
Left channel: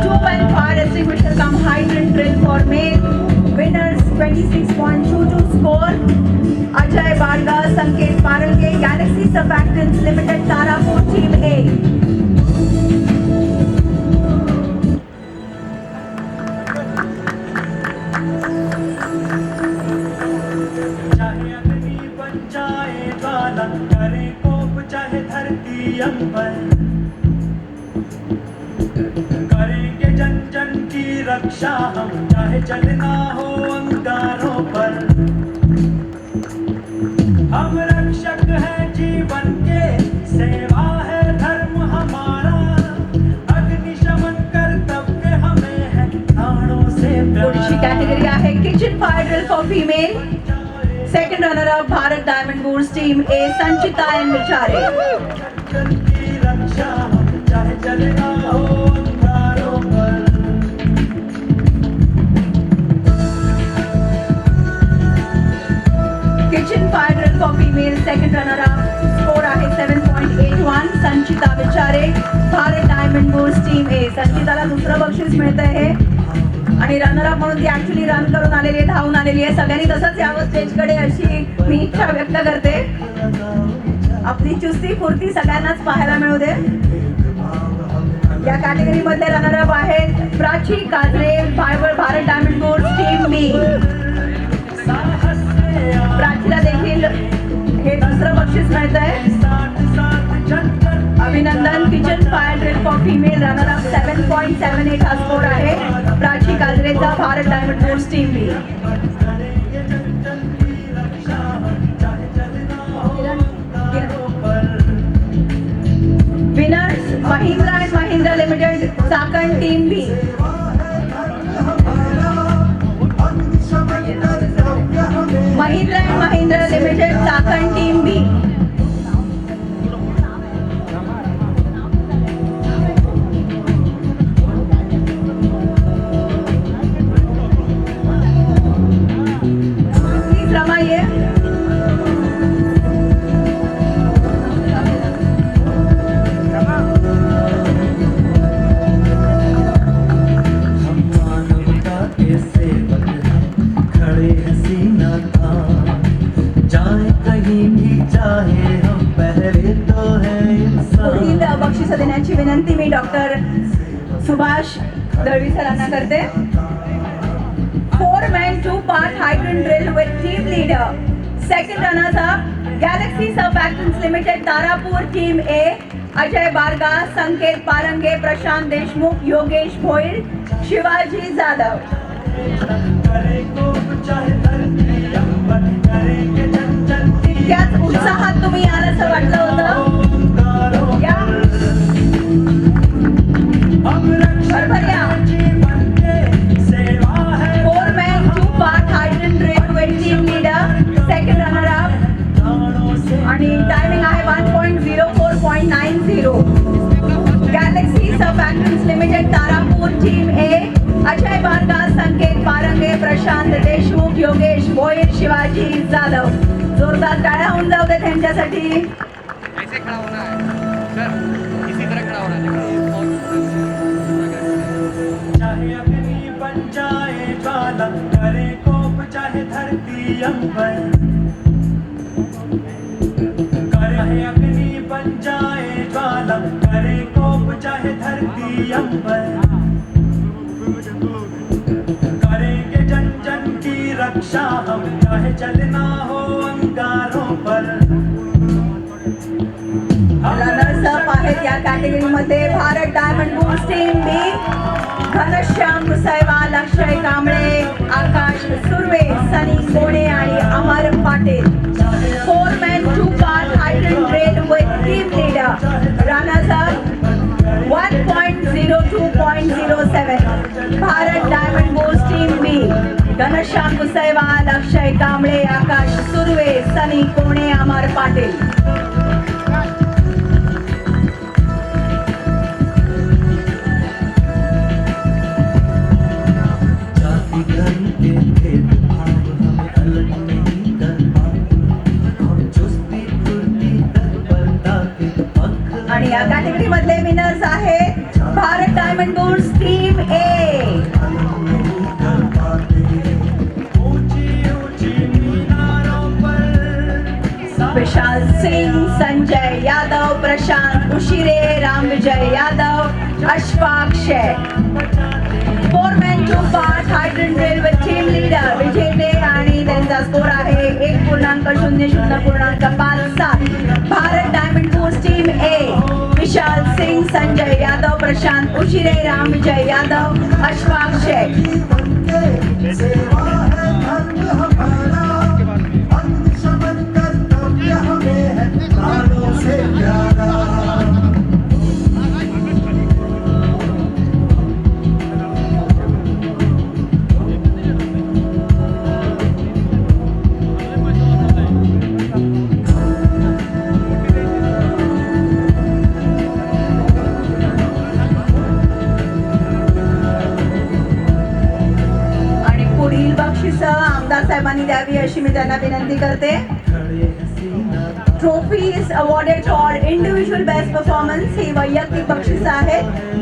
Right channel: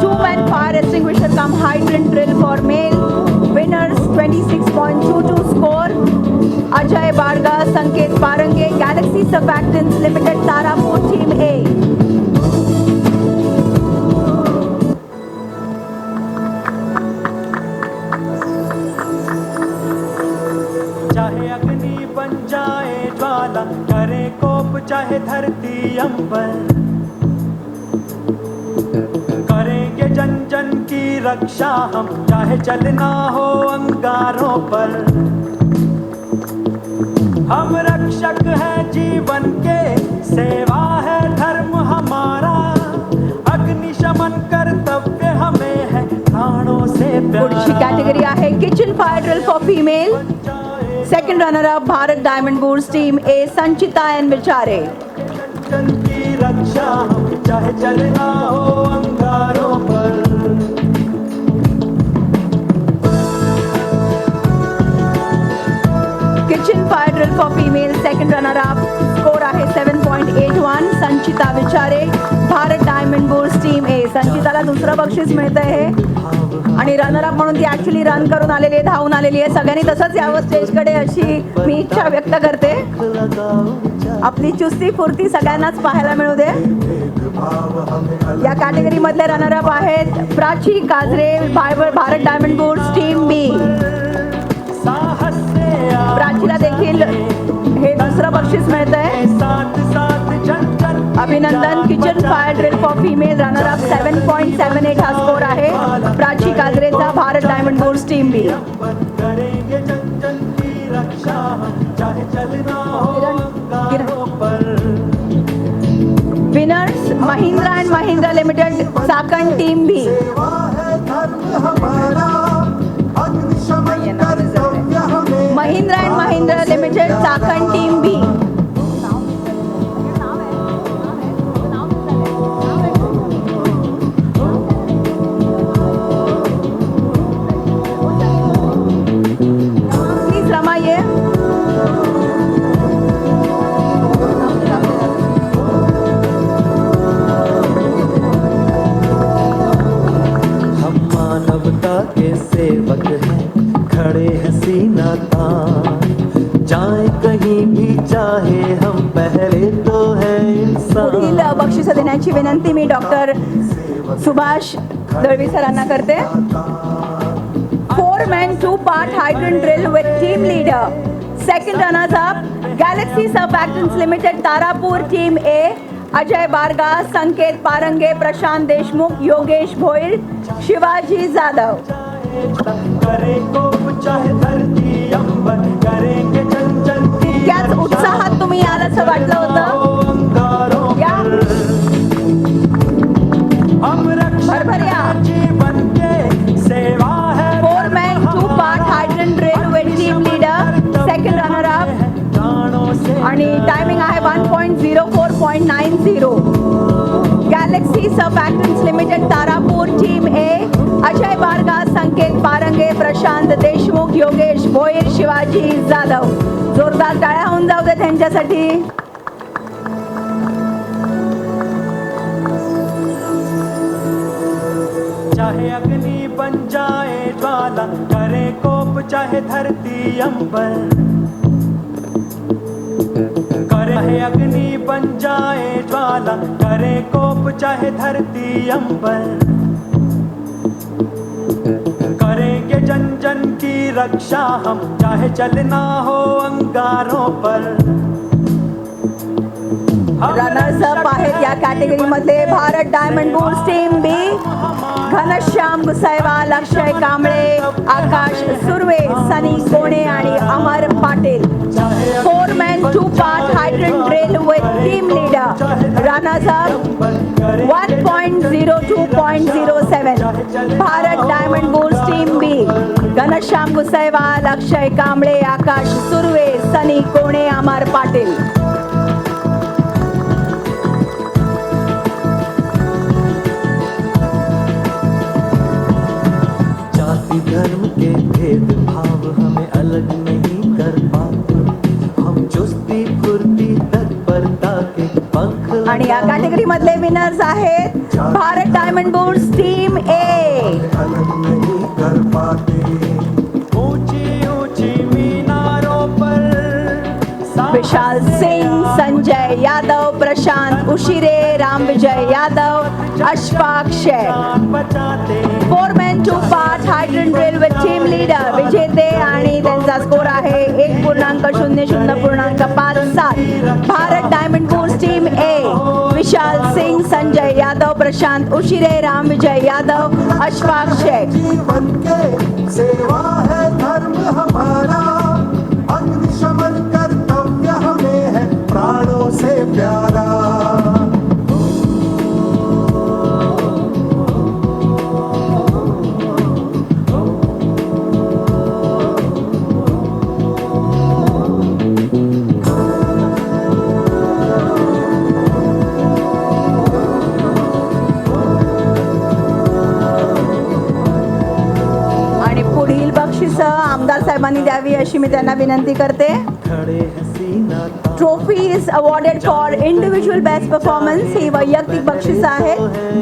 Two-man fire extinguisher cum hydrant drill for male. Winners 26.22 score. Ajay Barga Sanket Parange Galaxy सर्फॅक्टन्स limited Tarapur team ए. चाहे अग्नि बन जाए ज्वाला करे कोप चाहे धरती अंबर करेंगे जन जन की रक्षा हम चाहे चलना हो अंगारों पर हम रक्षक है जीवन के सेवा है धर्म हमारा अग्निशमन कर्तव्य हमें है प्राणों से पुढची कॅटेगरी आहे kitchen fire drill for female. Second runner up Bharat diamond bulls team A Sanchita N Vichare. की रक्षा हम चाहे चलना हो अंगारों पर kitchen fire drill for female second runner up score आहे 7.81 Sanchita Vichare Bharat diamond bulls team A. संचिताला दुसरं बक्षीस मिळत आहे आणि रनर अप म्हणून ती ऍक्च्युली रन करून आलेली आहे, धावून आलेली आहे. सगळ्यांनी तसंच यावं स्टेजकडे अशी मी इच्छा व्यक्त करते. आपली चुस्ती फुर्ती सगळ्यांनाच पाहायला मिळू दे. या कॅटेगरी मध्ये रनर अप आहेत Prachi Kajre Bharat diamond bulls team B. प्राचीला देखील हे दुसरं बक्षीस मिळत आहे. अभिनंदन. Kitchen fire drill for female runner up 7.78 हा स्कोर आहे प्राची काजरेचा Bharat diamond bulls team B. Winners Mahindra and Mahindra Limited Sakan team B. Mahindra and Mahindra Limited Sakan हैं सेवक हैं खड़े हैं सीना तान जाए कहीं भी चाहे हम पहरे तो है पुढील इंसान बक्षीस देण्याची विनंती मी डॉक्टर सुभाष दळवी सरांना करते. 4 men 2 part hydrogen drill with team leader. Second runners up Galaxy Surfactants Limited Tarapur Team A. Ajay Barga, Sanket Parange, Prashant Deshmukh, Yogesh Bhoir, Shivaji Jadhav. करे कोप चाहे धरती अंबर करेंगे जन जन की त्याच उत्साहात तुम्ही आल्याचं वाटलं होतं. ओंकारों या हम भरभऱ्या. जीवन के सेवा है 4 men 2 part hydrogen drill with team leader. Second runner up प्राणों से आणि टायमिंग आहे 1.04.90. Galaxy Surfactants Limited Tarapur team A. Ajay Barga, Sanket Parange, Prashant Deshmukh, Yogesh Bhoir, Shivaji Jadhav. जोरदार टाळ्या होऊन जाऊ दे त्यांच्यासाठी. चाहे अग्नि बन जाए ज्वाला करे कोप चाहे धरती अंबर करे अग्नि बन जाए ज्वाला करे कोप चाहे धरती अंबर करेंगे जन जन की रक्षा हम चाहे चलना हो अंगारों पर रनर्स अप आहेत या कॅटेगरी मध्ये Bharat diamond bulls team B. Ghanshyam Gusaiwal, Akshay Kamble, Akash Surve, Sunny कोणे आणि अमर Patil. 4 men 2 part hydrogen drill with team leader. Runners up 1.02.07. Bharat diamond bulls team B. Ghanshyam Gusaiwal, Akshay Kamble, Akash Surve, Sunny Kone, Amar Patil. जाति धर्म के भेदभाव हमें अलग नहीं कर पाते हम चुस्ती फुर्ती तत्परता के पख आणि या कॅटेगरी मधले विनर्स आहेत भारत डायमंड बुल्स टीम ए. अलग नहीं कर पाते ऊंची ऊंची मीनारों पर Vishal Singh, Sanjay Yadav, Prashant Ushire, Ram Vijay Yadav, अश्वाक्षय. 4 men 2 part hydrogen drill with team leader. विजेते आणि त्यांचा स्कोर आहे 1.00.57. भारत डायमंड बुल्स टीम ए. विशाल सिंह, संजय यादव, प्रशांत उशिरे, राम विजय यादव, अश्वाक्षय. जीवन के सेवा है धर्म हमारा अग्निशमन कर्तव्य हमें है प्राणों से प्यारा आणि पुढील बक्षीस आमदार साहेबांनी द्यावी अशी मी त्यांना विनंती करते. खड़े हैं सीना trophy is awarded for individual best performance. ही वैयक्तिक बक्षीस आहे.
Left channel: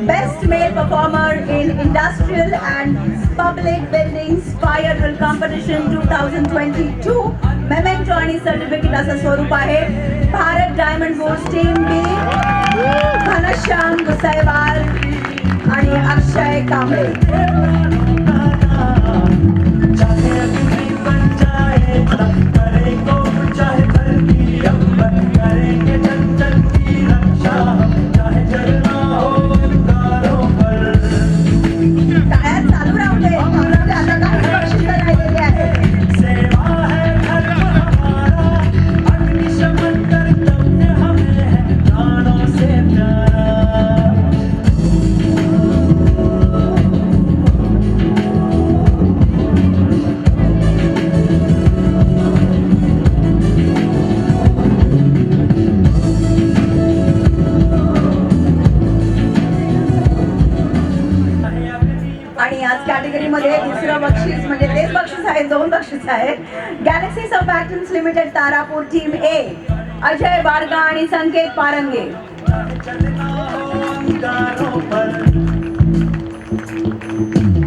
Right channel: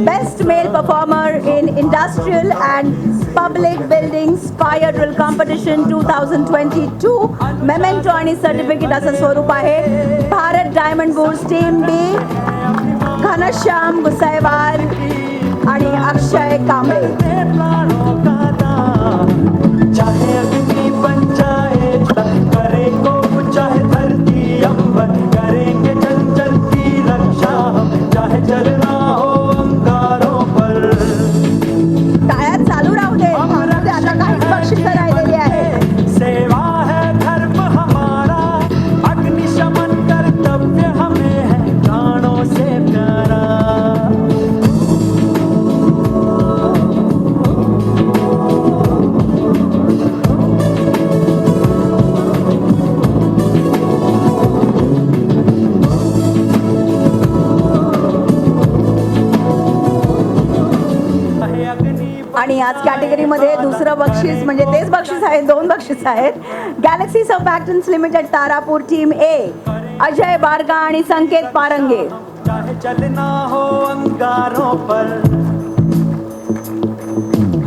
Best male performer in industrial and public buildings fire drill competition 2022. Memento आणि सर्टिफिकेट असं स्वरूप आहे. Bharat diamond bulls team B. Ghanshyam Gusaiwal आणि अक्षय कांबळे. चाहे अग्नि बन जाए करे कोप चाहे धरती अंबर करेंगे जन जन की रक्षा हम चाहे चलना हो अंगारों पर टाळ्या चालू राहू दे. म्हणून ते आता काही बक्षीस राहिलेली आहे. सेवा है धर्म हमारा अग्निशमन कर्तव्य हमें है प्राणों से प्यारा आणि याच कॅटेगरीमध्ये दुसरं बक्षीस म्हणजे तेच बक्षीस आहे. 2 बक्षीस आहेत. Galaxy Surfactants Limited Tarapur team A. Ajay Barga आणि संकेत पारंगे. चाहे चलना हो अंगारों पर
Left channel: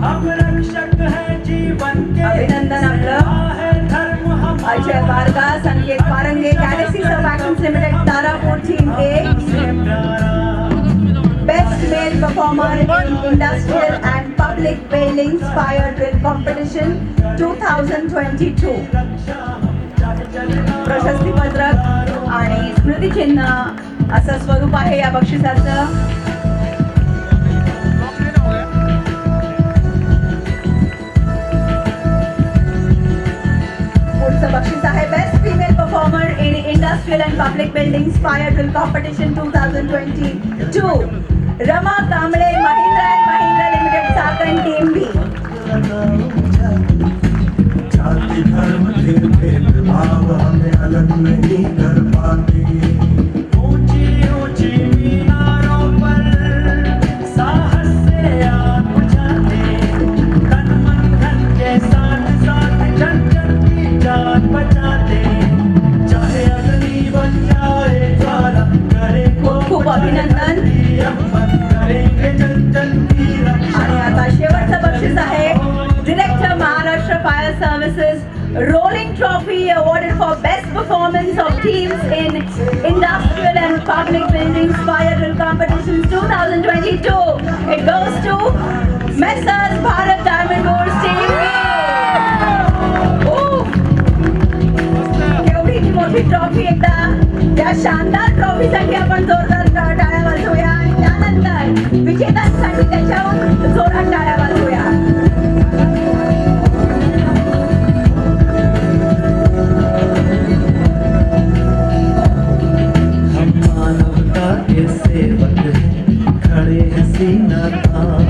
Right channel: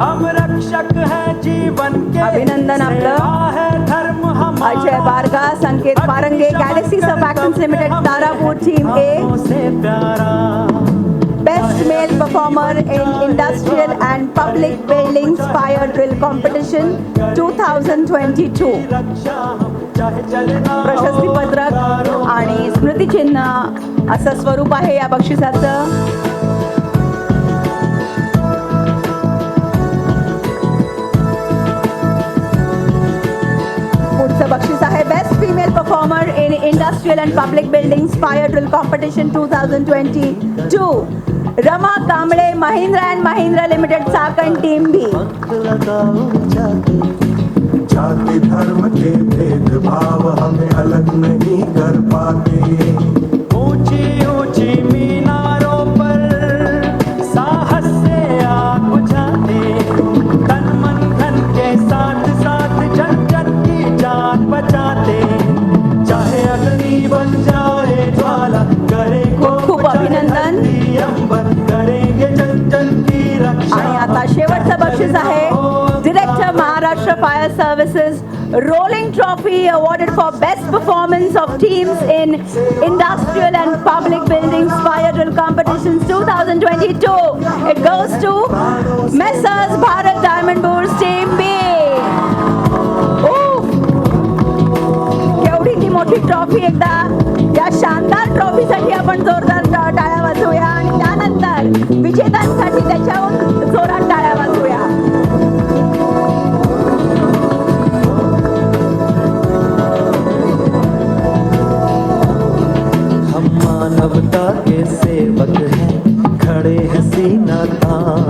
हम रक्षक हैं अभिनंदन आपलं. Ajay Barga, Sanket Parange, Galaxy sub actions limited, Tarapur team A. Best male performer in industrial and public buildings fire drill competition 2022. प्रशस्ती पत्रक आणि स्मृतिचिन्ह असं स्वरूप आहे या बक्षिसाचं. पुढचं बक्षीस आहे best female performer in industrial and public buildings fire drill competition 2022. Rama Kamble, Mahindra and Mahindra Limited, Chakan team B. जाति धर्म के भेदभाव हमें अलग नहीं कर पाते. ऊंची ऊंची मीनारों पर साहस से आग बुझाते, तन मन धन के साथ साथ जन जन की जान बचाते, चाहे अग्नि बन जाए ज्वाला, करे खूप अभिनंदन. करेंगे जन जन की रक्षा. आणि आता शेवटचं बक्षीस आहे director Maharashtra fire services rolling trophy awarded for best performance of teams in industrial and public buildings fire drill competitions 2022. It goes to Messrs Bharat Diamond Bourse team B. एवढी ती मोठी ट्रॉफी एकदा या शानदार ट्रॉफीसाठी आपण जोरदार टाळ्या वाजवूया आणि त्यानंतर विजेत्यांसाठी त्याच्याहून जोरात टाळ्या वाजवूया. हम मानवता के सेवक हैं, खड़े हैं सीना तान,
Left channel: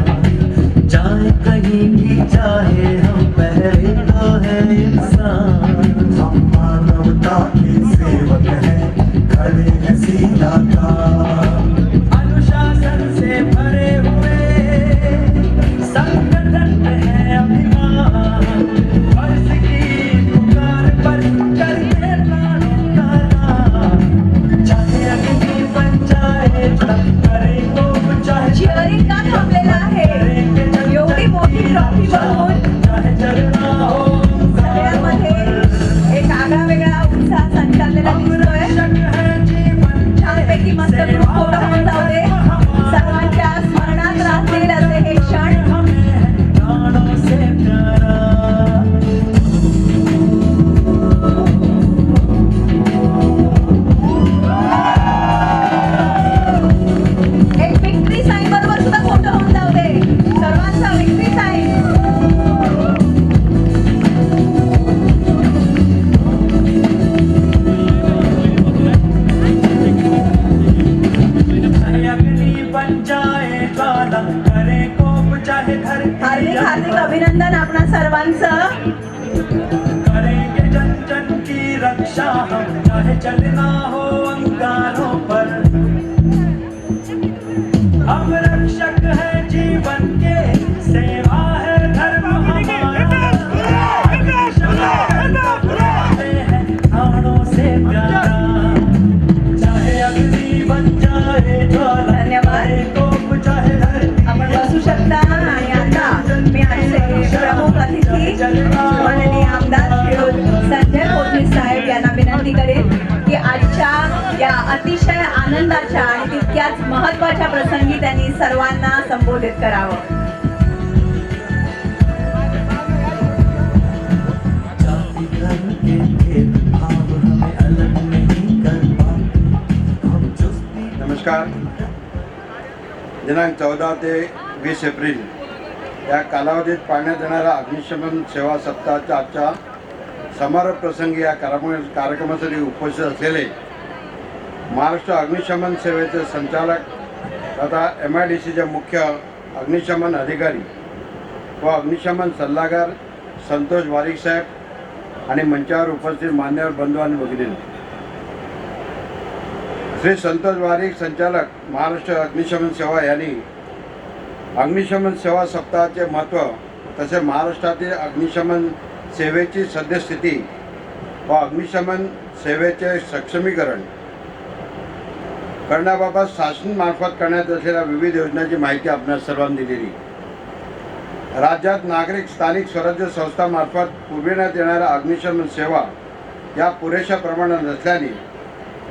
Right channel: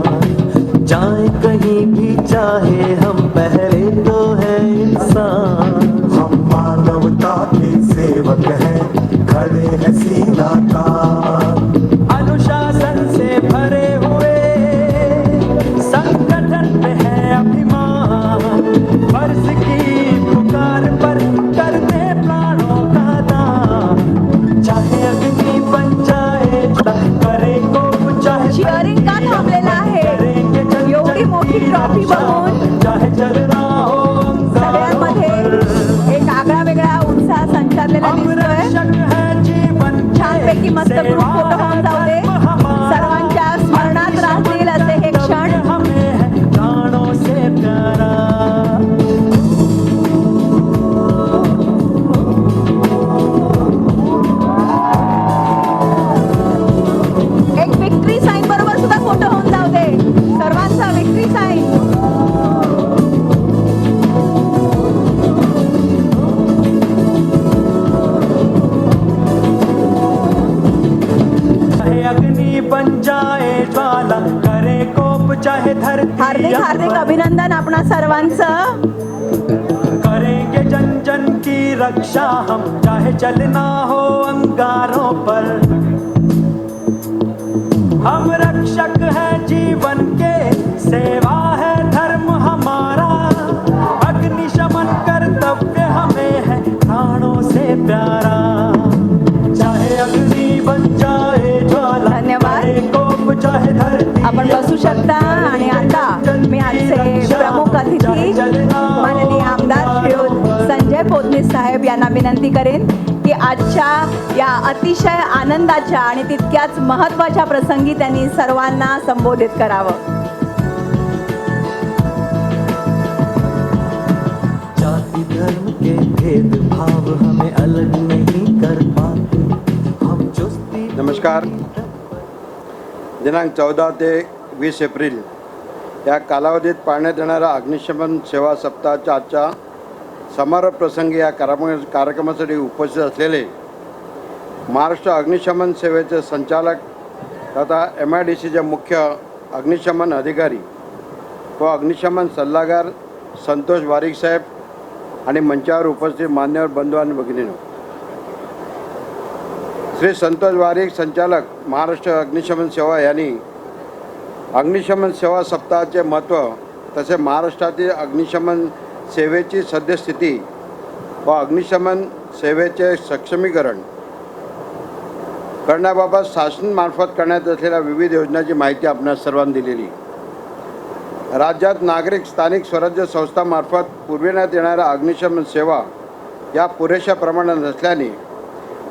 जाए कहीं भी चाहे हम पहले तो है इंसान. हम मानवता के सेवक हैं, खड़े हैं सीना तान. अनुशासन से भरे हुए संगठन में है अभिमान, फर्ज की पुकार पर करके प्राणों का दान, चाहे अग्नि बन जाए करे को चाहे चिअरिंग का थांबलेला आहे. एवढी मोठी ट्रॉफी बघून चाहे जलना हो सगळ्यांमध्ये एक आगळा वेगळा उत्साह संचारलेला दिसतोय. छानपैकी मस्त ग्रुप फोटो होऊन जाऊ दे. सर्वांच्या स्मरणात राहतील असे हे क्षण. प्राणों से प्यारा. एक विक्ट्री साईन बरोबर सुद्धा फोटो होऊन जाऊ दे. सर्वांचा विक्ट्री साईन. चाहे अग्नि बन जाए ज्वाला, करे कोप चाहे धरती, हार्दिक हार्दिक अभिनंदन आपणा सर्वांचं. करेंगे जन जन की रक्षा हम, चाहे चलना हो अंगारों पर. हम रक्षक है जीवन के, सेवा है धर्म हमारा, अग्निशमन कर्तव्य हमें है प्राणों से प्यारा. चाहे अग्नि बन जाए ज्वाला, धन्यवाद. करे कोप चाहे धरती, आपण बसू शकता. आणि आता मी आजचे प्रमुख अतिथी माननीय आमदार श्री संजय फडणवीस साहेब यांना विनंती करेन की आजच्या या अतिशय आनंदाच्या आणि तितक्याच महत्त्वाच्या प्रसंगी त्यांनी सर्वांना संबोधित करावं. जाति धर्म के भेदभाव हमें अलग नहीं कर पाते, हम चुस्ती. नमस्कार. दिनांक 14 ते 20 एप्रिल या कालावधीत पाळण्यात येणाऱ्या अग्निशमन सेवा सप्ताहाच्या आजच्या समारोप प्रसंगी या कार्यक्रमासाठी उपस्थित असलेले महाराष्ट्र अग्निशमन सेवेचे संचालक तथा MIDCचे मुख्य अग्निशमन अधिकारी व अग्निशमन सल्लागार संतोष वारिक साहेब आणि मंचावर उपस्थित मान्यवर बंधू आणि भगिनींनो, श्री संतोष वारिक संचालक महाराष्ट्र अग्निशमन सेवा यांनी अग्निशमन सेवा सप्ताहाचे महत्त्व तसे महाराष्ट्रातील अग्निशमन सेवेची सद्यस्थिती व अग्निशमन सेवेचे सक्षमीकरण करण्याबाबत शासनामार्फत करण्यात असलेल्या विविध योजनांची माहिती आपणास सर्वांना दिलेली. राज्यात नागरिक स्थानिक स्वराज्य संस्थांमार्फत पुरविण्यात येणाऱ्या अग्निशमन सेवा या पुरेशा प्रमाणात नसल्याने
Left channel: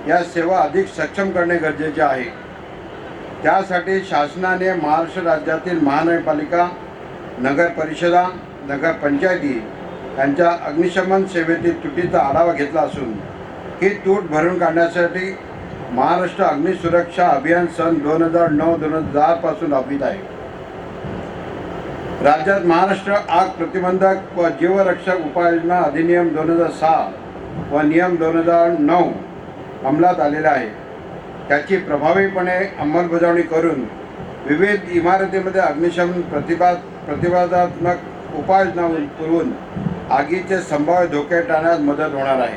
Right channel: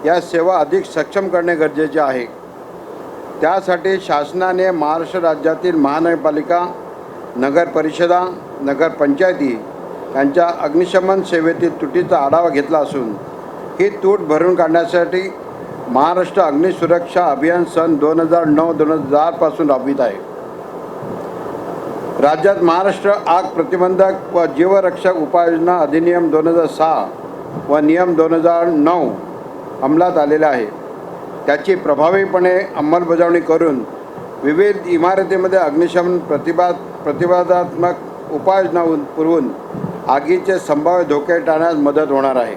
या सेवा अधिक सक्षम करणे गरजेचे आहे. त्यासाठी शासनाने महाराष्ट्र राज्यातील महानगरपालिका, नगर परिषदा, नगरपंचायती यांच्या अग्निशमन सेवेतील तुटीचा आढावा घेतला असून ही तूट भरून काढण्यासाठी महाराष्ट्र अग्निसुरक्षा अभियान सन 2009-2010 पासून राबवित आहे. राज्यात महाराष्ट्र आग प्रतिबंधक व जीवरक्षक उपाययोजना अधिनियम 2006 व नियम 2009 अंमलात आलेला आहे. त्याची प्रभावीपणे अंमलबजावणी करून विविध इमारतीमध्ये अग्निशमन प्रतिबंधात्मक उपाययोजना पुरवून आगीचे संभाव्य धोके टाळण्यास मदत होणार आहे.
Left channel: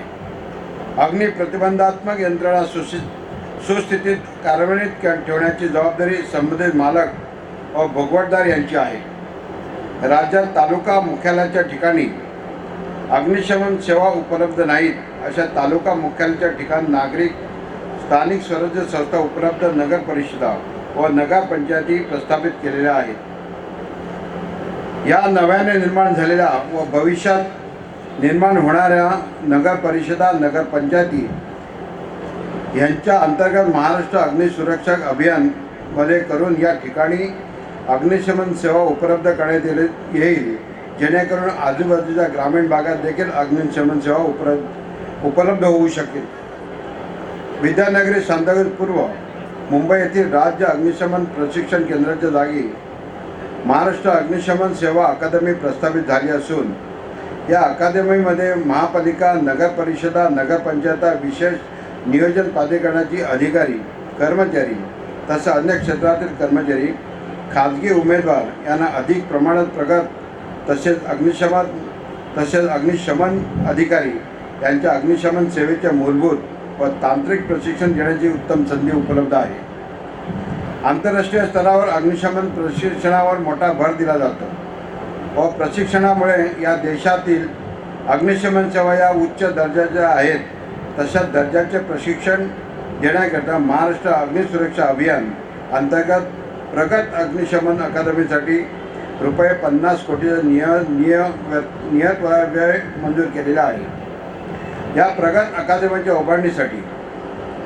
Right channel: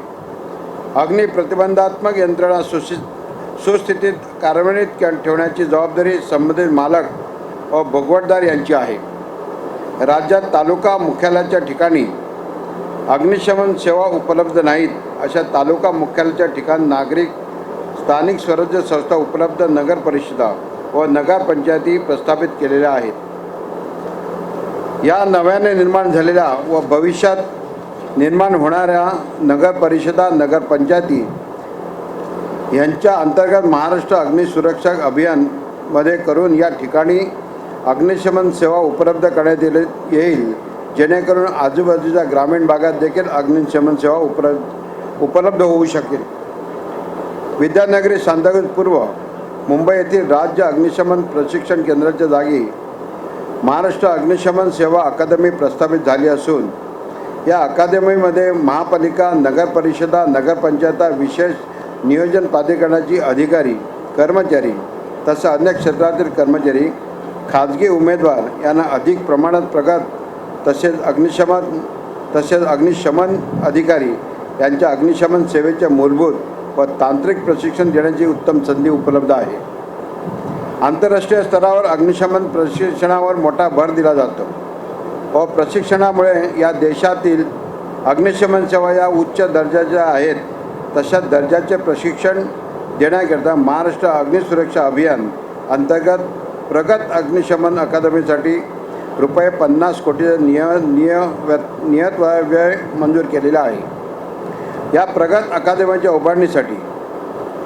अग्नि प्रतिबंधात्मक यंत्रणा सुस्थितीत कार्यान्वित ठेवण्याची जबाबदारी संबंधित मालक व भोगवटदार यांची आहे. राज्यात तालुका मुख्यालयाच्या ठिकाणी अग्निशमन सेवा उपलब्ध नाहीत अशा तालुका मुख्यालयाच्या ठिकाणी नागरिक स्थानिक स्वराज्य संस्था उपलब्ध नगर परिषदा व नगरपंचायती प्रस्थापित केलेल्या आहेत. या नव्याने निर्माण झालेल्या व भविष्यात निर्माण होणाऱ्या नगर परिषदा, नगरपंचायती यांच्या अंतर्गत महाराष्ट्र अग्निसुरक्षा अभियानमध्ये करून या ठिकाणी अग्निशमन सेवा उपलब्ध करण्यात येईल, जेणेकरून आजूबाजूच्या ग्रामीण भागात देखील अग्निशमन सेवा उपलब्ध होऊ शकेल. विद्यानगरी सांताक्रूज मुंबई येथील राज्य अग्निशमन प्रशिक्षण केंद्राच्या जागी महाराष्ट्र अग्निशमन सेवा अकादमी प्रस्थापित झाली असून या अकादमीमध्ये महापालिका, नगर परिषदा, नगरपंचायत, विशेष नियोजन प्राधिकरणाची अधिकारी, कर्मचारी तसंच अन्य क्षेत्रातील कर्मचारी, खाजगी उमेदवार यांना अधिक प्रमाणात प्रगत तसेच अग्निशमन अधिकारी यांच्या अग्निशमन सेवेचे मूलभूत व तांत्रिक प्रशिक्षण देण्याची उत्तम संधी उपलब्ध आहे. आंतरराष्ट्रीय स्तरावर अग्निशमन प्रशिक्षणावर मोठा भर दिला जातो व प्रशिक्षणामुळे या देशातील अग्निशमन सेवा या उच्च दर्जाच्या आहेत. तशाच दर्जाचे प्रशिक्षण देण्याकरता महाराष्ट्र अग्निसुरक्षा अभियान अंतर्गत प्रगत अग्निशमन अकादमीसाठी ₹50 कोटीचा नियत व्यय मंजूर केलेला आहे. या प्रगत अकादमीच्या उभारणीसाठी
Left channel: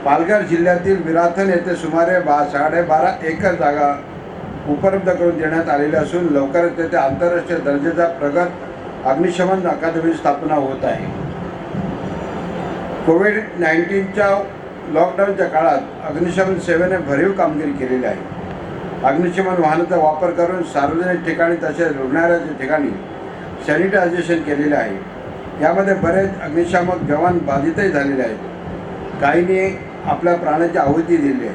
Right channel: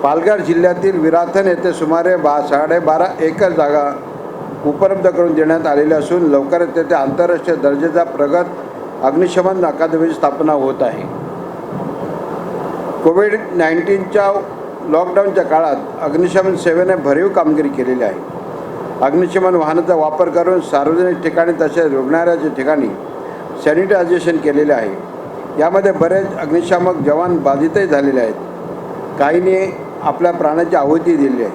पालघर जिल्ह्यातील विराथन येथे सुमारे 12.5 एकर जागा उपलब्ध करून देण्यात आलेली असून लवकरच तेथे आंतरराष्ट्रीय दर्जाच्या प्रगत अग्निशमन अकादमीची स्थापना होत आहे. कोविड-19च्या लॉकडाऊनच्या काळात अग्निशमन सेवेने भरीव कामगिरी केलेली आहे. अग्निशमन वाहनाचा वापर करून सार्वजनिक ठिकाणी तसेच रुग्णालयाच्या ठिकाणी सॅनिटायझेशन केलेले आहे. यामध्ये बरेच अग्निशामक जवान बाधितही झालेले आहेत. काहींनी आपल्या प्राणाची आहुती दिली आहे.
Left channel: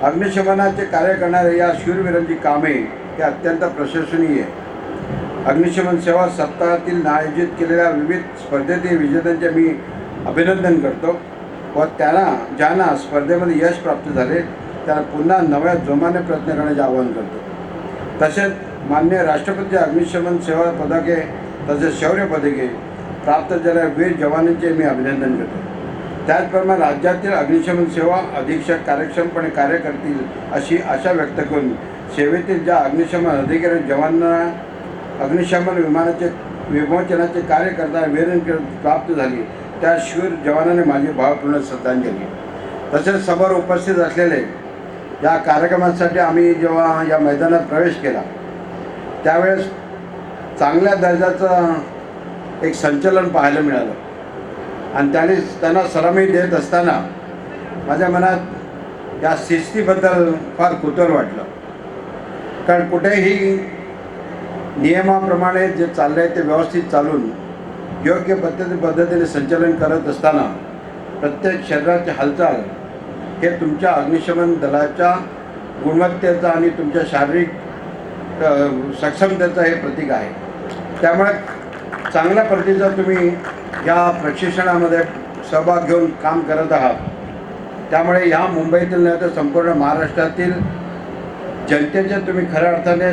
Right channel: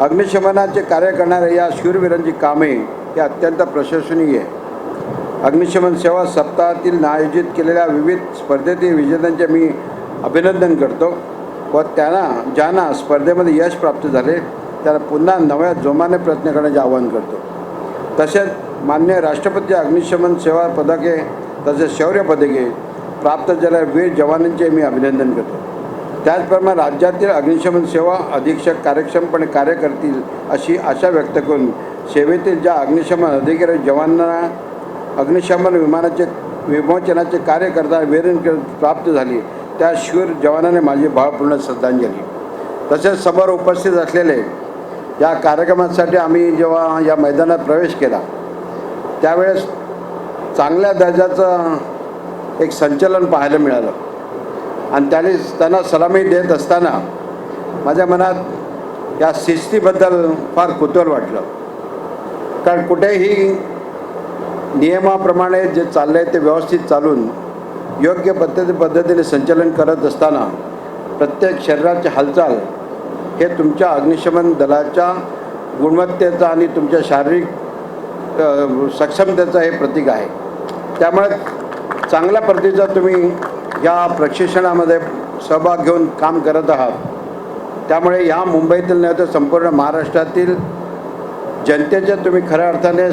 अग्निशमनाचे कार्य करणाऱ्या या शूरवीरांची कामे ही अत्यंत प्रशंसनीय आहे. अग्निशमन सेवा सप्ताहातील आयोजित केलेल्या विविध स्पर्धेतील विजेत्यांचे मी अभिनंदन करतो व ज्यांना स्पर्धेमध्ये यश प्राप्त झाले त्यांना पुन्हा नव्या जोमाने प्रयत्न करण्याचे आवाहन करतो. तसेच माननीय राष्ट्रपती अग्निशमन सेवा पदके तसेच शौर्य पदके प्राप्त झालेल्या वीर जवानांचे मी अभिनंदन करतो. त्याचप्रमाणे राज्यातील अग्निशमन सेवा अधीक्षक कार्यक्षमपणे कार्य करतील अशी आशा व्यक्त करून सेवेतील ज्या अग्निशमन अधिकारी जवानांना अग्निशमन विमानाचे विमोचनाचे कार्य करताना वीर प्राप्त झाली त्या शूर जवानांनी माझी भावपूर्ण श्रद्धांजली. तसेच समोर उपस्थित असलेले या कार्यक्रमासाठी आम्ही जेव्हा या मैदानात प्रवेश केला त्यावेळेस चांगल्या दर्जाचं एक संचलन पाहायला मिळालं आणि त्यांना सलामी देत असताना माझ्या मनात या शिस्तीबद्दल फार कुतूहल वाटलं. कारण कुठेही नियमाप्रमाणे जे चाललं आहे ते व्यवस्थित चालून योग्य पद्धतीने संचलन करत असताना प्रत्येक शरीराची हालचाल हे तुमच्या अग्निशमन दलाच्या गुणवत्तेचा आणि तुमच्या शारीरिक सक्षमतेचं हे प्रतीक आहे. त्यामुळे चांगल्या पद्धतीचा तुम्ही या प्रशिक्षणामध्ये सहभाग घेऊन काम करत आहात. त्यामुळे ह्या मुंबईतील नाही तर संपूर्ण महाराष्ट्रातील जनतेचे तुम्ही खऱ्या अर्थाने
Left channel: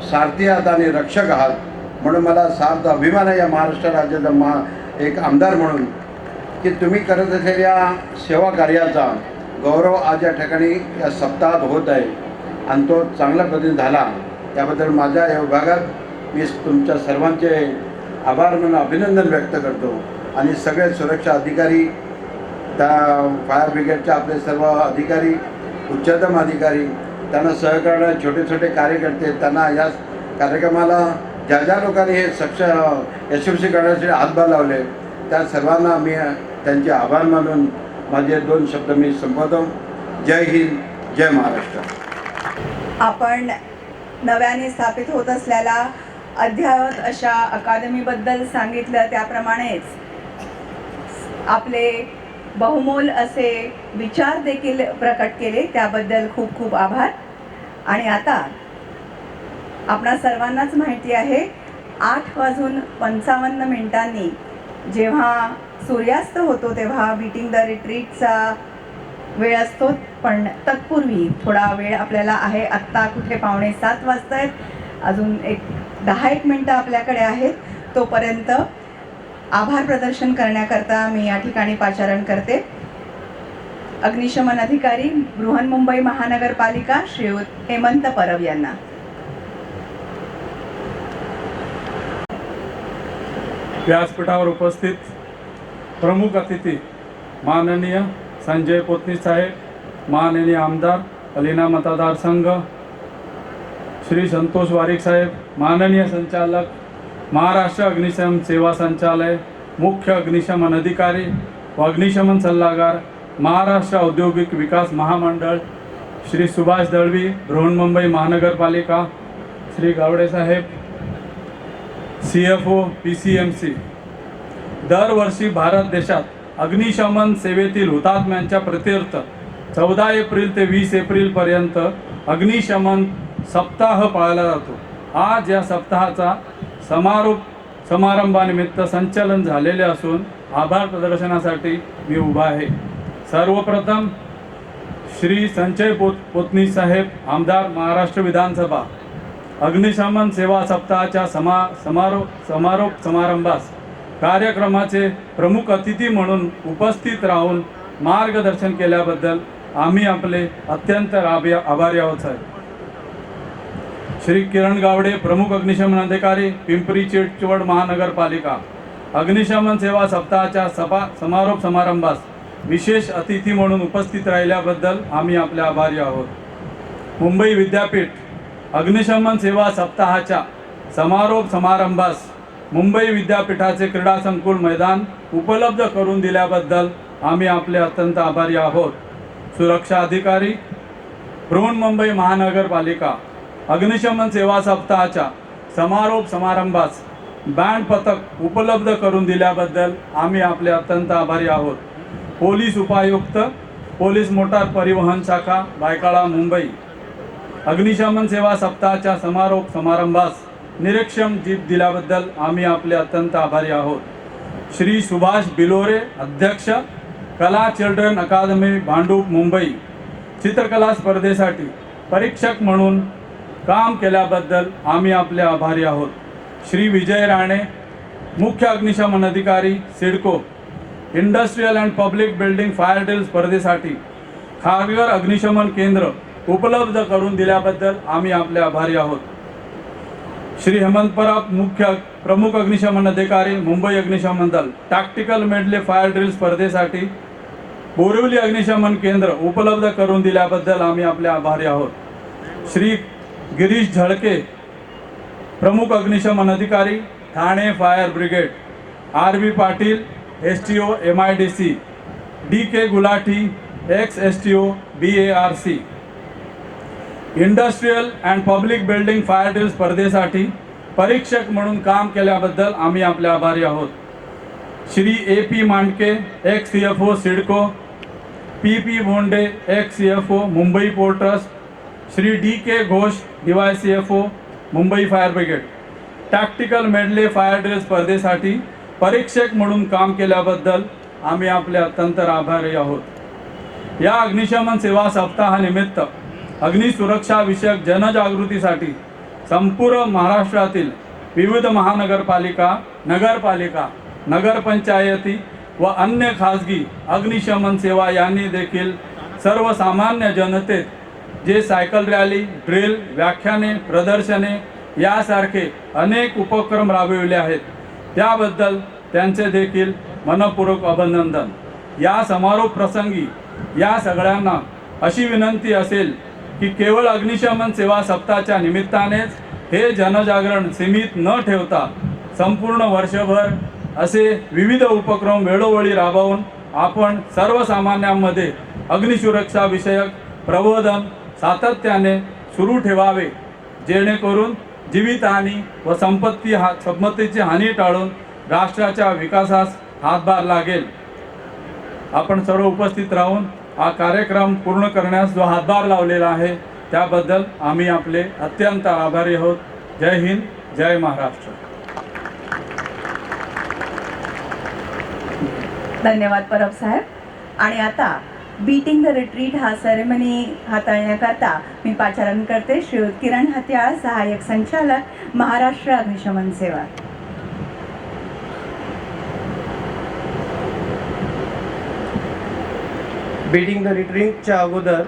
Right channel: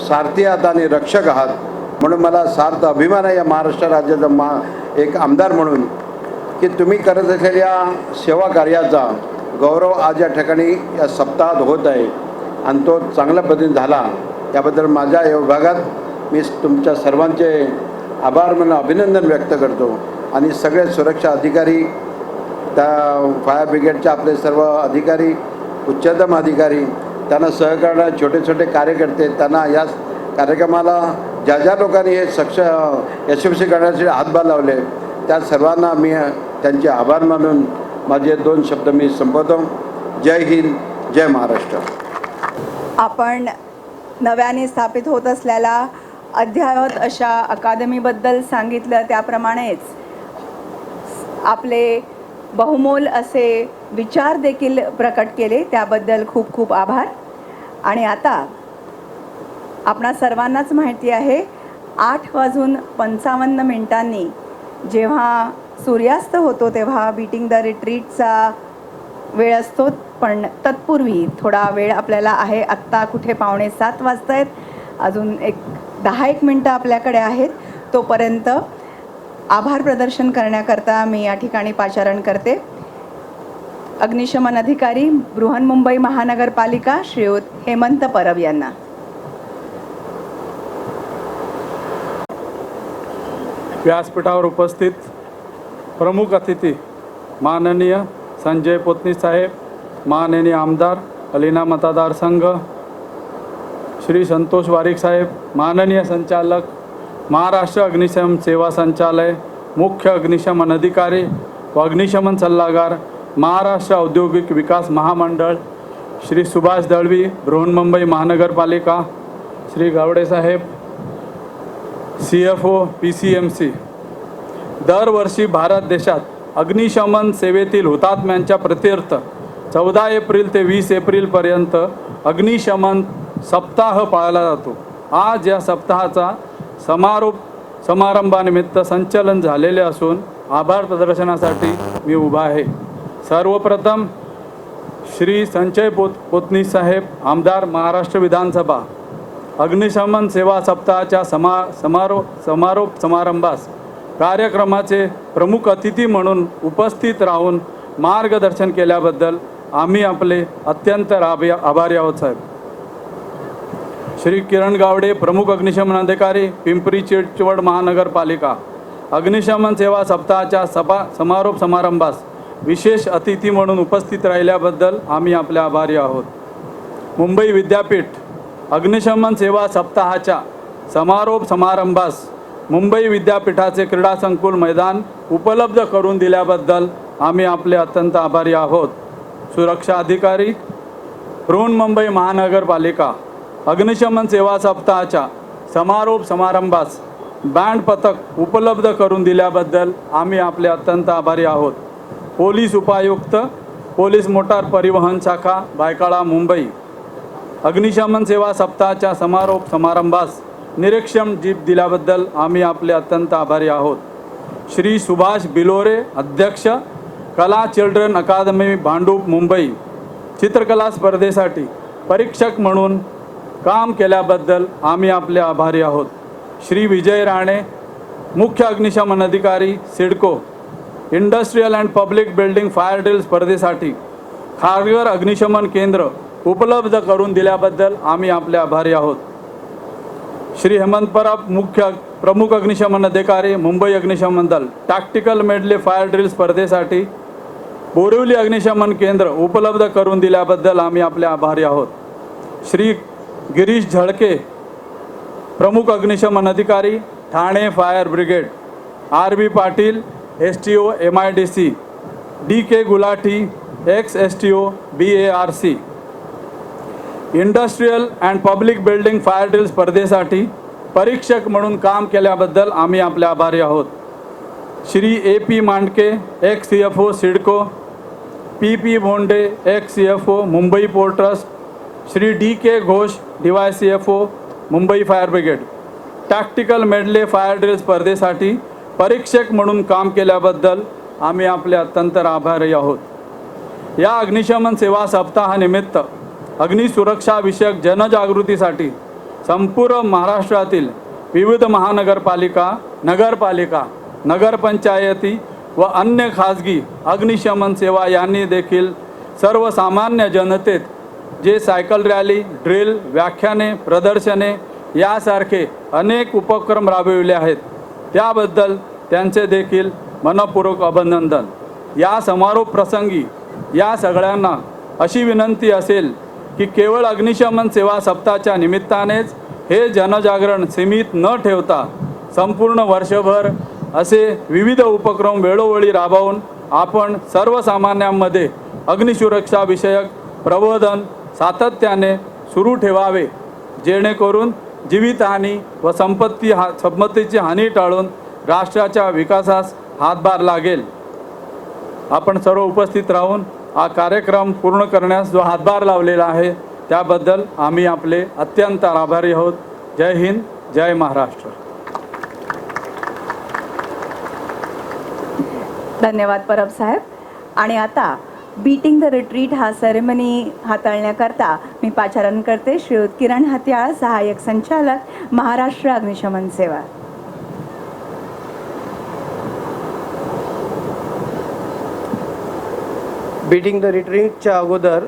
सारथी आहात आणि रक्षक आहात. म्हणून मला सार्थ अभिमान आहे या महाराष्ट्र राज्याचा एक आमदार म्हणून की तुम्ही करत असलेल्या सेवा कार्याचा गौरव आज या ठिकाणी या सप्ताहात होत आहे आणि तो चांगल्या पद्धतीने झाला त्याबद्दल माझ्या या विभागात मी तुमच्या सर्वांचे आभार म्हणून अभिनंदन व्यक्त करतो आणि सगळे सुरक्षा अधिकारी, त्या फायर ब्रिगेडचे आपले सर्व अधिकारी, उच्चतम अधिकारी, त्यांना सहकार्य छोटे छोटे कार्यकर्ते, त्यांना या कार्यक्रमाला ज्या ज्या लोकांनी हे यशस्वी करण्यासाठी हातभार लावले त्या सर्वांना मी त्यांचे आभार मानून माझे 2 शब्द मी संपवतो. जय हिंद, जय महाराष्ट्र. आपण नव्याने स्थापित होत असलेल्या अद्ययावत अशा अकादमीबद्दल सांगितलं, त्याप्रमाणेच आपले बहुमोल असे विचार देखील प्रकट केले, त्याबद्दल खूप खूप आभार. आणि आता आपणा सर्वांनाच माहिती आहे 8:55 जेव्हा सूर्यास्त होतो तेव्हा बीटिंग द रिट्रीटचा वेळ असतो, पण तत्पूर्वी थोडा वेळ आपल्याला आहे. आत्ता कुठे 6:45 वाजता आहेत, अजून 10-1 मिनटं आपल्याकडे आहेत. तोपर्यंत आभार प्रदर्शन करण्याकरता मी या ठिकाणी पाचारण करते. अग्निशमन अधिकारी बृहन्मुंबई महानगरपालिका श्रीयुत हेमंत परब यांना. व्यासपीठावर उपस्थित प्रमुख अतिथी माननीय संजय पोतनी साहेब, माननीय आमदार अलिना मतदारसंघ श्री संतोष वारिक साहेब, माननीय संचालक महाराष्ट्र अग्निशमन सेवा संचालय, मुख्य अग्निशमन अधिकारी व अग्निशमन सल्लागार महाराष्ट्र औद्योगिक विकास महामंडळ श्री सुभाष दळवी, बृहन्मुंबई महानगरपालिका श्री गावडे साहेब, CFO PCMC. दरवर्षी भारत देशात अग्निशमन सेवेतील हुतात्म्यांच्या प्रीत्यर्थ 14 एप्रिल ते 20 एप्रिलपर्यंत अग्निशमन सप्ताह पाळला जातो. आज या सप्ताहाचा समारोप समारंभानिमित्त संचलन झालेले असून आभार प्रदर्शनासाठी मी उभा आहे. सर्वप्रथम श्री संजय पोतनी साहेब, आमदार, महाराष्ट्र विधानसभा, अग्निशमन सेवा सप्ताहाच्या समारोप समारंभास कार्यक्रमाचे प्रमुख अतिथी म्हणून उपस्थित राहून मार्गदर्शन केल्याबद्दल आम्ही आपले अत्यंत आभारी आहोत साहेब. श्री किरण गावडे, प्रमुख अग्निशमन अधिकारी, पिंपरी चिंचवड महानगरपालिका, अग्निशमन सेवा सप्ताहाच्या समारोप समारंभास विशेष अतिथी म्हणून उपस्थित राहिल्याबद्दल आम्ही आपले आभारी आहोत. मुंबई विद्यापीठ अग्निशमन सेवा सप्ताहाच्या समारोप समारंभास मुंबई विद्यापीठाचे क्रीडा संकुल मैदान उपलब्ध करून दिल्याबद्दल आम्ही आपले अत्यंत आभारी आहोत. सुरक्षा अधिकारी बृहन्मुंबई महानगरपालिका अग्निशमन सेवा सप्ताहाच्या समारोप समारंभास बँड पथक उपलब्ध करून दिल्याबद्दल आम्ही आपले अत्यंत आभारी आहोत. पोलीस उपायुक्त, पोलीस मोटार परिवहन शाखा, बायकाळा, मुंबई अग्निशमन सेवा सप्ताहाच्या समारोप समारंभास निरीक्षण जीप दिल्याबद्दल आम्ही आपले अत्यंत आभारी आहोत. श्री सुभाष बिलोरे, अध्यक्ष, कला चिल्ड्रन अकादमी, भांडूप, मुंबई चित्रकला स्पर्धेसाठी परीक्षक म्हणून काम केल्याबद्दल आम्ही आपले आभारी आहोत. श्री विजय राणे, मुख्य अग्निशमन अधिकारी, CIDCO, industrial and public building fire drill स्पर्धेसाठी खारघर अग्निशमन केंद्र उपलब्ध करून दिल्याबद्दल आम्ही आपले आभारी आहोत. श्री हेमंत परब, प्रमुख अग्निशमन अधिकारी, मुंबई अग्निशमन दल, टॅक्टिकल मेडले फायर ड्रिल स्पर्धेसाठी बोरिवली अग्निशमन केंद्र उपलब्ध करून दिल्याबद्दल आम्ही आपले आभारी आहोत. श्री गिरीश झळके, प्रमुख अग्निशमन अधिकारी, Thane fire brigade, RB Patil, STO MIDC, DK Gulati, ex-STO BARC, industrial and public building fire drill स्पर्धेसाठी परीक्षक म्हणून काम केल्याबद्दल आम्ही आपले आभारी आहोत. Shri AP Mandke, ex-CFO CIDCO, PP Bhonde, ex-CFO Mumbai port trust, Shri DK Ghosh, DY-CFO Mumbai fire brigade, tactical medley fire drill स्पर्धेसाठी परीक्षक म्हणून काम केल्याबद्दल आम्ही आपले अत्यंत आभारी आहोत. या अग्निशमन सेवा सप्ताहानिमित्त अग्निसुरक्षा विषयक जनजागृतीसाठी संपूर्ण महाराष्ट्रातील विविध महानगरपालिका, नगरपालिका, नगरपंचायती व अन्य खाजगी अग्निशमन सेवा यांनी देखील सर्वसामान्य जनतेत जे सायकल रॅली, ड्रिल, व्याख्याने, प्रदर्शने यासारखे अनेक उपक्रम राबविले आहेत त्याबद्दल त्यांचे देखील मनपूर्वक अभिनंदन। या समारोप प्रसंगी या सगळ्यांना अशी विनंती असेल की केवळ अग्निशमन सेवा सप्ताहाच्या निमित्तानेच हे जनजागरण सीमित न ठेवता संपूर्ण वर्षभर असे विविध उपक्रम वेळोवेळी राबवून आपण सर्वसामान्यांमध्ये अग्निसुरक्षा विषयक प्रबोधन सातत्याने सुरू ठेवावे, जेणेकरून जीवितहानी व संपत्तीची हानी टाळून राष्ट्राच्या विकासास हातभार लागेल। आपण सर्व उपस्थित राहून हा कार्यक्रम पूर्ण करण्यास जो हातभार लावलेला आहे त्याबद्दल आम्ही आपले अत्यंत आभारी आहोत। जय हिंद, जय महाराष्ट्र। धन्यवाद परब साहेब। आणि आता बीटिंग द रिट्रीट हा सेरेमनी हाताळण्याकरता मी पाचारण करते श्रीयुत किरण हत्याळ, सहाय्यक संचालक, महाराष्ट्र अग्निशमन सेवा। बीटिंग द रिट्रीटच्या अगोदर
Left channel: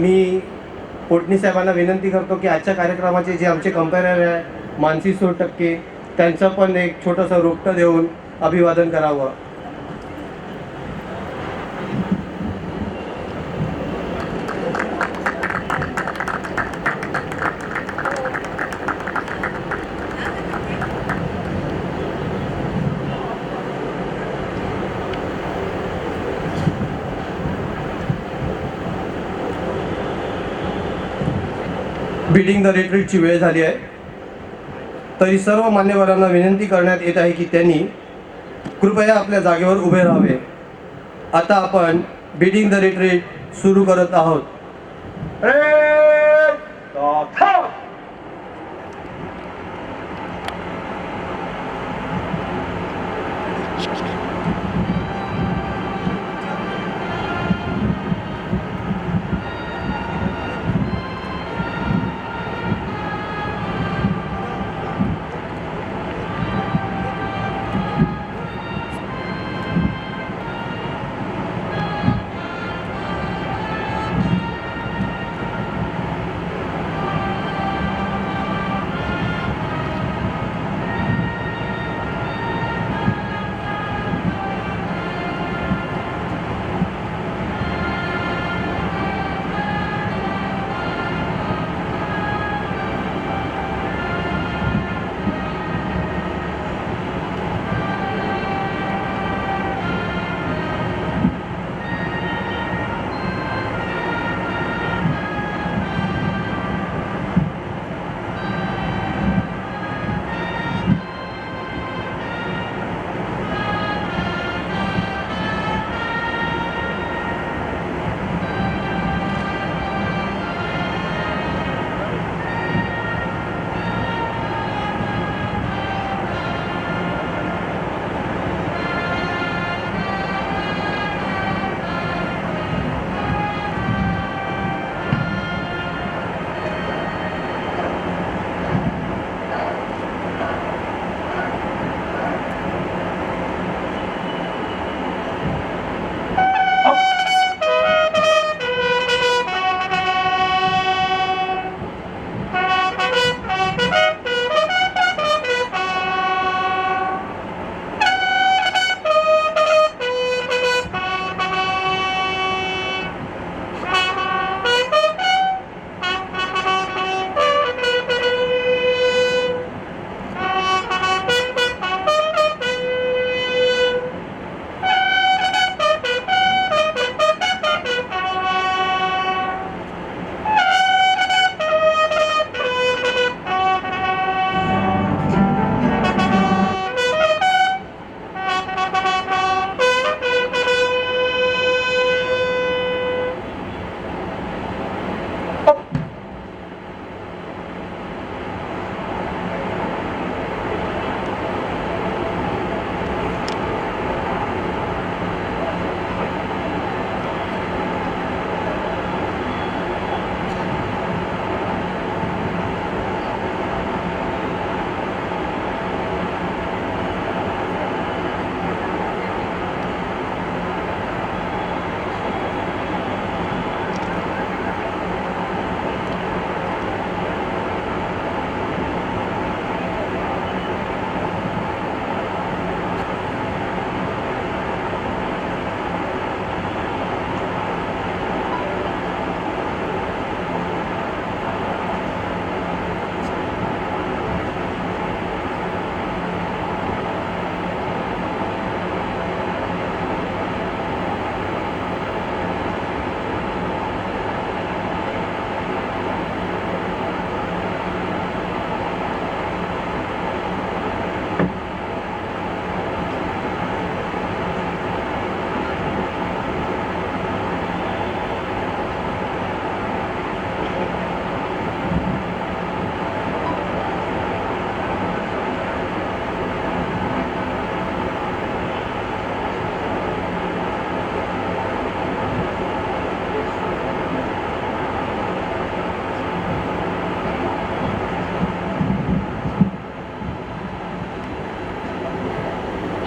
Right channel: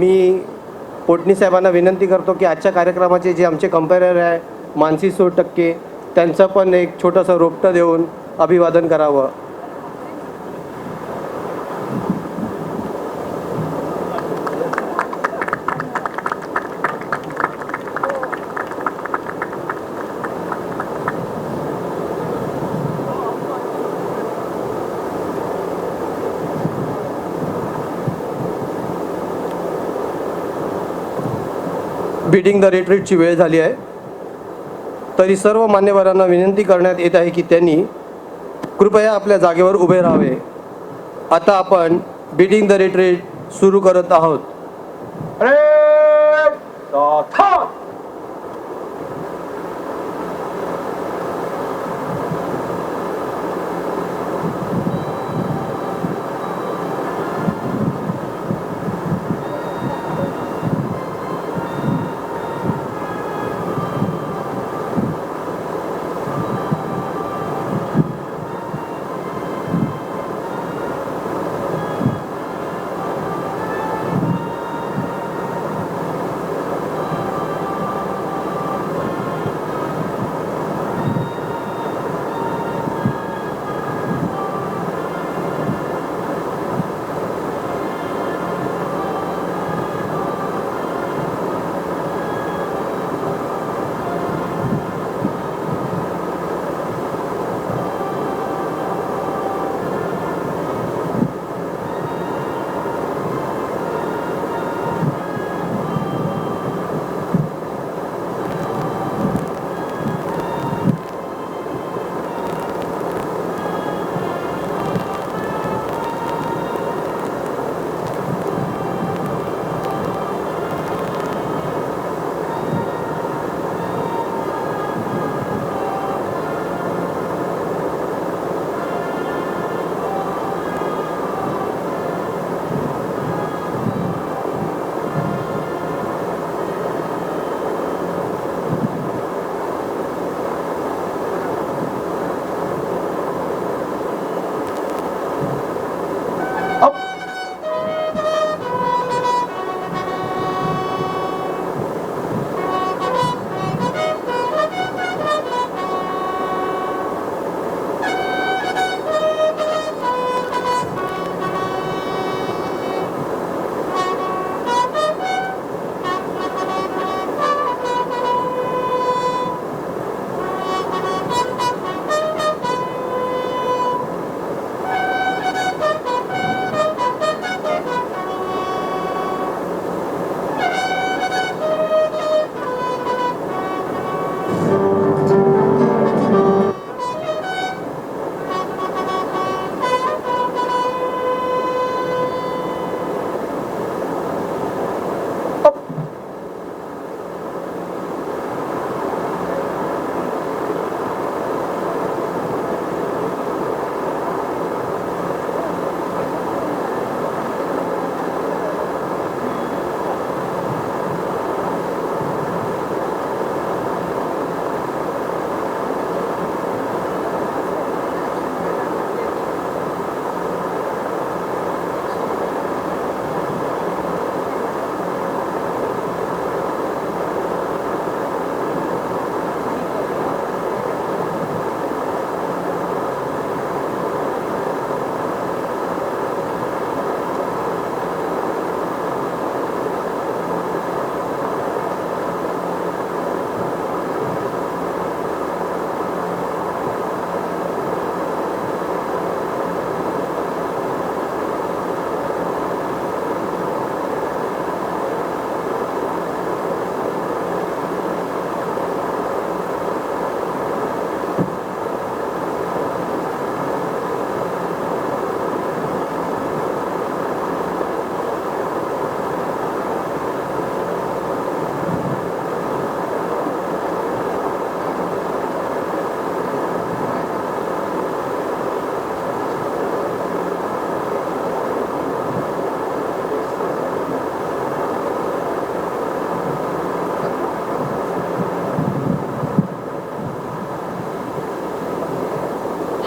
मी पोटणी साहेबांना विनंती करतो की आजच्या कार्यक्रमाचे जे आमचे कंपेरर आहे मानसी सोटक्के त्यांचं पण एक छोटंसं रोपटं देऊन अभिवादन करावं। बीटिंग द रिट्रीटची वेळ झाली आहे, तरी सर्व मान्यवरांना विनंती करण्यात येत आहे की त्यांनी कृपया आपल्या जागेवर उभे राहावे। आता आपण बीटिंग द रिट्रीट सुरू करत आहोत।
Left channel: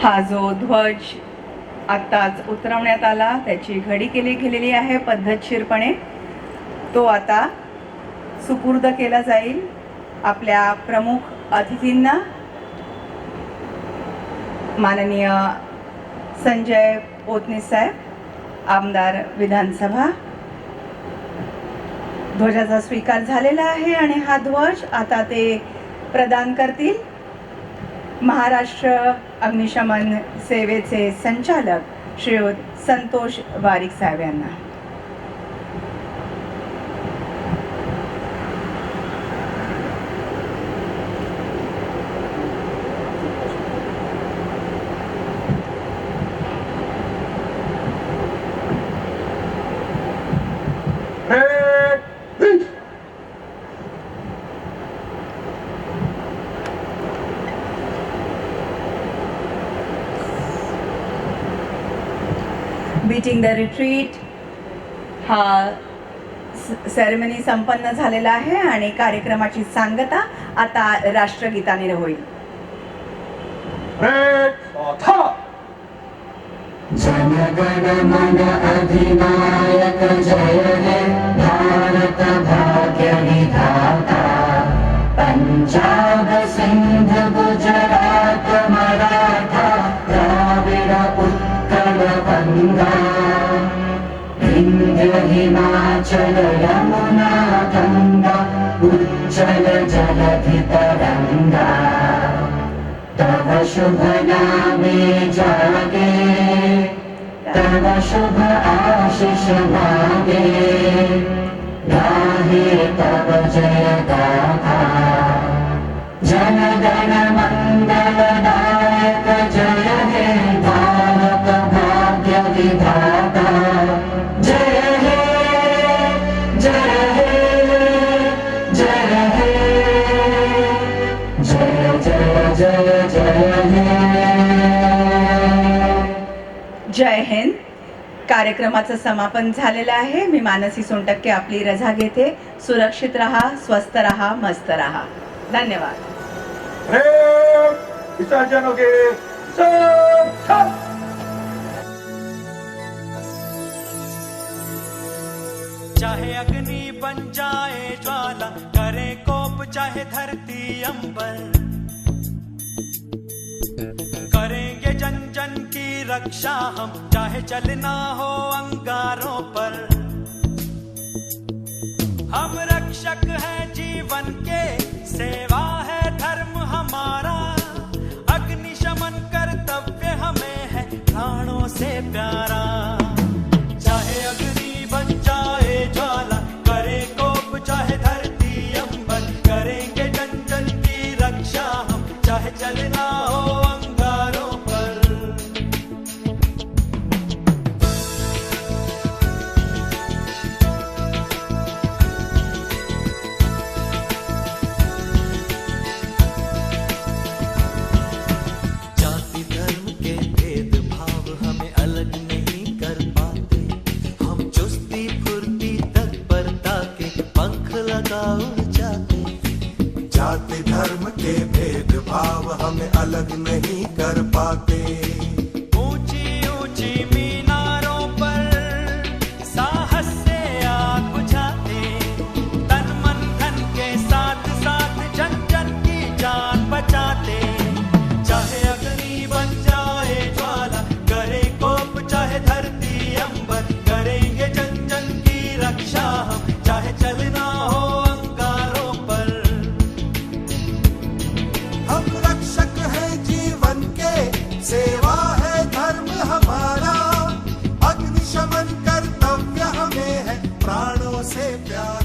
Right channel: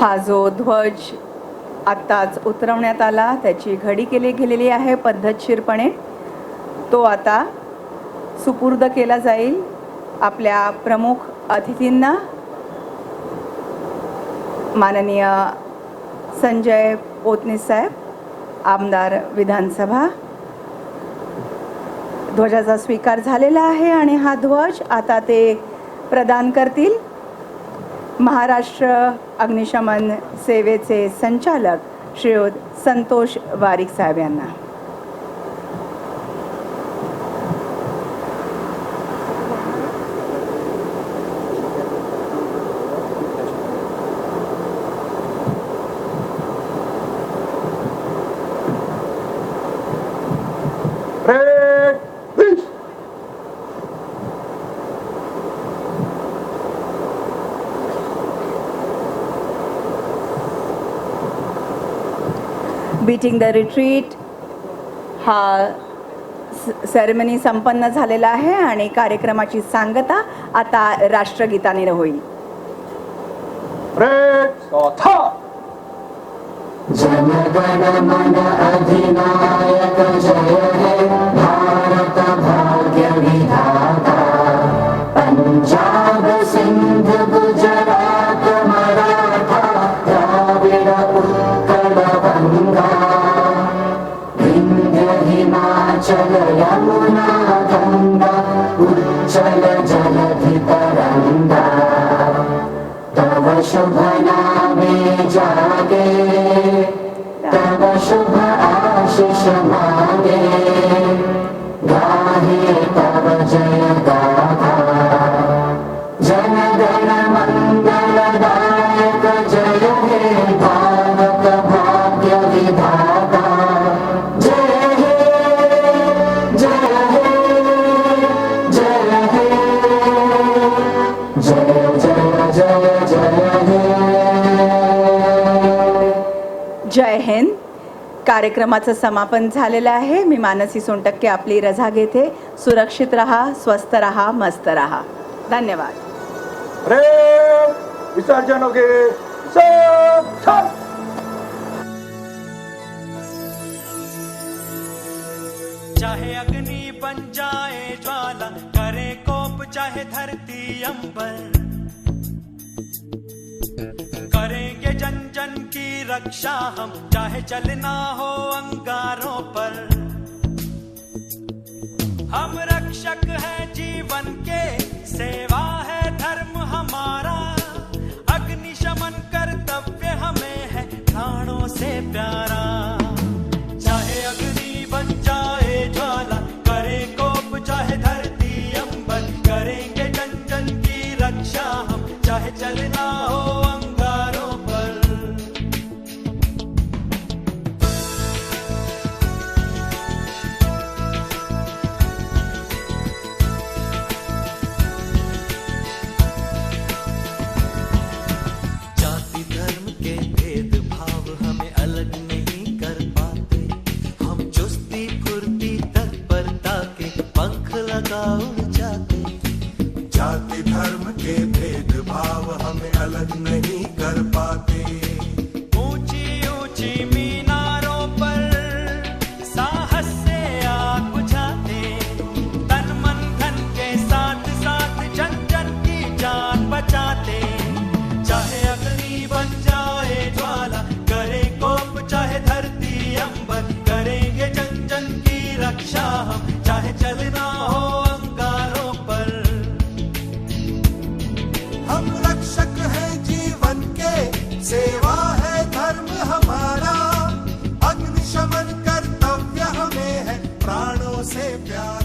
हा जो ध्वज आत्ताच उतरवण्यात आला त्याची घडी गेलेली आहे पद्धतशीरपणे. तो आता सुपूर्द केला जाईल आपल्या प्रमुख अतिथींना. माननीय संजय पोतने साहेब, आमदार विधानसभा. ध्वजाचा स्वीकार झालेला आहे आणि हा ध्वज आता ते प्रदान करतील महाराष्ट्र अग्निशमन सेवेचे संचालक श्रीयुत संतोष वारिक साहेब यांना. बीटिंग द रिट्रीट हा सेरेमनी संपन्न झालेला आहे आणि कार्यक्रमाची सांगता आता राष्ट्रगीताने होईल. जनगण मन अधिनायक जय हे भारत भाग्य विधाता. पंजाब सिंध गुजरात मराठा द्राविड उत्कल गंगा. विंध्य हिमाचल यमुना गंगा उच्चल जलधि तरंगा. तव शुभ नामे जागे तव शुभ आशीष मांगे. गाहे तव जय गाथा. जनगण मंगलदायक जय हे भारत भाग्य विधाता. जय हे जय हे जय हे जय जय जय जय हे. जय हिंद. कार्यक्रमाचं समापन झालेलं आहे. मी मानसी सोनटक्के आपली रजा घेते. सुरक्षित रहा, स्वस्थ रहा, मस्त रहा. धन्यवाद. विसर्जन हो गए. चाहे अग्नि बन जाए ज्वाला, करे कोप चाहे धरती अंबर, करेंगे जन जन की रक्षा हम, चाहे चलना हो अंगारों पर. हम रक्षक हैं जीवन के, सेवा है धर्म हमारा. अग्निशमन कर्तव्य हमें है प्राणों से प्यारा. चाहे अग्नि बन जाए ज्वाला, करे कोप चाहे धरती अंबर, करेंगे जन जन की रक्षा हम, चाहे चलना हो अंगारों पर. जाति धर्म के भेदभाव हमें अलग नहीं कर पाते. हम चुस्ती फुर्ती तत्परता के पंख लगा उड़ जाते. जाति धर्म के भेदभाव हमें अलग नहीं कर पाते. ऊंची ऊंची मीनारों पर साहस से आग बुझाते. तन मन धन के साथ साथ जन जन की जान बचाते. चाहे अग्नि बन जाए ज्वाला, करे कोप चाहे धरती अंबर, करेंगे जन जन की रक्षा हम, चाहे चलना हो अंगारों पर. हम रक्षक हैं जीवन के, सेवा है धर्म हमारा. अग्निशमन कर्तव्य हमें है प्राणों से प्यारा.